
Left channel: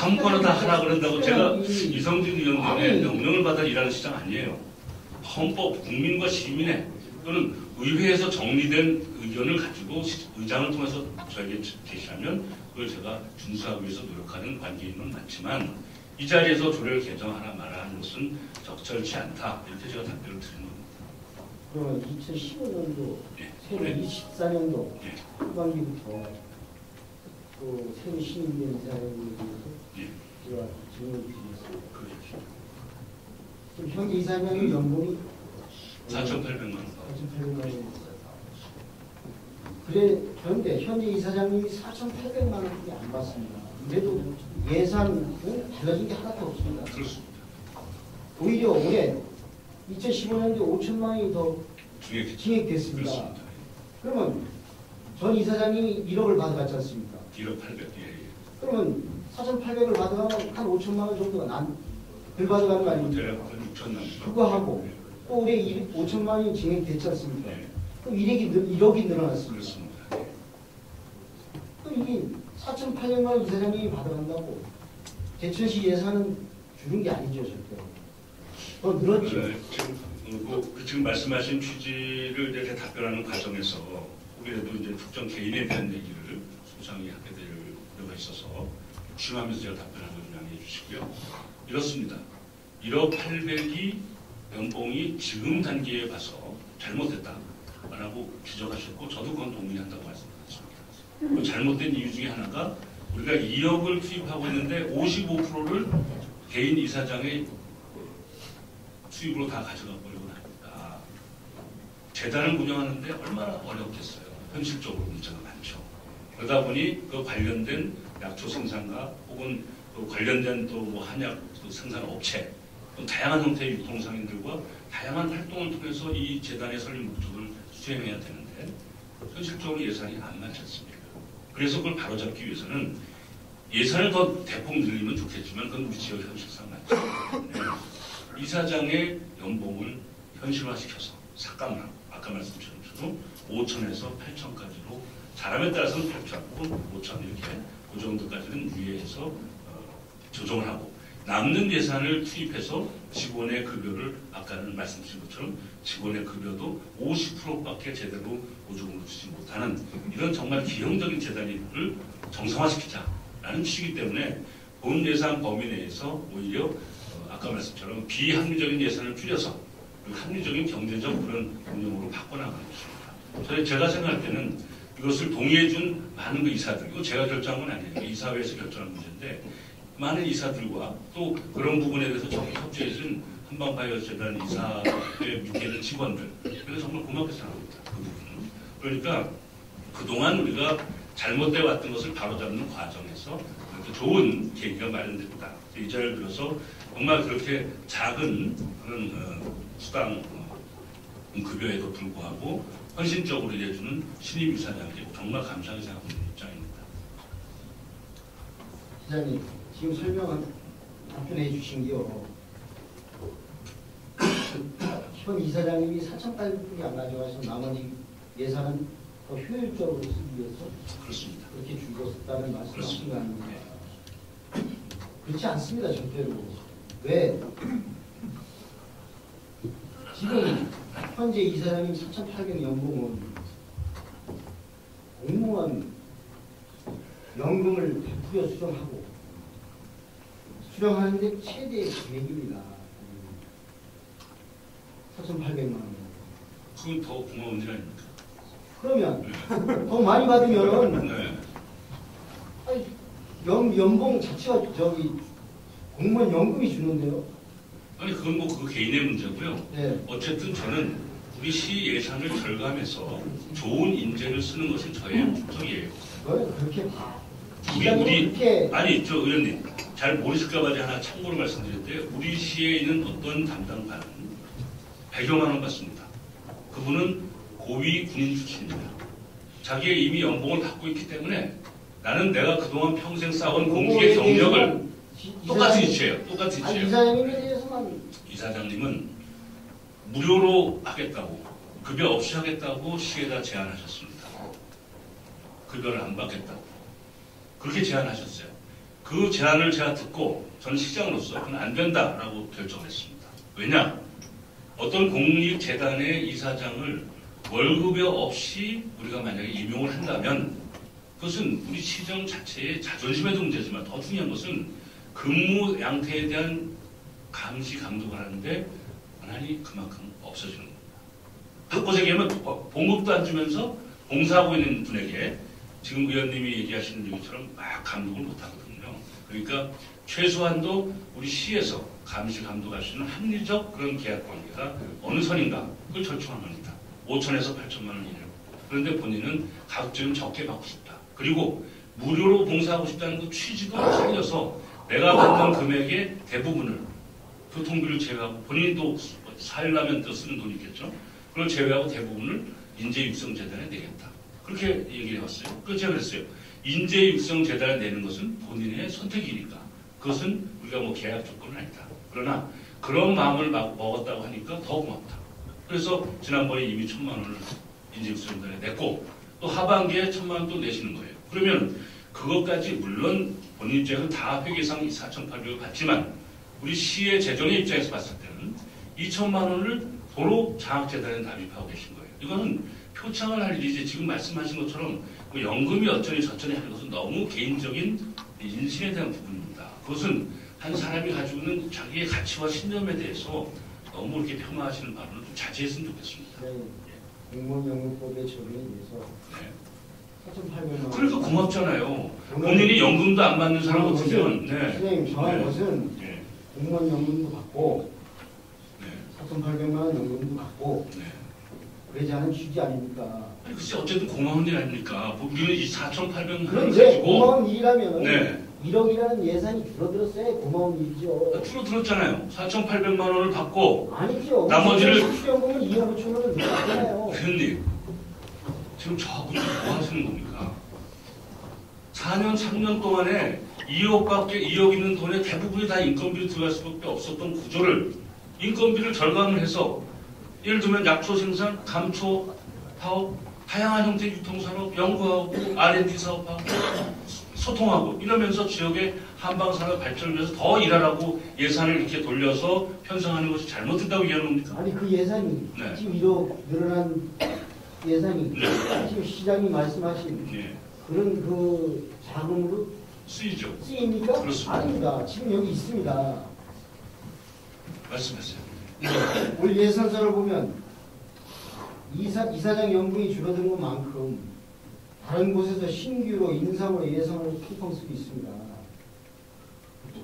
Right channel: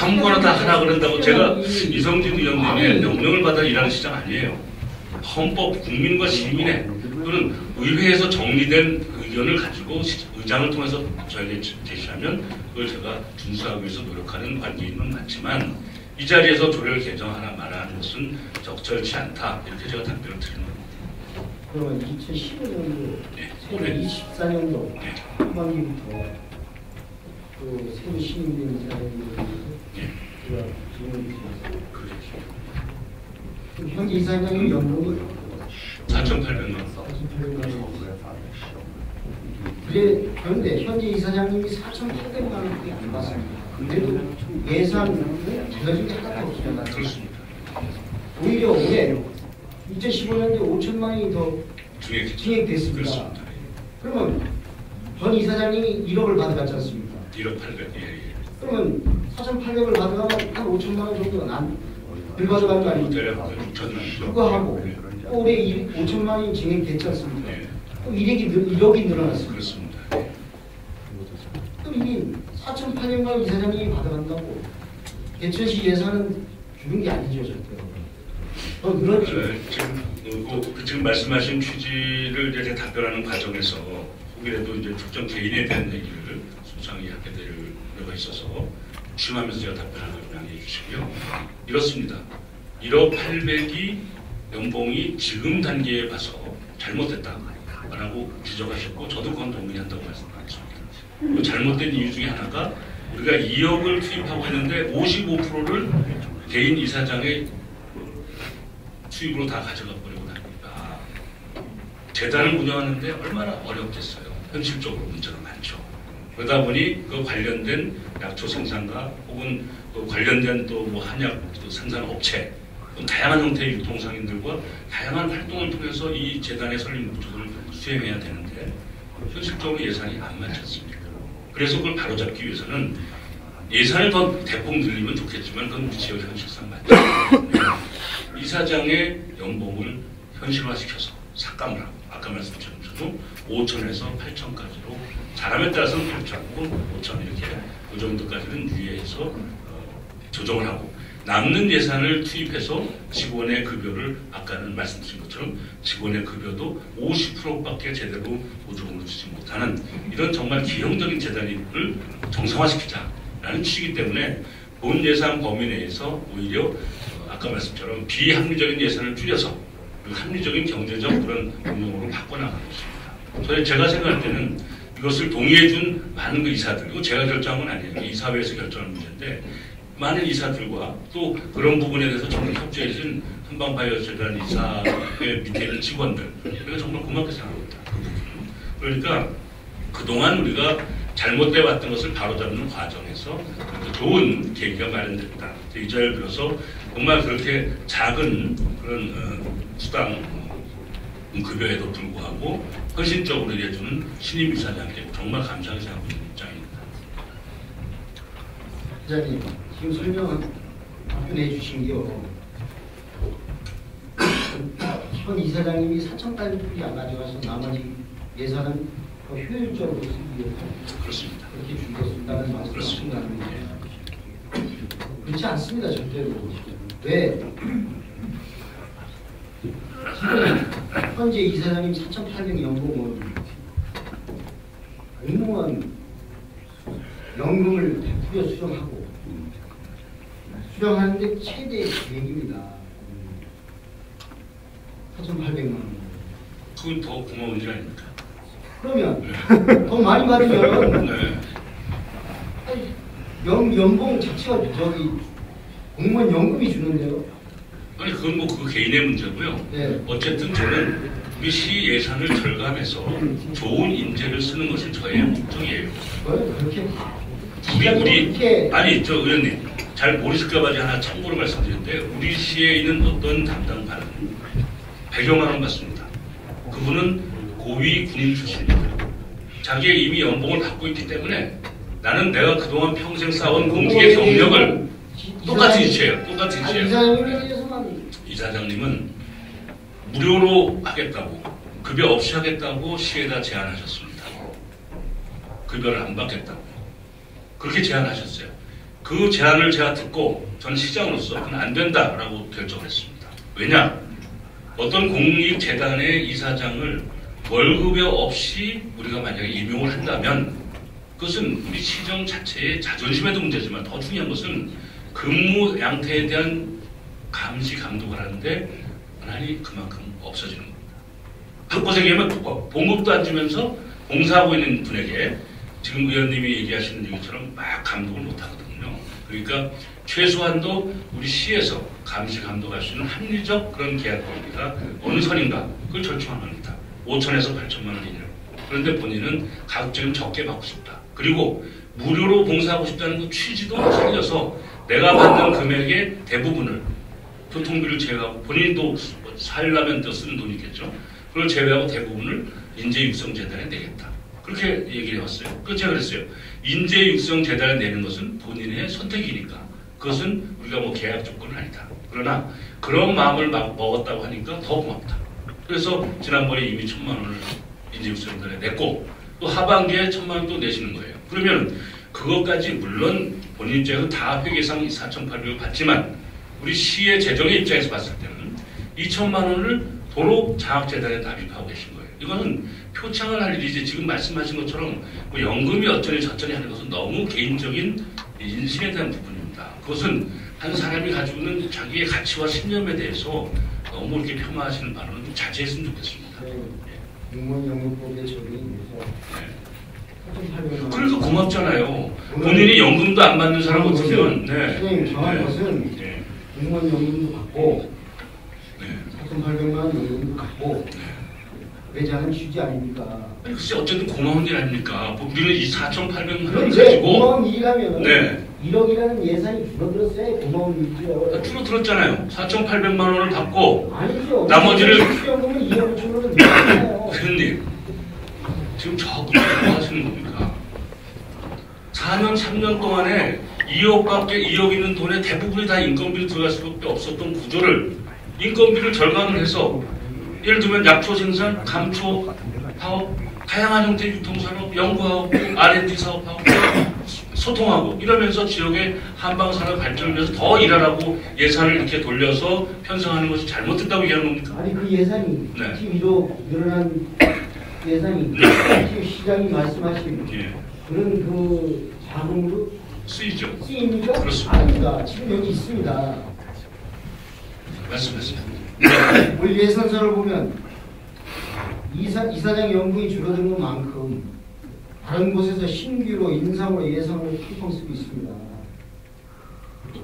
아무거나 다 하라 그런다고 제가 이성진 의원님의 명령을 받아 일하는 시장 아니에요. 헌법, 국민과 시민의 또는 의회에서 정리된 의견을 가지고 의장을 통해서 저에게 제시하면 그걸 제가 준수하기 위해서 노력하는 관계인은 맞지만 이 자리에서 조례를 개정하나 말하는 것은 적절치 않다. 이렇게 제가 답변을 드리는 겁니다. 그러면 2015년도, 네, 올해 24년도 네. 상반기부터 또 새로 신임된 이사님이 현재 이사장님 연봉이 4,800만. 그런데 현재 이사장님이 4,800만 원밖에 안 왔어요. 예산 그렇습니다. 오히려 올해 2015년에 5천만 원이 더 증액됐습니다. 그렇습니다. 그러면 전 이사장님이 1억을 받아갔지 않습니까? 1억 800. 예. 그러면 4,800을 받아가면 한 5천만 원 정도가 들어가는 거 아닙니까? 대략 6천만. 그거 하고 올해 5천만 원이 증액됐지 않습니까? 네. 그럼 1억이 늘어났습니다. 그렇습니다. 그럼 이 4,800만 원 이사장님이 받아간다고 대천시 예산은 주는 게 아니죠. 더 늘었죠. 지금 말씀하신 취지를 이제 답변하는 과정에서 혹이라도 이제 특정 개인에 대한 얘기를 소상히 하게 될 필요가 있어서 취임하면서 제가 답변을 양해해 주시고요. 이렇습니다. 1억 800이 연봉이 지금 단계에 봐서 잘못됐다라고 지적하셨고 저도 그건 동의한다고 말씀드렸습니다. 그 잘못된 이유 중에 하나가 우리가 2억을 투입하고 있는데 55%를 개인 이사장의 수입으로 다 가져가 버리고 나니까 재단을 운영하는데 얼마나 어렵겠어요. 현실적으로 문제가 많죠. 그러다 보니 그 관련된 약초 생산과 혹은 그 관련된 또 뭐 한약 생산 업체 다양한 형태의 유통상인들과 다양한 활동을 통해서 이 재단의 설립 목적을 수행해야 되는데 현실적으로 예산이 안 맞지 않습니까? 그래서 그걸 바로잡기 위해서는 예산을 더 대폭 늘리면 좋겠지만 그건 지역 현실상 맞지 않습니다. 이사장의 연봉을 현실화시켜서 삭감을 하고 아까 말씀드린 것처럼 5천에서 8천까지로 잘함에 따라서는 8천 혹은 5천 이렇게 그 정도까지는 유예해서 조정을 하고 남는 예산을 투입해서 직원의 급여를 아까는 말씀드린 것처럼 직원의 급여도 50%밖에 제대로 보조금을 주지 못하는 이런 정말 기형적인 재단을 정상화시키자라는 취지이기 때문에 본 예산 범위 내에서 오히려 아까 말씀처럼 비합리적인 예산을 줄여서 합리적인 경제적 그런 운영으로 바꿔나가는 것입니다. 제가 생각할 때는 이것을 동의해준 많은 그 이사들, 이거 제가 결정한 건 아니에요. 이사회에서 결정한 문제인데 많은 이사들과 또 그런 부분에 대해서 정말 협조해준 한방바이오재단 이사회 밑에 있는 직원들, 제가 정말 고맙게 생각합니다. 그 그러니까 그동안 우리가 잘못돼 왔던 것을 바로잡는 과정에서 좋은 계기가 마련됐다. 이 자리를 빌어서 정말 그렇게 작은 그런 수당 급여에도 불구하고 헌신적으로 일해주는 신임 이사장께 정말 감사하게 생각하는 입장입니다. 이사장님, 지금 답변해 주신 게요. 현 이사장님이 4,800분이 안 가져가서 나머지 예산은 더 효율적으로 그렇습니다. 그렇게 주겠습니다라는 말씀. 그렇습니다. 그렇지 않습니다, 절대로. 왜? 현재 이사장님 4,800 연봉은 공무원 연금을 100% 수령하고 수령하는데 최대 계획입니다. 4,800만 원. 그건 더 고마운 일 아닙니까? 그러면 더 많이 받으면 네. 연봉 자체가 저기 공무원 연금이 주는데요. 아니 그건 뭐 그 개인의 문제고요. 네. 어쨌든 저는 우리 시 예산을 절감해서 좋은 인재를 쓰는 것이 저의 목적이에요. 그렇게 아니 저 의원님 잘 모르실까봐 하나 참고로 말씀드리는데 우리 시에 있는 어떤 담당관은 100여만 원 받습니다. 그분은 고위 군인 출신입니다. 자기의 이미 연봉을 받고 있기 때문에 나는 내가 그동안 평생 쌓아온 공직의 경력을 똑같이 이체해요. 똑같이 이체해요. 이사장님은 무료로 하겠다고 급여 없이 하겠다고 시에다 제안하셨습니다. 급여를 안 받겠다고 그렇게 제안하셨어요. 그 제안을 제가 듣고 전 시장으로서 그건 안 된다라고 결정을 했습니다. 왜냐? 어떤 공익재단의 이사장을 월급여 없이 우리가 만약에 임용을 한다면 그것은 우리 시정 자체의 자존심에도 문제지만 더 중요한 것은 근무 양태에 대한 감시 감독을 하는데 권한이 그만큼 없어지는 겁니다. 바꿔서 얘기하면 봉급도 안 주면서 봉사하고 있는 분에게 지금 의원님이 얘기하시는 얘기처럼 막 감독을 못하거든요. 그러니까 최소한도 우리 시에서 감시 감독할 수 있는 합리적 그런 계약 권리가 어느 선인가 그걸 절충합니다. 5천에서 8천만 원이냐. 그런데 본인은 가급적이면 적게 받고 싶다. 그리고 무료로 봉사하고 싶다는 그 취지도 살려서 내가 받는 금액의 대부분을 교통비를 제외하고 본인이 또 살려면 또 쓰는 돈이겠죠. 그걸 제외하고 대부분을 인재육성재단에 내겠다. 그렇게 얘기를 해왔어요. 그래서 제가 그랬어요. 인재육성재단에 내는 것은 본인의 선택이니까 그것은 우리가 뭐 계약 조건은 아니다. 그러나 그런 마음을 막 먹었다고 하니까 더 고맙다. 그래서 지난번에 이미 1,000만 원을 인재육성재단에 냈고 또 하반기에 1,000만 원 또 내시는 거예요. 그러면 그것까지 물론 본인 입장에서 다 회계상 4,800을 받지만 우리 시의 재정의 입장에서 봤을 때는 2천만 원을 도로 장학재단에 납입하고 계신 거예요. 이거는 표창을 할 일이지 지금 말씀하신 것처럼 뭐 연금이 어쩌니 저쩌니 하는 것은 너무 개인적인 인식에 대한 부분입니다. 그것은 한 사람이 가지고 있는 자기의 가치와 신념에 대해서 너무 이렇게 폄하하시는 발언은 좀 자제했으면 좋겠습니다. 그러니까 고맙잖아요. 본인이 연금도 안 받는 사람 같으면 선생님 정한 것은 공무원 연금도 받고 4,800만 원 연금도 받고 그러지 않은 취지 아닙니까? 글쎄 어쨌든 고마운 일 아닙니까? 우리는 이 4,800만 원 이제 가지고 고마운 일이라면 네. 1억이라는 예산이 줄어들었어야 고마운 일이죠. 줄어들었잖아요. 4,800만 원을 받고 아니죠. 나머지를 수령금은 2억 5천 원은 늘었잖아요. 회원님 지금 저하고 뭐 하시는 겁니까? 4년 3년 동안에 2억 있는 돈의 대부분이 다 인건비로 들어갈 수밖에 없었던 구조를 인건비를 절감을 해서 예를 들면 약초 생산, 감초 파업, 다양한 형태의 유통산업, 연구하고 R&D 사업하고 소통하고 이러면서 지역의 한방산업 발전을 위해서 더 일하라고 예산을 이렇게 돌려서 편성하는 것이 잘못됐다고 얘기하는 겁니까? 아니 그 예산이 네. 지금 이도 늘어난 예산이 지금 시장이 말씀하신 예. 그런 그 자금으로 쓰이죠. 쓰입니까? 그렇습니다. 아닙니다. 지금 여기 있습니다. 말씀하세요. 우리 예산서를 보면 이사장 연금이 줄어든 것만큼 다른 곳에서 신규로 인상으로 예산을 펑펑 쓰고 있습니다.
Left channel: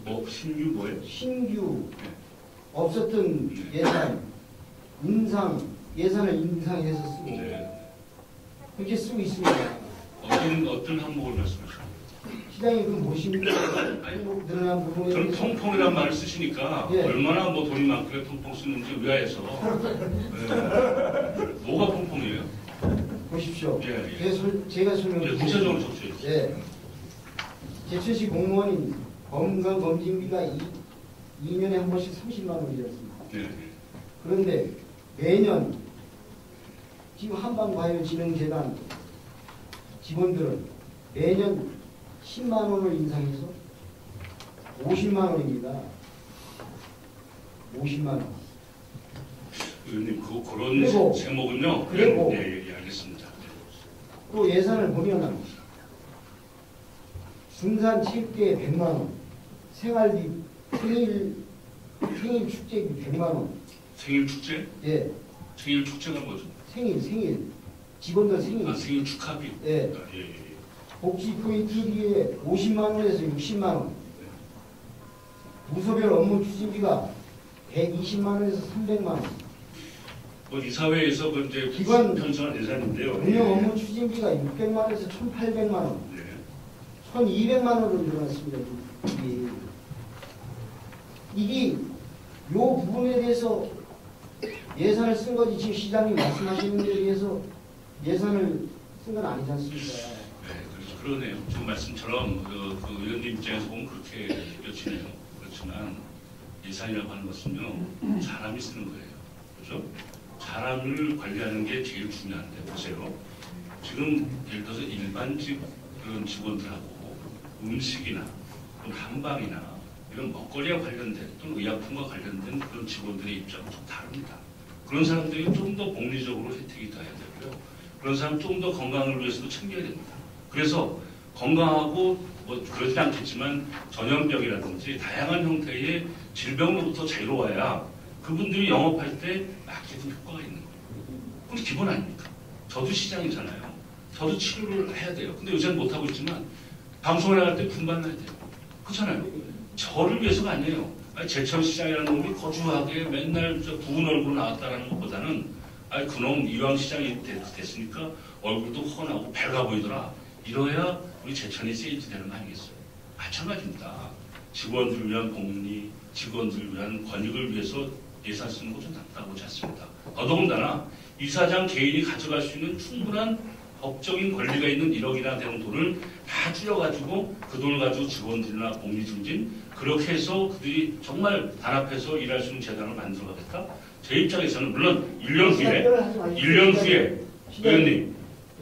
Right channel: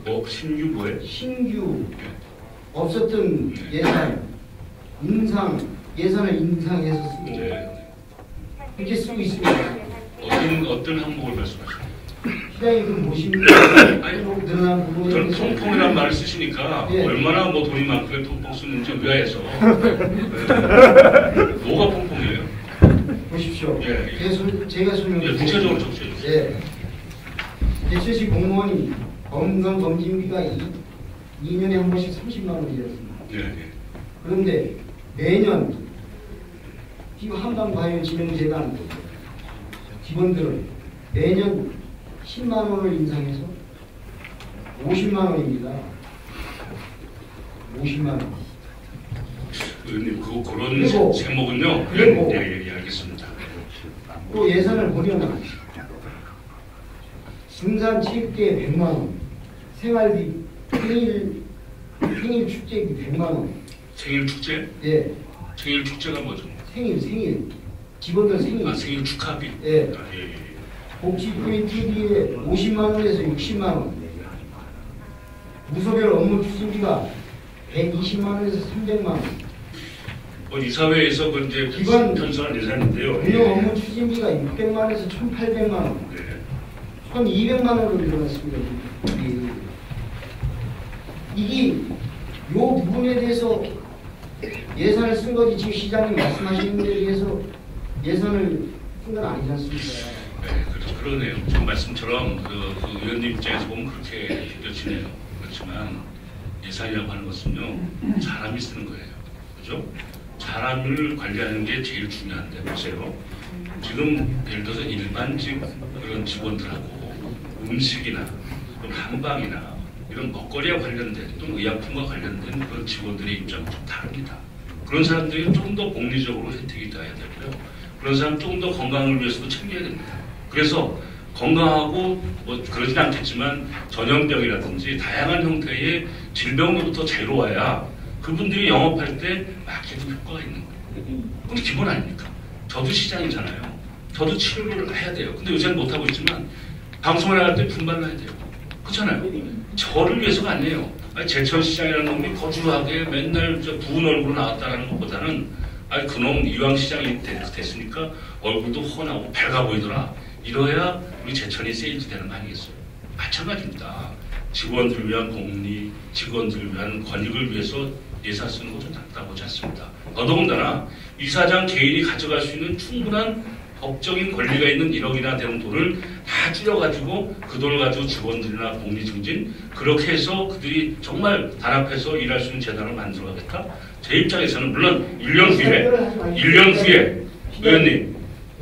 뭐 신규 뭐예요? 신규 없었던 예산 예산을 인상해서 씁니다. 네. 이렇게 쓰고 있습니다. 어떤 항목을 말씀하시나요? 시장이 그 보시면 늘어난 부분이 저는 통풍이라는 말을 쓰시니까 네. 얼마나 뭐 돈이 많길래 통풍 쓰는지 의아해서 뭐가 통풍이에요? 보십시오. 예. 제가 설명드릴게요. 구체적으로 적셔주세요. 네. 대체시 공무원이 건강검진비가 2년에 한 번씩 30만 원이었습니다. 네. 그런데 매년 지금 한강과열진흥재단 직원들은 매년 10만 원을 인상해서 50만 원입니다. 50만 원. 의원님 그런 그리고- 제목은요. 그리고- 예, 알겠습니다. 또 예산을 보면 등산체육대회 100만 원, 생활비, 생일 축제비 100만 원. 생일 축제? 예, 생일 축제가 뭐죠? 생일 직원들 생일. 아, 생일 축하비. 예. 아, 예, 예. 복지부인 TV에 50만 원에서 60만 원. 무소별 업무 추진비가 120만 원에서 300만 원. 뭐 이사회에서 그 이제 기관- 편성한 예산인데요. 운영 업무 추진비가 600만 원에서 1,800만 원. 네. 1,200만 원으로 늘어났습니다. 이게 요 부분에 대해서 예산을 쓴 거지 지금 시장님 말씀하시는 것에 대해서 예산을 쓴 건 아니지 않습니까? 네, 그러네요. 저 말씀처럼 그 의원님 입장에서 보면 그렇게 느껴지네요. 그렇지만 예산이라고 하는 것은요, 사람이 쓰는 거예요. 그죠? 사람을 관리하는 게 제일 중요한데 보세요. 지금 예를 들어서 일반직 그런 직원들하고 음식이나 또는 한방이나 이런 먹거리와 관련된 또는 의약품과 관련된 그런 직원들의 입장은 좀 다릅니다. 그런 사람들이 좀 더 복리적으로 혜택이 돼야 되고요. 그런 사람 조금 더 건강을 위해서도 챙겨야 됩니다. 그래서 건강하고 뭐 그러진 않겠지만 전염병이라든지 다양한 형태의 질병으로부터 자유로워야 그분들이 영업할 때 마케팅 효과가 있는 거예요. 그건 기본 아닙니까? 저도 시장이잖아요. 저도 치료를 해야 돼요. 근데 요새는 못하고 있지만 방송에 나갈 때 분발을 해야 돼요. 그렇잖아요. 저를 위해서가 아니에요. 제천시장이라는 놈이 거주하게 맨날 부은 얼굴로 나왔다는 것보다는 그놈 이왕 시장이 됐으니까 얼굴도 훤하고 밝아 보이더라. 이러야 우리 제천이 세일즈 되는 거 아니겠어요? 마찬가지입니다. 직원들을 위한 복리, 직원들을 위한 권익을 위해서 예산 쓰는 거 좀 답답하지 않습니다. 더더군다나 이사장 개인이 가져갈 수 있는 충분한 법적인 권리가 있는 1억이나 되는 돈을 다 줄여가지고 그 돈을 가지고 직원들이나 복리 증진 그렇게 해서 그들이 정말 단합해서 일할 수 있는 재단을 만들어야겠다. 제 입장에서는 물론 1년 후에 의원님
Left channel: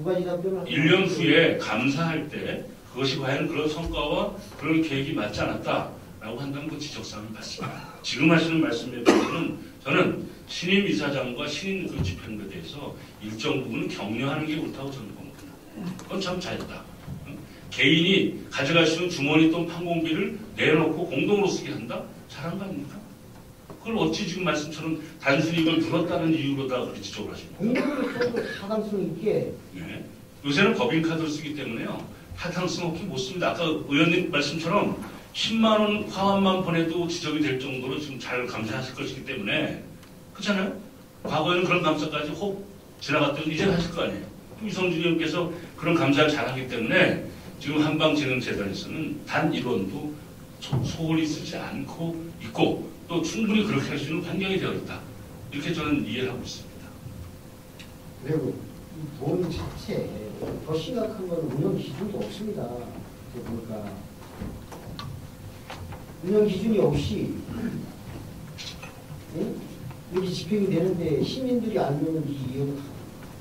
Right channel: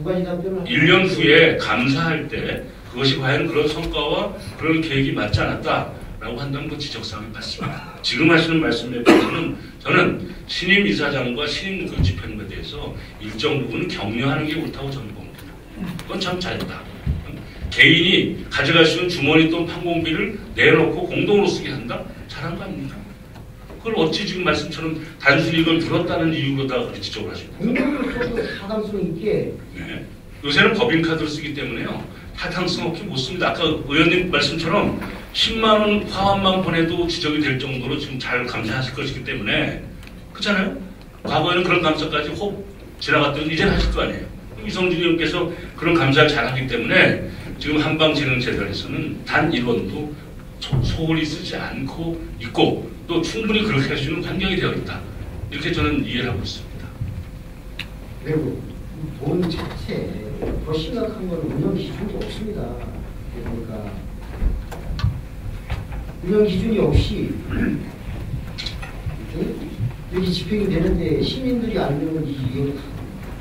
1년 후에 감사할 때 그것이 과연 그런 성과와 그런 계획이 맞지 않았다라고 한다면 그 지적사항이 맞습니다. 지금 하시는 말씀에 보면 저는 신임 이사장과 신임 그 집행부에 대해서 일정 부분은 격려하는 게 옳다고 저는 봅니다. 그건 참 잘했다. 개인이 가져갈 수 있는 주머니 돈 판공비를 내놓고 공동으로 쓰게 한다? 잘한 거 아닙니까? 그걸 어찌 지금 말씀처럼 단순히 이걸 들었다는 이유로다가 그렇게 지적을 하십니까? 타당성 있게. 네. 요새는 법인카드를 쓰기 때문에요. 타당성 없게 못 씁니다. 아까 의원님 말씀처럼 10만 원 화환만 보내도 지적이 될 정도로 지금 잘 감사하실 것이기 때문에 그렇잖아요. 과거에는 그런 감사까지 혹 지나갔더니 이제 하실 거 아니에요. 이성진 의원께서 그런 감사를 잘하기 때문에 지금 한방진흥재단에서는 단 1원도 소홀히 쓰지 않고 있고 또 충분히 그렇게 할 수 있는 환경이 되어 있다. 이렇게 저는 이해를 하고 있습니다. 그리고 돈 자체 더 심각한 건 운영 기준이 없습니다. 그러니까 운영 기준이 없이 여기 집행이 되는데 시민들이 안 되는 건지 이게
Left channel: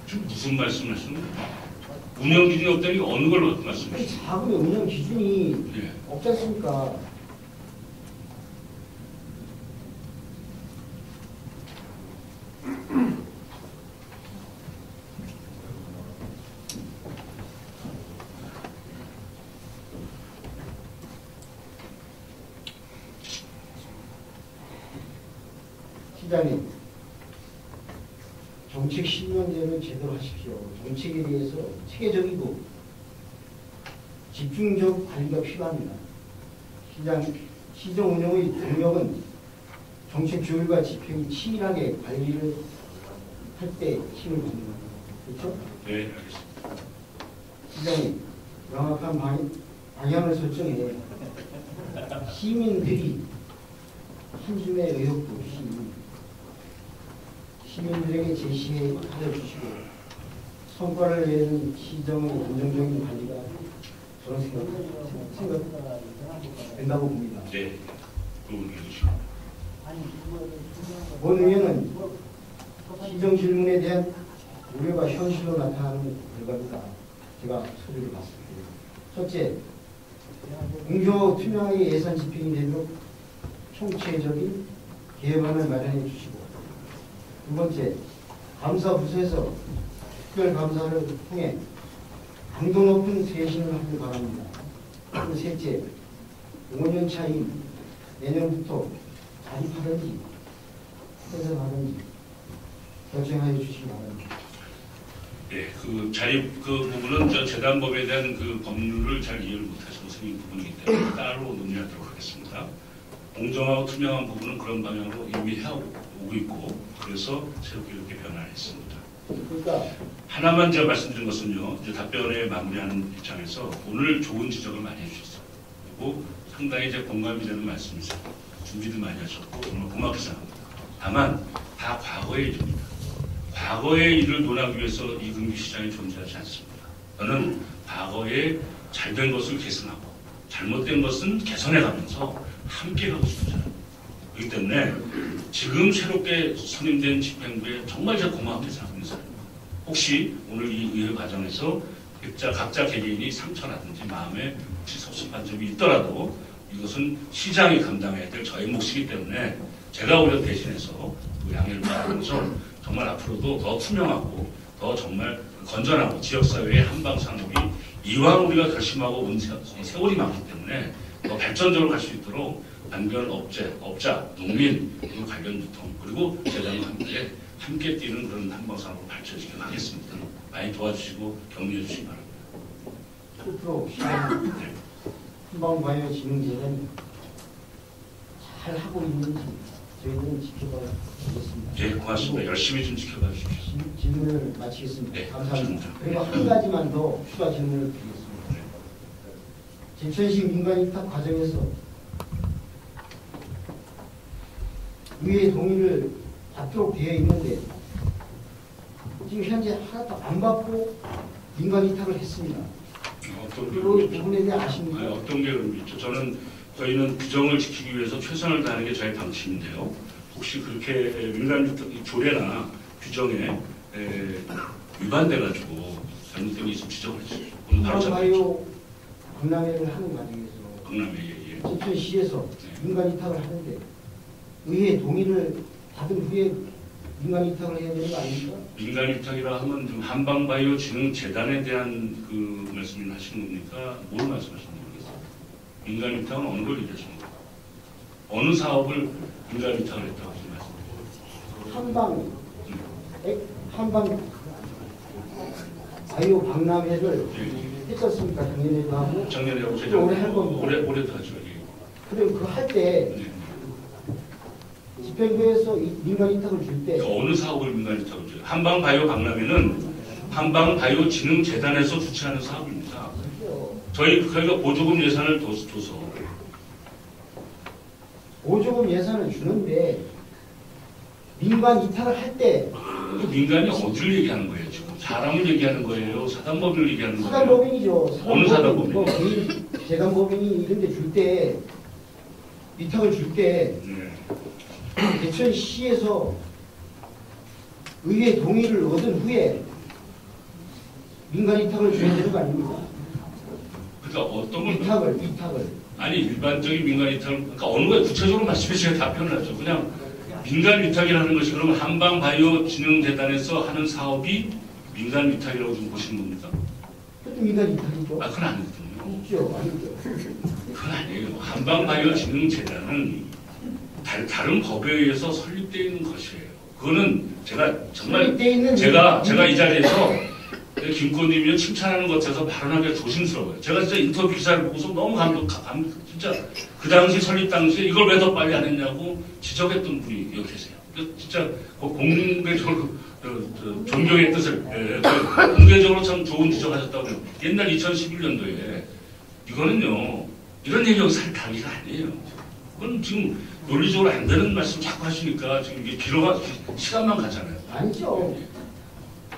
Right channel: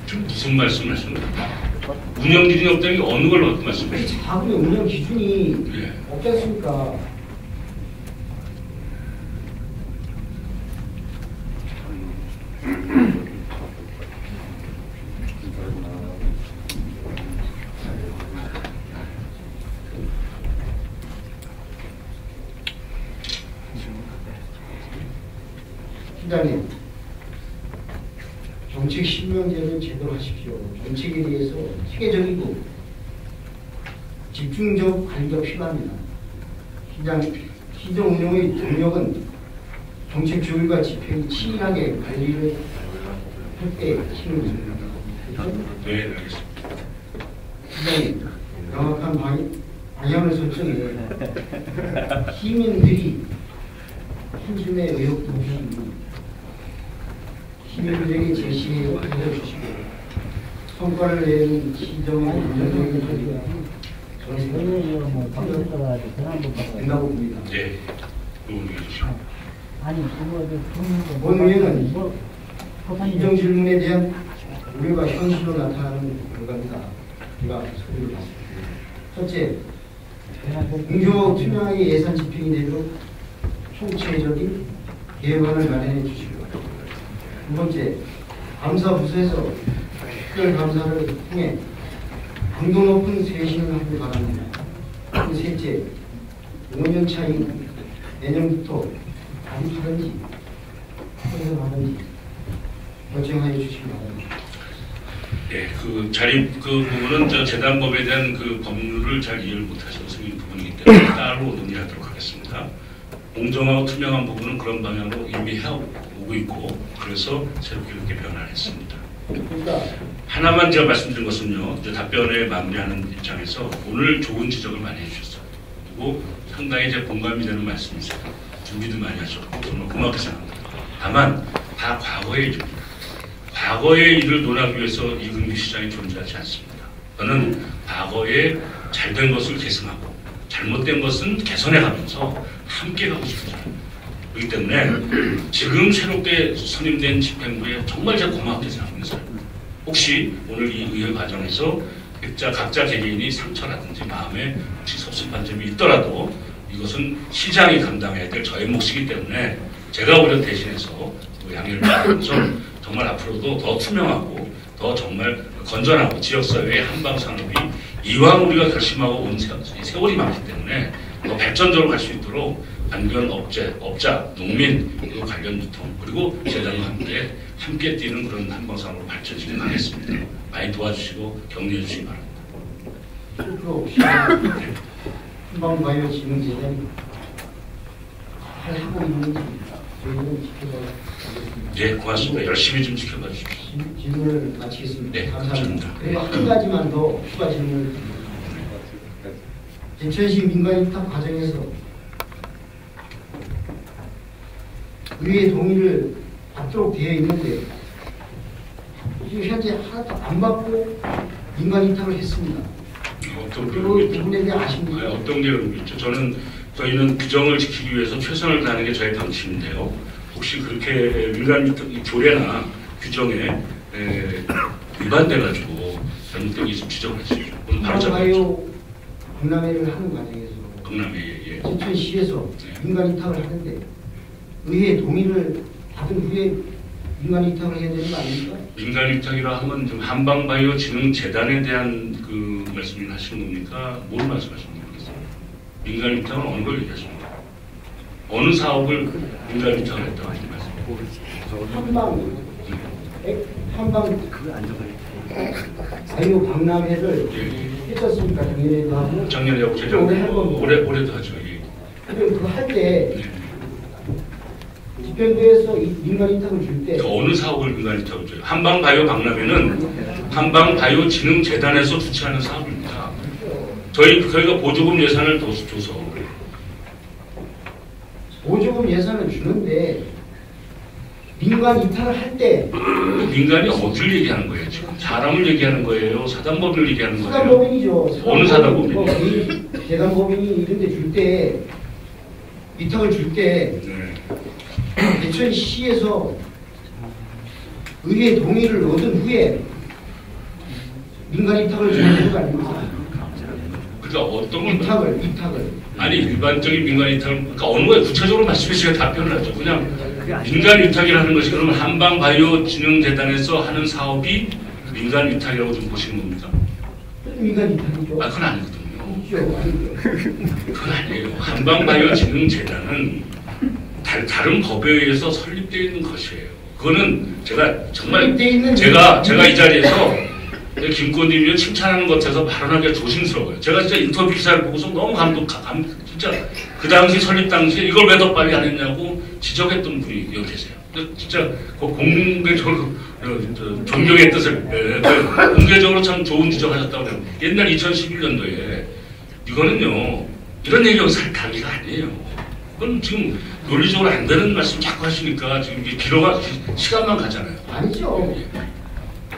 지금 무슨 말씀을 하시는 거예요? 운영 기준이 없다는 게 어느 걸 어떤 말씀이에요? 자꾸 운영 기준이 네. 없지 않습니까? 팀장님, 정책 신명제를 제대로 하십시오. 정책에 대해서 체계적이고 집중적 관리가 필요합니다. 시정 운영의 동력은 정책 조율과 집행이 치밀하게 관리를 할 때 힘을 줍니다. 네, 알겠습니다. 팀장님, 정확한 방향을 설정해 시민들이 신심의 의혹도 없이 시민들이 제시에 알려주시고 성과를 내는 시정의 운영을 된다고 봅니다. 네, 도움해 주십시오. 오늘은 시정 질문에 대한 우리가 현실로 나타나는 결과다. 제가 설명드리겠습니다. 첫째, 공정하고 투명하게 예산 집행이 되도록 총체적인 계획안을 마련해 주시고, 두 번째, 감사부서에서 특별 감사를 통해 강도 높은 쇄신을 하길 바랍니다. 셋째, 5년 차인 내년부터 감사하는지 하는지 결정하여 주시기 바랍니다. 네, 그 부분은 저 재단법에 대한 그 법률을 잘 이해를 못하셔서 이 부분이기 때문에 따로 논의하도록 하겠습니다. 공정하고 투명한 부분은 그런 방향으로 이미 해오고 있고 그래서 새롭게 이렇게 변화를 했습니다. 하나만 제가 말씀드린 것은요. 이제 답변을 마무리하는 입장에서 오늘 좋은 지적을 많이 해주셨어요. 그리고 상당히 이제 공감이 되는 말씀이세요. 준비도 많이 하셨고 정말 고맙게 생각합니다. 다만 다 과거의 일입니다. 과거의 일을 논하기 위해서 이근규 시장이 존재하지 않습니다. 저는 과거에 잘된 것을 계승하고 잘못된 것은 개선해가면서 함께 가고 싶습니다. 그렇기 때문에 지금 새롭게 선임된 집행부에 정말 제가 고맙게 생각합니다. 혹시 오늘 이 의회 과정에서 각자 개개인이 상처라든지 마음에 혹시 섭섭한 점이 있더라도 이것은 시장이 감당해야 될 저의 몫이기 때문에 제가 오히려 대신해서 양해를 받으면서 정말 앞으로도 더 투명하고 더 정말 건전하고 지역사회의 한방산업이 이왕 우리가 결심하고 온 세월이 많기 때문에 더 발전적으로 갈 수 있도록 관련 업자, 농민, 그리고 관련 유통, 그리고 재단과 함께 뛰는 그런 한방산업으로 발전시켜 가겠습니다. 많이 도와주시고 격려해 주시기 바랍니다. 또 한방바이오 진흥제는 잘 하고 있는지 저희는 지켜봐. 네, 고맙습니다. 열심히 좀 지켜봐 주십시오. 질문을 마치겠습니다. 네, 감사합니다. 그리고 한 가지만 더 추가 질문을 드립니다. 제천시 민간 입학 과정에서 의회 동의를 받도록 되어 있는데 지금 현재 하나도 안 받고 민간 입학을 했습니다. 어떤 그리고 이 내용이죠? 부분에 대해 아십니까? 어떤 내용이죠? 저희는 규정을 지키기 위해서 최선을 다하는 게 저희 방침인데요. 혹시 그렇게 민간 조례나 규정에 위반돼가지고 잘못된 좀 지적을 해주십시오. 그럼 바로 잡아야죠. 바이오 박람회를 하는 과정에서 박람회, 예. 제천시에서 민간 입학을 하는데 의회 동의를 받은 후에 민간 입학을 해야 되는 거 아닙니까? 민간 입장이라 하면 좀 한방바이오 진흥재단에 대한 그 말씀을 하시는 겁니까? 뭘 말씀하시는 겁니까? 민간 입장은 어느 걸 얘기하십니까? 어느 사업을 민간 입장을 했다고 하시는 말씀입니까? 한방 바이오 박람회를 했었으니까 작년에도 하고 작년에 재작 올해도 하죠. 예. 그리고 할때 집행부에서 민간 입학을 줄 때 어느 사업을 민간 입장을 줘요? 한방바이오 박람회는 한방바이오 진흥재단에서 주최하는 사업입니다. 저희가 보조금 예산을 더 줘서 보조금 예산을 주는데 민간 입학을 할 때 민간이 어디를 얘기하는 거예요? 지금 사람을 얘기하는 거예요? 사단법을 얘기하는 거예요? 사단법인이죠. 어느 사단법인이요? 재단법인이 이런 데 줄 때 입학을 줄 때 네. 제천시에서 의회 동의를 얻은 후에 민간 입학을 주는 거 아닙니까? 그러니까 어떤 걸 입학을 아니 일반적인 민간 위탁은 그러니까 어느 거에 구체적으로 말씀해 주시면 답변을 하죠. 그냥 민간 위탁이라는 것이 그러면 한방바이오진흥재단에서 하는 사업이 민간 위탁이라고 좀 보시는 겁니까? 민간 입학이죠. 그건 아니거든요. 그렇죠. 그건 아니에요. 한방바이오진흥재단은 다른 법에 의해서 설립되어 있는 것이에요. 그거는 제가 정말 제가 이 자리에서 김건희님이 칭찬하는 것 같아서 발언하기가 조심스러워요. 제가 진짜 인터뷰 기사를 보고서 너무 진짜 그 당시 설립 당시에 이걸 왜 더 빨리 안 했냐고 지적했던 분이 여기 계세요. 진짜 공개적으로 존경의 뜻을 공개적으로 참 좋은 지적하셨다고 해요. 옛날 2011년도에 이거는요 이런 얘기가 살 단계가 아니에요. 그건 지금 논리적으로 안 되는 말씀 자꾸 하시니까 지금 길어가 시간만 가잖아요. 아니죠.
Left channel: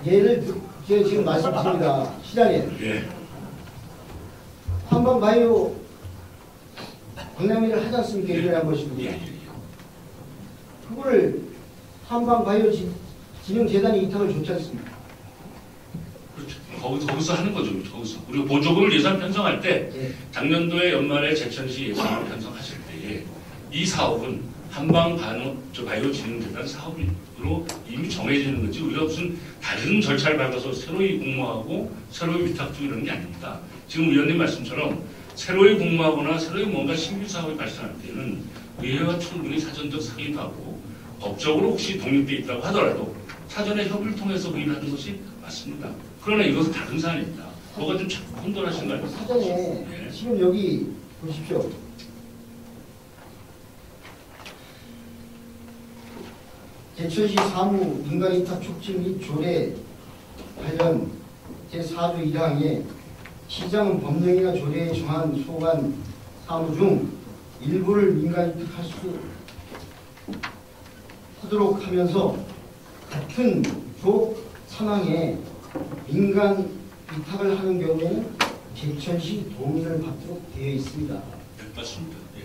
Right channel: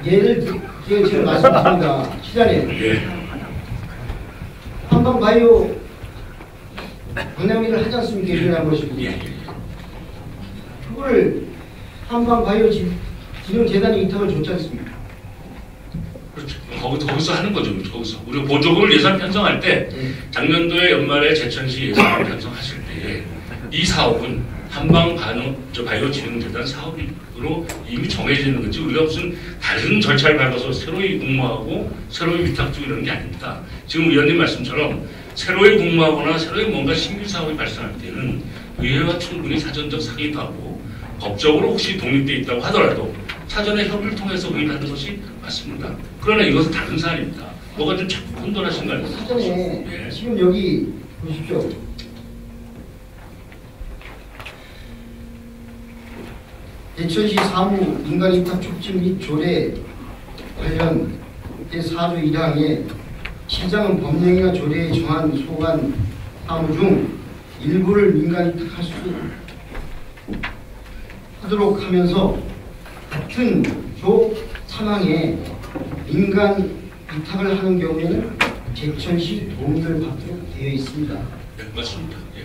예를 제가 말씀드립니다. 시장님. 예. 한방바이오 박람회를 하지 않습니까? 예를 것이고. 예. 그걸 한방바이오 진흥재단이 이탁을 줬지 않습니까? 그렇죠. 거기서 하는 거죠. 거기서 우리 보조금을 예산 편성할 때 작년도에 연말에 제천시 예산을 편성하실 때 이 사업은 한방바이오 진흥재단 사업으로 이미 정해져 있는 거지 우리가 무슨 다른 절차를 밟아서 새로이 공모하고 새로이 위탁 주고 이런 게 아닙니다. 지금 의원님 말씀처럼 새로이 공모하거나 새로이 뭔가 신규 사업이 발생할 때는 의회와 충분히 사전적 상의도 하고 법적으로 혹시 독립돼 있다고 하더라도 사전에 협의를 통해서 의논하는 것이 맞습니다. 그러나 이것은 다른 사안입니다. 뭐가 좀 자꾸 혼돈하신 거 아닙니까? 사전에 예. 지금 여기 보십시오. 제천시 사무 민간 입학 촉진 및 조례 관련 제4조 1항에 시장은 법령이나 조례에 정한 소관 사무 중 일부를 민간 입학할 수 하도록 하면서 같은 조 3항에 민간 입학을 하는 경우 제천시 동의를 받도록 되어 있습니다. 네, 맞습니다. 예.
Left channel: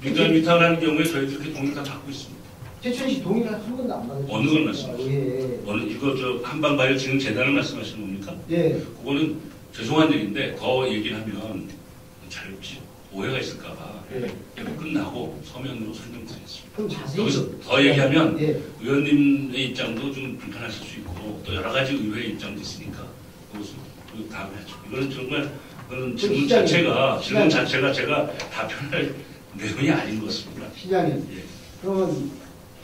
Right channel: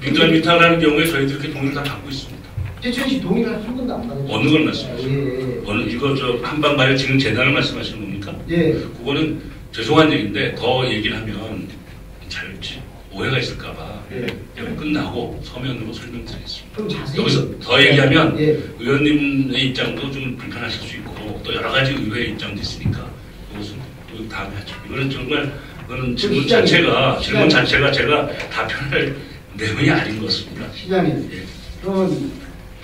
민간 위탁을 하는 경우에 저희들 이렇게 동의를 다 받고 있습니다. 제천시 동의를 한 번도 안 받았죠. 어느 걸 말씀하세요? 예. 어느 이거 한방바이오 진흥재단을 말씀하시는 겁니까? 예. 그거는 죄송한 얘기인데 더 얘기를 하면 잘 오해가 있을까봐 여기 끝나고 서면으로 설명드리겠습니다. 좀 자세히 여기서 더 얘기하면 예. 의원님의 입장도 좀 불편하실 수 있고 또 여러 가지 의회의 입장도 있으니까 그것은 또 다음에 하죠. 이거는 정말 그거는 질문 자체가 제가 답변할 내용이 아닌 것 같습니다. 시장님, 예. 그러면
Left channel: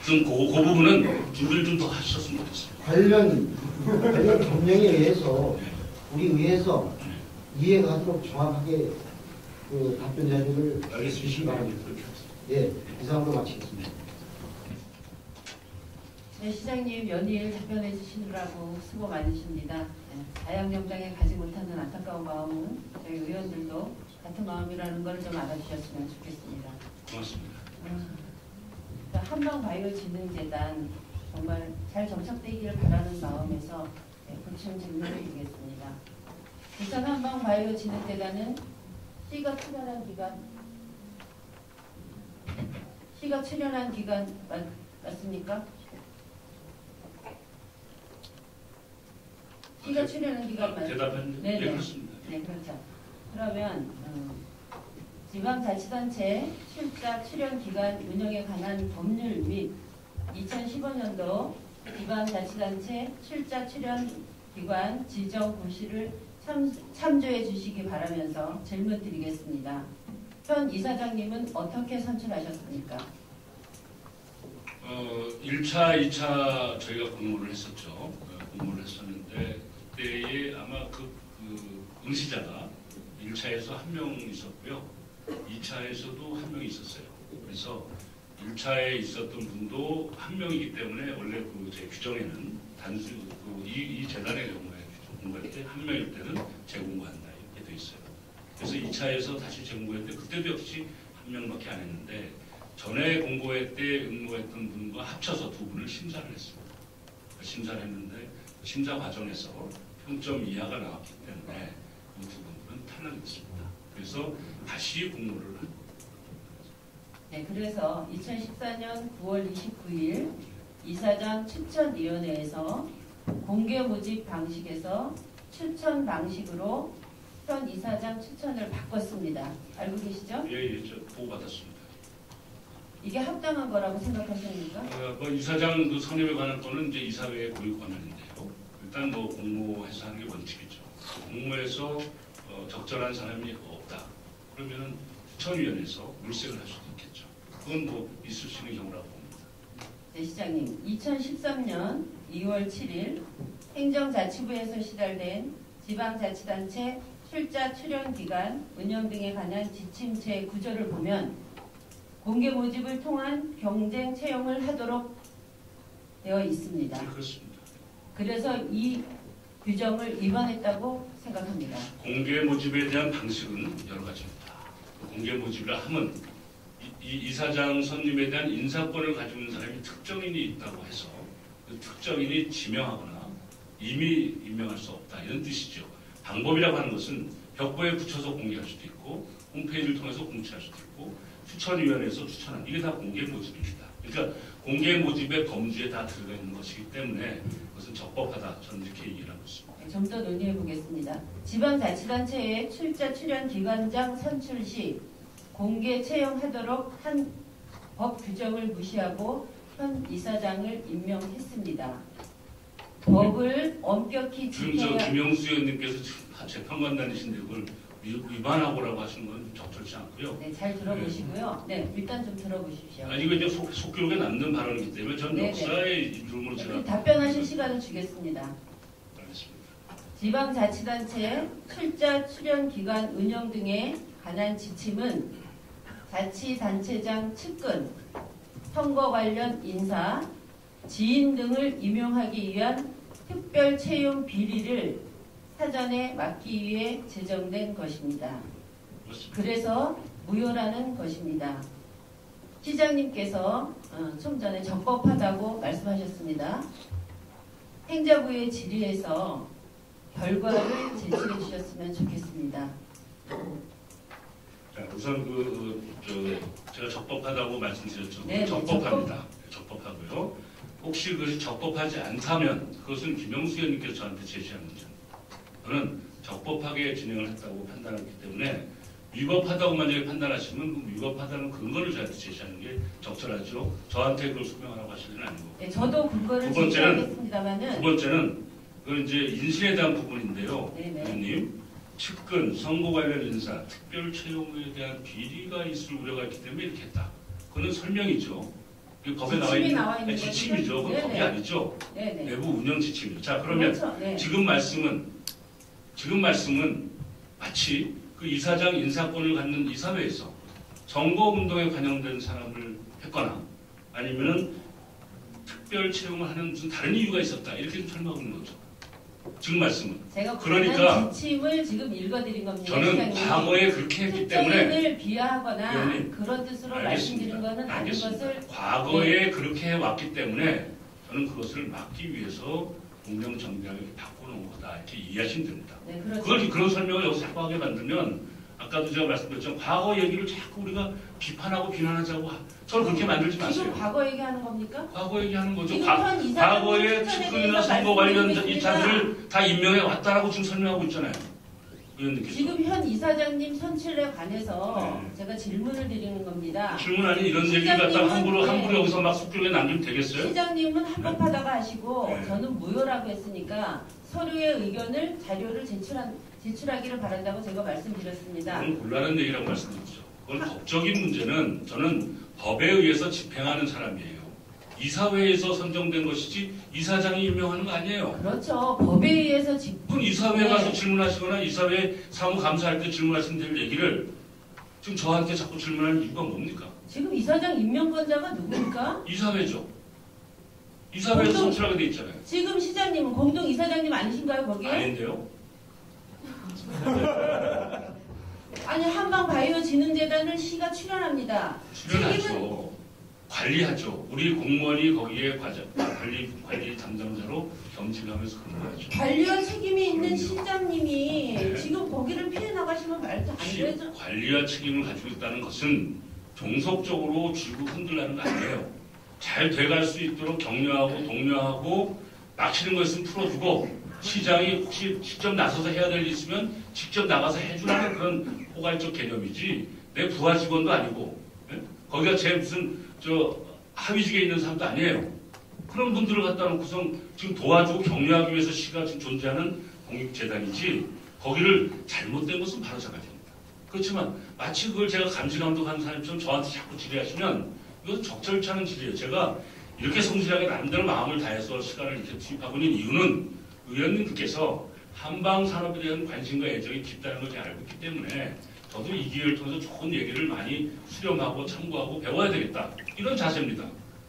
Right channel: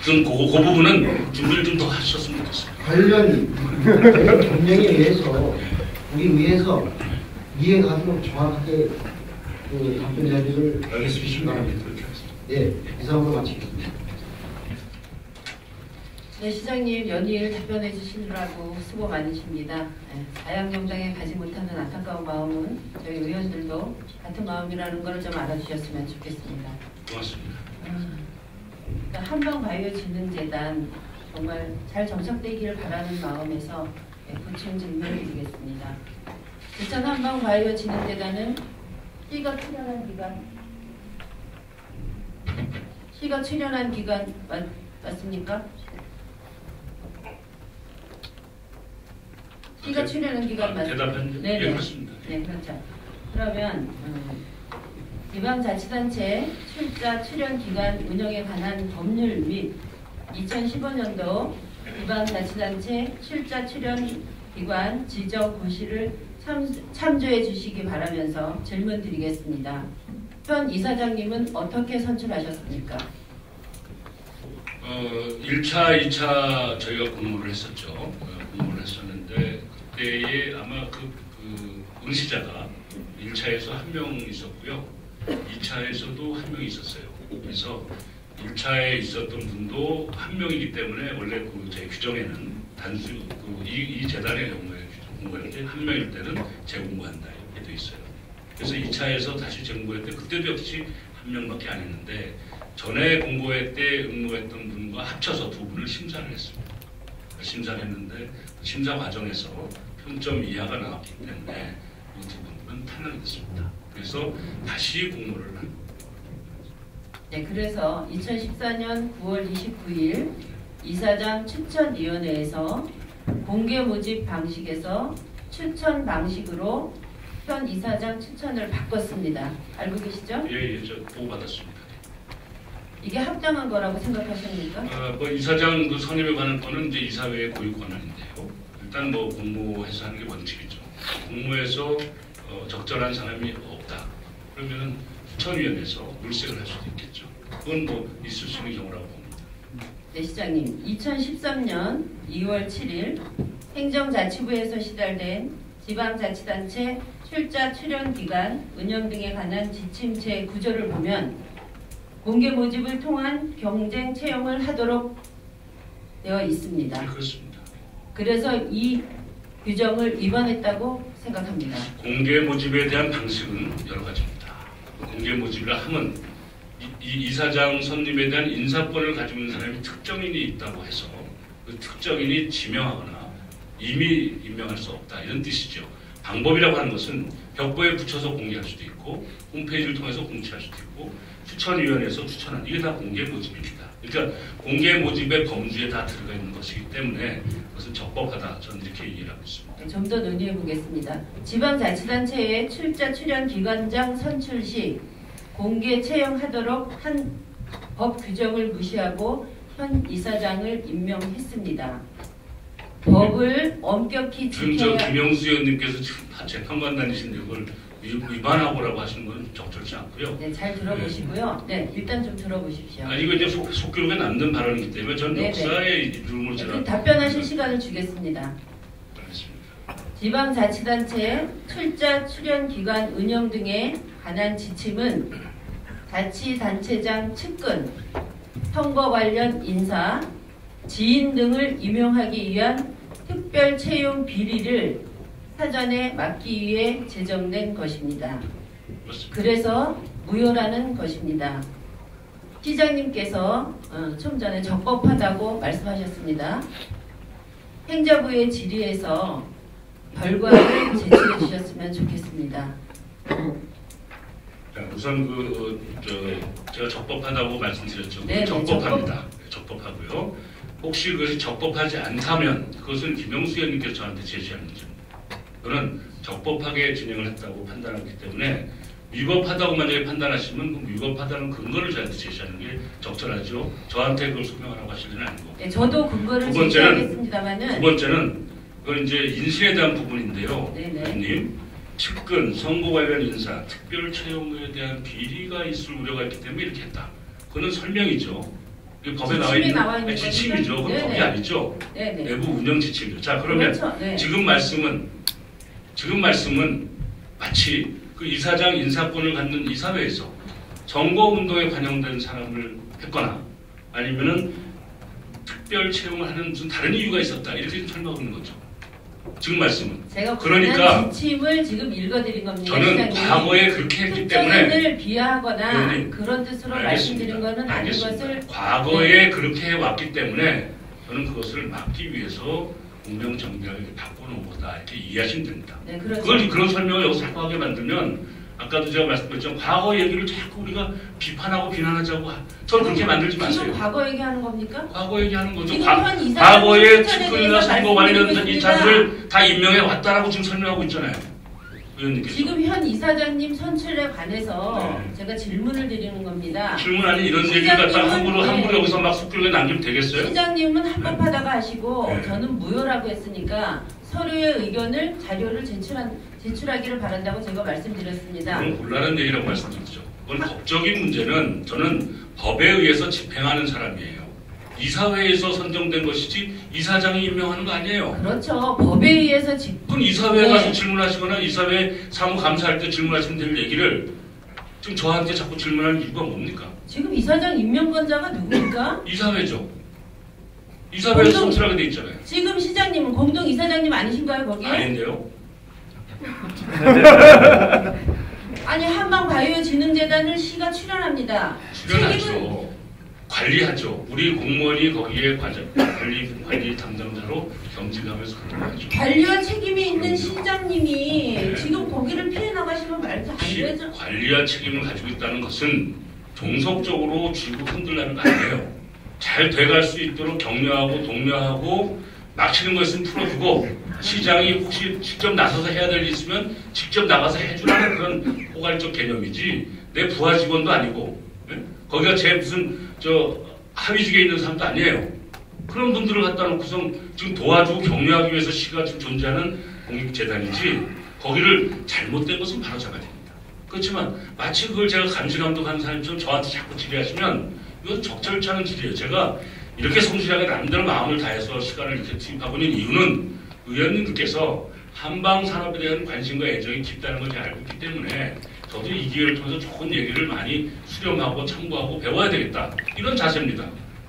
그 부분은 준비를 좀 더 하셨으면 좋겠습니다. 관련 경쟁에 의해서 우리 위에서 이해가도록 정확하게 그 답변 자료를 알겠습니다. 바랍니다. 그렇게 하겠습니다. 네, 이상으로 마치겠습니다. 네, 시장님 연일 답변해 주시느라고 수고 많으십니다. 네, 다양경장에 가지 못하는 안타까운 마음은 저희 의원들도 같은 마음이라는 걸 좀 알아주셨으면 좋겠습니다. 고맙습니다. 한방바이오진흥재단 정말 잘 정착되기를 바라는 마음에서 구층 질문을 드리겠습니다. 부천 한방바이오진흥재단은 C가 출연한 기간 맞습니까? C가 출연한 기간 맞습니까? 대답했는데 네, 예, 그렇습니다. 네, 그렇죠. 그러면 지방자치단체 출자 출연 기간 운영에 관한 법률 및 2015년도 지방자치단체 출자 출연 기관 지정 고시를 참조해 주시기 바라면서 질문 드리겠습니다. 현 이사장님은 어떻게 선출하셨습니까? 1차, 2차 저희가 공모를 했었죠. 공모를 했었는데 그때에 아마 그 응시자가 1차에서 한 명 있었고요. 2차에서도 한 명이 있었어요. 그래서 1차에 있었던 분도 한 명이기 때문에 원래 그 제 규정에는 단수 이 재단의 경우에 한 명일 때는 재공모한다 이렇게 돼 있어요. 그래서 2차에서 다시 재공모할 때 그때도 역시 한 명밖에 안 했는데 전에 공고회 때 응모했던 분과 합쳐서 두 분을 심사를 했습니다. 심사를 했는데 심사 과정에서 평점 이하가 나왔기 때문에 그 두 분은 탄핵됐습니다. 그래서 다시 공모를 합니다. 네, 그래서 2014년 9월 29일 이사장 추천위원회에서 공개 모집 방식에서 추천 방식으로 현 이사장 추천을 바꿨습니다. 알고 계시죠? 예, 저 보고 받았습니다. 이게 합당한 거라고 생각하십니까? 뭐 이사장 그 선임에 관한 거는 이제 이사회의 고유 권한인데요. 일단 뭐 공모해서 하는 게 원칙이죠. 공모해서 적절한 사람이 없다. 그러면은 추천위원회에서 물색을 할 수도 있겠죠. 그건 뭐 있을 수 있는 경우라고 봅니다. 네, 시장님. 2013년 2월 7일 행정자치부에서 시달된 지방자치단체 출자 출연 기간 운영 등에 관한 지침 제9조를 보면 공개 모집을 통한 경쟁 채용을 하도록 되어 있습니다. 네, 그렇습니다. 그래서 이 규정을 위반했다고 생각합니다. 공개 모집에 대한 방식은 여러 가지입니다. 공개 모집이라 하면 이 이사장 선임에 대한 인사권을 가지고 있는 사람이 특정인이 있다고 해서 그 특정인이 지명하거나 이미 임명할 수 없다 이런 뜻이죠. 방법이라고 하는 것은 벽보에 붙여서 공개할 수도 있고 홈페이지를 통해서 공지할 수도 있고 추천위원회에서 추천한 이게 다 공개 모집입니다. 그러니까 공개 모집의 범주에 다 들어가 있는 것이기 때문에 그것은 적법하다 저는 이렇게 이해를 하고 있습니다. 좀 더 논의해 보겠습니다. 지방자치단체의 출자 출연 기관장 선출 시 공개 채용하도록 한 법 규정을 무시하고 현 이사장을 임명했습니다. 법을 엄격히 지금 저 지켜야 김영수 의원님께서 지금 재판관 다니시는데 그걸 위반하고라고 하시는 건 적절치 않고요. 네, 잘 들어보시고요. 네, 일단 좀 들어보십시오. 이거 이제 속기록에 남는 발언이기 때문에 전 네네. 역사의 이름으로 제가 그럼 답변하실 시간을 주겠습니다. 알겠습니다. 지방자치단체 출자 출연 기관 운영 등에 관한 지침은 자치단체장 측근, 선거 관련 인사, 지인 등을 임용하기 위한 특별 채용 비리를 사전에 막기 위해 제정된 것입니다. 그렇습니다. 그래서 무효라는 것입니다. 시장님께서 좀 전에 적법하다고 말씀하셨습니다. 행자부의 질의에서 결과를 제출해 주셨으면 좋겠습니다. 자, 우선 제가 적법하다고 말씀드렸죠. 네, 적법합니다. 적법하고요. 혹시 그것이 적법하지 않다면 그것은 김영수 의원님께서 저한테 제시한 문제입니다. 저는 적법하게 진행을 했다고 판단하기 때문에 위법하다고 만약에 판단하시면 그 위법하다는 근거를 저한테 제시하는 게 적절하죠. 저한테 그걸 소명하라고 하실 건 아니고. 네, 저도 근거를 두 번째는 제시하겠습니다만은 두 번째는 그건 이제 인수에 대한 부분인데요. 네네. 의원님, 측근, 선거 관련 인사, 특별 채용에 대한 비리가 있을 우려가 있기 때문에 이렇게 했다. 그거는 설명이죠. 그 법에 나와 지침에 있는 나와 있는 지침이죠. 그 거죠? 법이 네네. 아니죠. 네네. 내부 운영 지침이죠. 자, 그러면 그렇죠. 네. 지금 말씀은 마치 그 이사장 인사권을 갖는 이사회에서 선거운동에 관여된 사람을 했거나 아니면은 특별 채용을 하는 무슨 다른 이유가 있었다 이렇게 설명하고 있는 거죠. 지금 말씀은. 제가 그러니까 지침을 지금 읽어드린 겁니다. 저는 과거에 그렇게 했기 때문에 특정인을 비하하거나 의원님, 그런 뜻으로 알겠습니다. 말씀드린 것은 아닌 알겠습니다. 것을 과거에 그렇게 해왔기 때문에 저는 그것을 막기 위해서 운명정략을 바꿔놓은 거다 이렇게 이해하시면 됩니다. 네, 그렇죠. 그런 설명을 여기서 자꾸 하게 만들면 아까도 제가 말씀드렸지만 과거 얘기를 자꾸 우리가 비판하고 비난하자고 저는 그렇게 만들지 마세요. 지금 과거 얘기하는 겁니까? 과거 얘기하는 거죠. 지금 현 이사장님 과거에 추천에 측근이나 대해서 선거 관련 말씀드리고 이사들을 다 임명해 왔다라고 지금 설명하고 있잖아요. 의원님께서. 지금 현 이사장님 선출에 관해서 네. 제가 질문을 드리는 겁니다. 질문 아닌 이런 얘기를 갖다가 함부로 네. 여기서 막 쑥길게 남기면 되겠어요? 시장님은 합법하다고 하시고 네. 저는 무효라고 했으니까 서로의 의견을 자료를 제출하기를 바란다고 제가 말씀드렸습니다. 그건 곤란한 얘기라고 말씀드리죠. 그건 법적인 문제는 저는 법에 의해서 집행하는 사람이에요. 이사회에서 선정된 것이지 이사장이 임명하는 거 아니에요. 그렇죠. 법에 의해서 그럼 이사회에 네. 가서 질문하시거나 이사회 사무감사할 때 질문하시면 될 얘기를 지금 저한테 자꾸 질문하는 이유가 뭡니까? 지금 이사장 임명권자가 누굽니까? 이사회죠. 이사회에서 선출하게 돼 있잖아요. 지금 시장님은 공동 이사장님 아니신가요 거기? 아닌데요. 아니 한방바이오진흥재단을 시가 출연합니다. 출연하죠. 관리하죠. 우리 공무원이 거기에 관리 담당자로 겸직하면서 그런 거죠. 관리와 책임이 있는 시장님이 네. 지금 거기를 피해 나가시면 말도 안 되죠. 관리와 책임을 가지고 있다는 것은 종속적으로 쥐고 흔들라는 거 아니에요. 잘 돼갈 수 있도록 격려하고 독려하고 막히는 거 있으면 풀어주고 시장이 혹시 직접 나서서 해야 될 일 있으면 직접 나가서 해주는 그런 포괄적 개념이지 내 부하 직원도 아니고 네? 거기가 제 무슨 하위직에 있는 사람도 아니에요. 그런 분들을 갖다 놓고서 지금 도와주고 격려하기 위해서 시가 지금 존재하는 공익재단이지 거기를 잘못된 것은 바로 잡아야 됩니다. 그렇지만 마치 그걸 제가 감시감독하는 사람처럼 저한테 자꾸 질의하시면 이건 적절치 않은 질의예요. 제가 이렇게 성실하게 남들 마음을 다해서 시간을 이렇게 투입하고 있는 이유는 의원님들께서 한방 산업에 대한 관심과 애정이 깊다는 걸 제가 알고 있기 때문에 저도 이 기회를 통해서 좋은 얘기를 많이 수렴하고 참고하고 배워야 되겠다. 이런 자세입니다.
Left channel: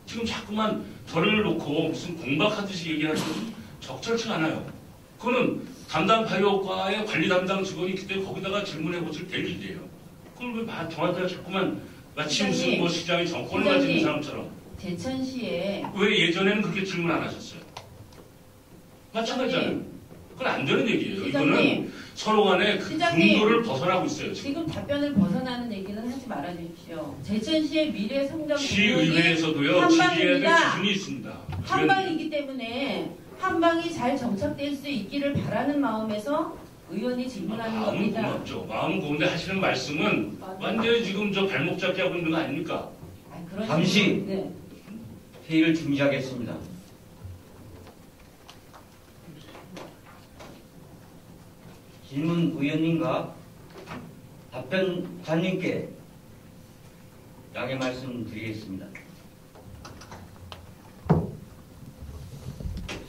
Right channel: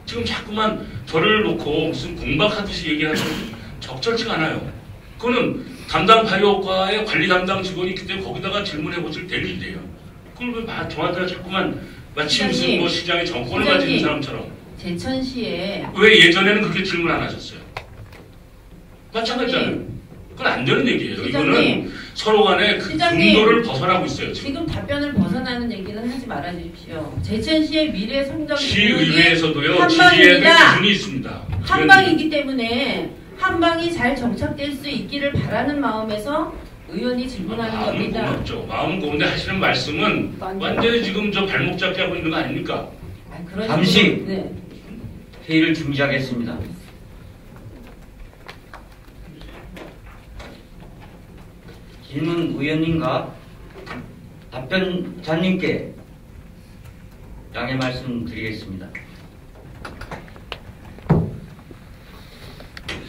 지금 자꾸만 저를 놓고 무슨 공박하듯이 얘기하는 건 적절치가 않아요. 그거는 담당 바이오과의 관리 담당 직원이 있기 때문에 거기다가 질문해 보실 될 일이에요. 그걸 왜 저한테 자꾸만 마치 무슨 뭐 시장의 정권을 가진 사람처럼 제천시에 왜 예전에는 그렇게 질문 안 하셨어요? 마찬가지잖아요. 그건 안 되는 얘기예요. 이거는 서로 간에 그 분도를 벗어나고 있어요. 지금 답변을 벗어나는 얘기는 하지 말아 주십시오. 제천시의 미래 성장 시의회에서도요. 지지해야 될 기준이 있습니다. 한방이기 때문에 한방이 잘 정착될 수 있기를 바라는 마음에서 의원이 질문하는 마음은 겁니다. 고맙죠. 마음은 고운데 하시는 말씀은 완전히 지금 저 발목 잡기 하고 있는 거 아닙니까? 잠시 네. 회의를 중지하겠습니다. 질문 의원님과 답변자님께 양해 말씀드리겠습니다.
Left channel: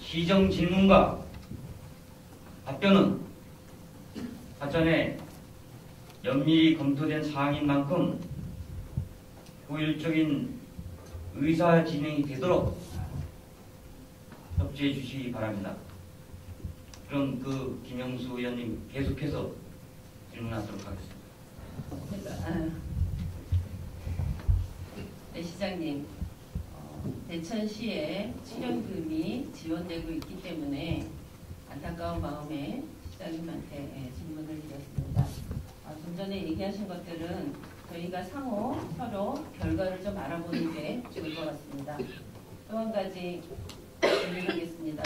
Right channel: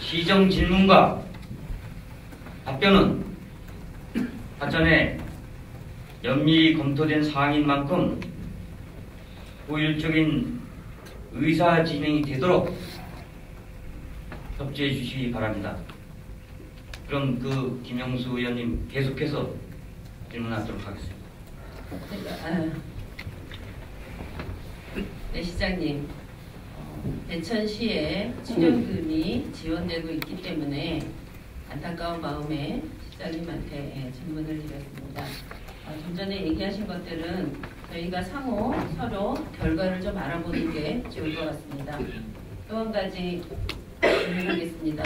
시정 질문과 답변은 사전에 면밀히 검토된 사항인 만큼 효율적인 의사 진행이 되도록 협조해 주시기 바랍니다. 그럼 김영수 의원님 계속해서 질문하도록 하겠습니다. 네, 시장님. 대천시에 출연금이 지원되고 있기 때문에 안타까운 마음에 시장님한테 질문을 드렸습니다. 좀 전에 얘기하신 것들은 저희가 상호 서로 결과를 좀 알아보는 게 좋을 것 같습니다. 또 한 가지 질문하겠습니다.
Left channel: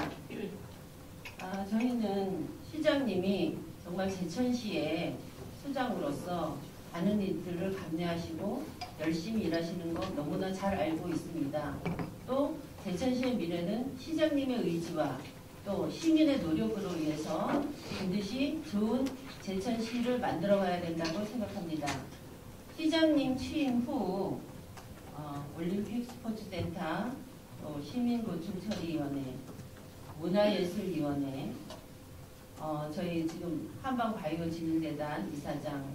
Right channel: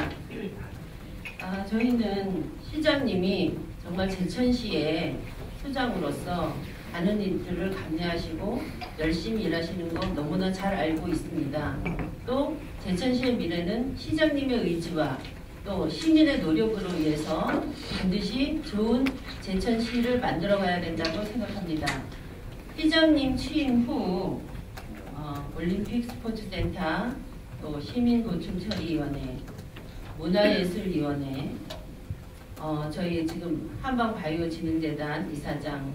저희는 시장님이 정말 제천시의 수장으로서 많은 일들을 감내하시고 열심히 일하시는 거 너무나 잘 알고 있습니다. 또 제천시의 미래는 시장님의 의지와 또 시민의 노력으로 인해서 반드시 좋은 제천시를 만들어가야 된다고 생각합니다. 시장님 취임 후 올림픽 스포츠센터, 또 시민노출처리위원회, 문화예술위원회, 저희 지금 한방바이오진흥재단 이사장,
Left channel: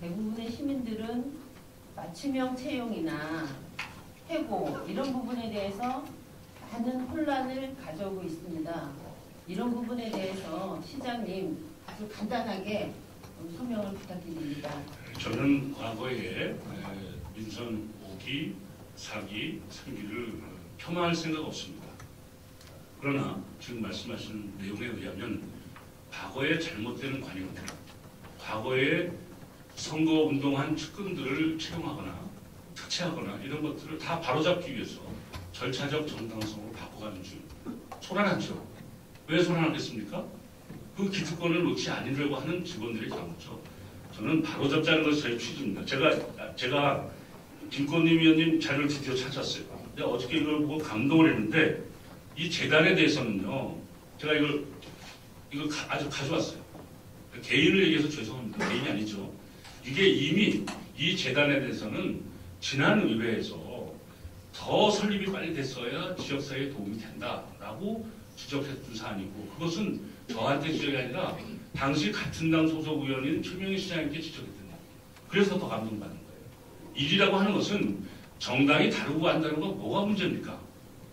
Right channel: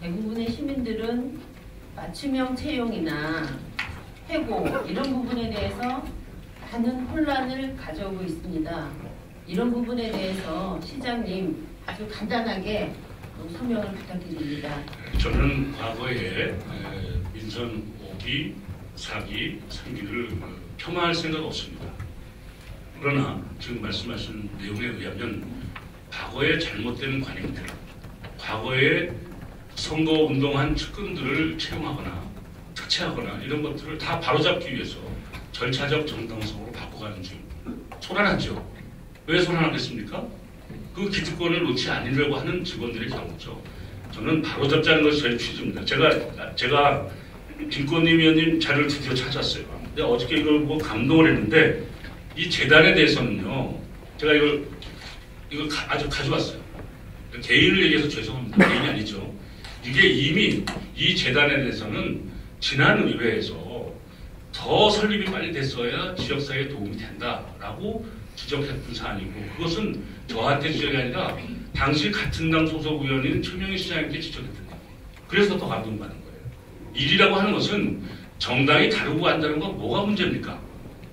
대부분의 시민들은 맞춤형 채용이나 해고 이런 부분에 대해서 많은 혼란을 가져오고 있습니다. 이런 부분에 대해서 시장님 아주 간단하게 소명을 부탁드립니다. 저는 과거에 민선 5기, 4기, 3기를 폄하할 생각 없습니다. 그러나 지금 말씀하신 내용에 의하면 과거에 잘못된 관행들, 과거에 선거운동한 측근들을 채용하거나 특채하거나 이런 것들을 다 바로잡기 위해서 절차적 정당성으로 바꿔가는 중 소란하죠. 왜 소란하겠습니까? 그 기득권을 놓지 않으려고 하는 직원들의 경우죠. 저는 바로잡자는 것이 저희 취지입니다. 제가 김건희 위원님 자료를 드디어 찾았어요. 근데 어저께 이걸 보고 감동을 했는데 이 재단에 대해서는요. 제가 이걸 아주 가져왔어요. 개인을 얘기해서 죄송합니다. 개인이 아니죠. 이게 이미 이 재단에 대해서는 지난 의회에서 더 설립이 빨리 됐어야 지역사회에 도움이 된다라고 지적했던 사안이고 그것은 저한테 지적이 아니라 당시 같은 당 소속 의원인 최명희 시장님께 지적했던 거예요. 그래서 더 감동받는 거예요. 일이라고 하는 것은 정당이 다르고 한다는 건 뭐가 문제입니까?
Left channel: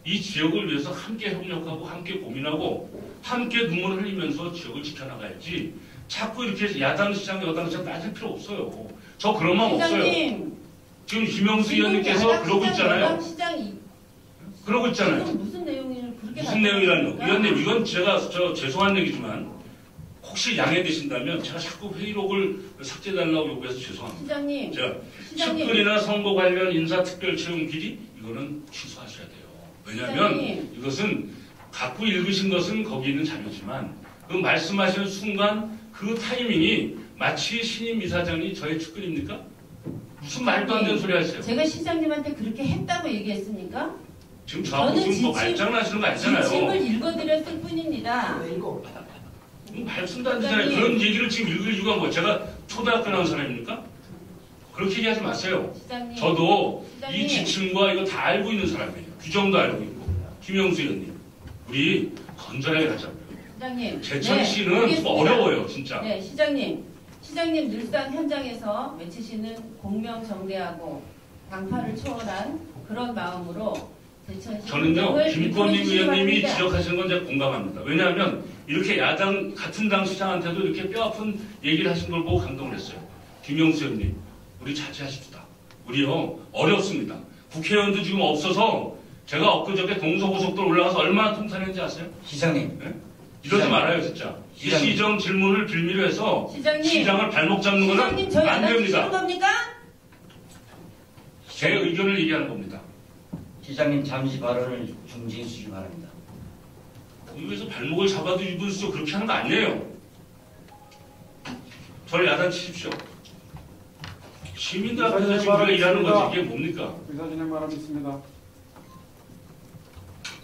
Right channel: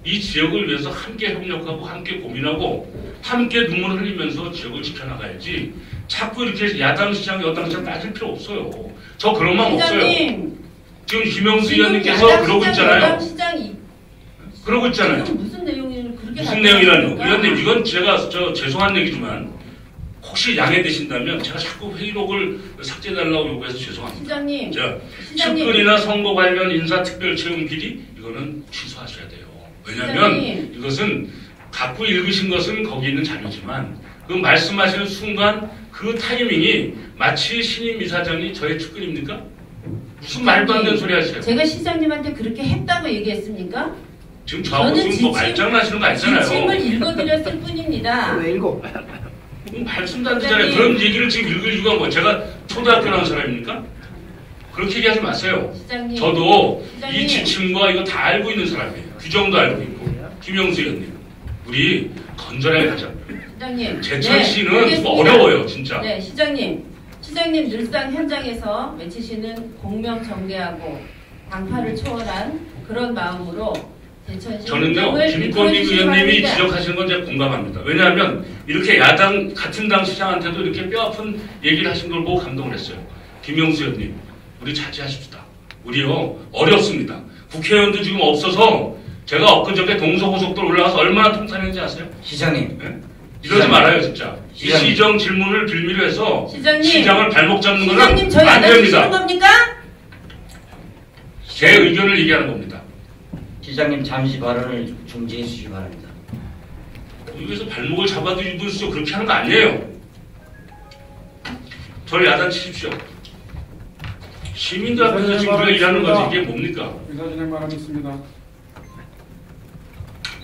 이 지역을 위해서 함께 협력하고 함께 고민하고 함께 눈물을 흘리면서 지역을 지켜나가야지 자꾸 이렇게 야당 시장 여당 시장 따질 필요 없어요. 저 그런 마음 없어요. 지금 김영수 의원님께서 그러고 있잖아요. 그러고 있잖아요. 무슨 내용을 그렇게 무슨 내용이라뇨? 의원님 이건 제가 죄송한 얘기지만 혹시 양해되신다면 제가 자꾸 회의록을 삭제해달라고 요구해서 죄송합니다. 시장님, 자, 시장님. 측근이나 선거 관련 인사 특별 채용 비리 이거는 취소하셔야 돼요. 왜냐하면 시장님. 이것은 갖고 읽으신 것은 거기 있는 자료지만 그 말씀하시는 순간 그 타이밍이 마치 신임 이사장이 저의 측근입니까? 무슨 말도 안 되는 소리 하세요? 제가 시장님한테 그렇게 했다고 얘기했습니까? 지금 저하고 지금 뭐 말장난하시는 거 아니잖아요. 지침을 읽어드렸을 뿐입니다. 왜 읽어? 말씀도 안 되잖아요. 그런 얘기를 지금 읽을 이유가 뭐 제가 초등학교 나온 사람입니까? 그렇게 얘기하지 마세요. 시장님, 저도 시장님. 이 지침과 이거 다 알고 있는 사람이에요. 규정도 알고 있고. 김영수 의원님, 우리 건전하게 하자. 시장님, 제천 씨는 알겠습니다. 어려워요, 진짜. 네, 시장님 늘상 현장에서 외치시는 공명정대하고 당파를 초월한 그런 마음으로 제천시 저는요, 행정을 김건희 이끌어주시기 의원님이 바랍니다. 지적하시는 건 제가 공감합니다. 왜냐하면 이렇게 야당, 같은 당 시장한테도 이렇게 뼈아픈 얘기를 하신 걸 보고 감동을 했어요. 김영수 의원님, 우리 자제하십시다. 우리요, 어렵습니다. 국회의원도 지금 없어서 제가 엊그저께 동서고속도로 올라가서 얼마나 통탄했는지 아세요? 시장님, 네? 이러지 말아요, 진짜. 이 시장님. 시정 질문을 빌미로 해서 시장님. 시장을 발목 잡는 거는 시장님 저희 안 알아주시는 됩니다. 겁니까? 제 의견을 얘기하는 겁니다. 시장님 잠시 발언을 중지해 주시기 바랍니다. 여기서 발목을 잡아도 일부러 그렇게 하는 거 아니에요. 저를 야단치십시오. 시민들 앞에서 지금 우리가 일하는 거지 이게 뭡니까? 의사진행 바라겠습니다.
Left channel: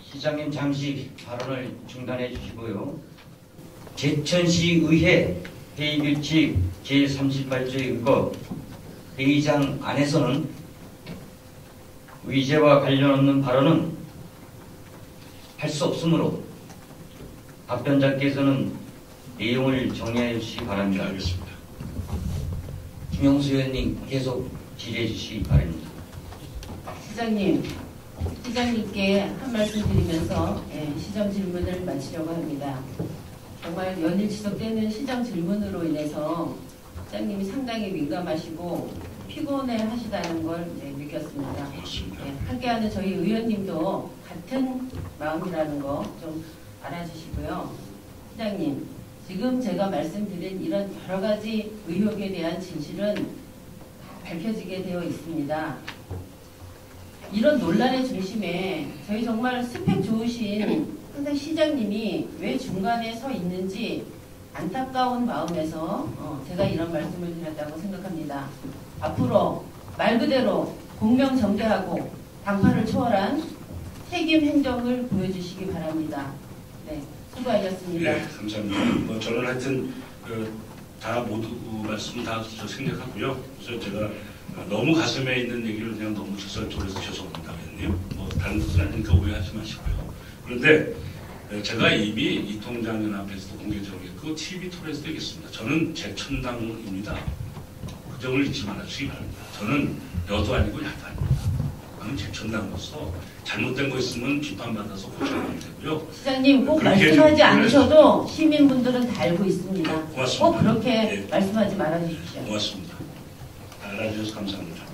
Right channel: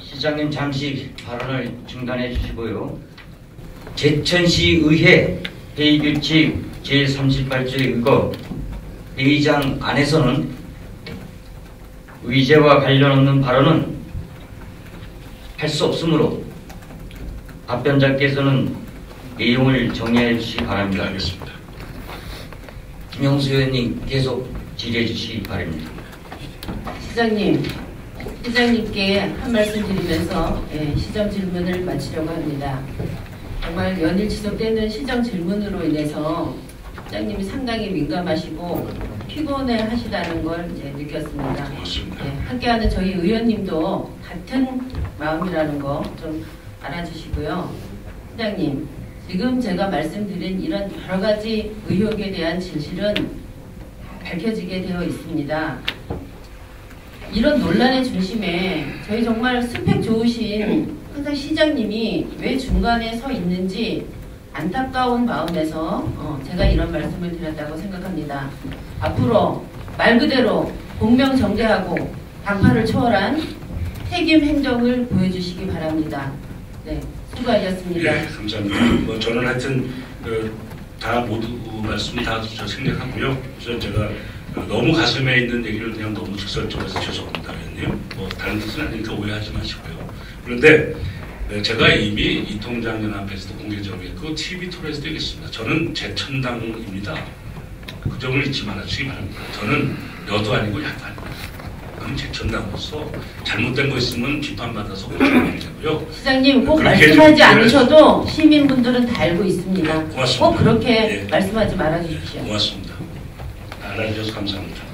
시장님 잠시 발언을 중단해 주시고요. 제천시 의회 회의규칙 제38조에 의거 회의장 안에서는 의제와 관련 없는 발언은 할 수 없으므로 답변자께서는 내용을 정리해 주시기 네, 바랍니다. 알겠습니다. 김영수 의원님 계속 질의해 주시기 바랍니다. 시장님께 한 말씀 드리면서 시정 질문을 마치려고 합니다. 정말 연일 지속되는 시정 질문으로 인해서 시장님이 상당히 민감하시고 피곤해 하시다는 걸 이제 느꼈습니다. 고맙습니다. 함께하는 저희 의원님도 같은 마음이라는 거 좀 알아주시고요. 시장님, 지금 제가 말씀드린 이런 여러 가지 의혹에 대한 진실은 밝혀지게 되어 있습니다. 이런 논란의 중심에 저희 정말 스펙 좋으신 항상 시장님이 왜 중간에 서 있는지 안타까운 마음에서 제가 이런 말씀을 드렸다고 생각합니다. 앞으로 말 그대로 공명정대하고 당파를 초월한 책임 행정을 보여주시기 바랍니다. 네, 수고하셨습니다. 네, 감사합니다. 뭐 저는 하여튼 다 모두 말씀 다 저 생략하고요. 우선 제가 너무 가슴에 있는 얘기를 그냥 너무 직설적으로 죄송합니다. 의원님. 뭐 다른 뜻은 아니니까 오해하지 마시고요. 그런데 제가 이미 이통장연합에서도 공개적으로 했고 TV 토론에서도 얘기했습니다. 저는 재천당입니다. 그 점을 잊지 말아주시기 바랍니다. 저는 여도 아니고 야도 아닙니다. 저는 재천당으로서 잘못된 거 있으면 비판받아서 고쳐야 되고요. 시장님 꼭 그렇게 말씀하지 좀 않으셔도 시민분들은 다 알고 있습니다. 고맙습니다. 꼭 그렇게 예. 말씀하지 말아주십시오. 고맙습니다. 알아주셔서 감사합니다.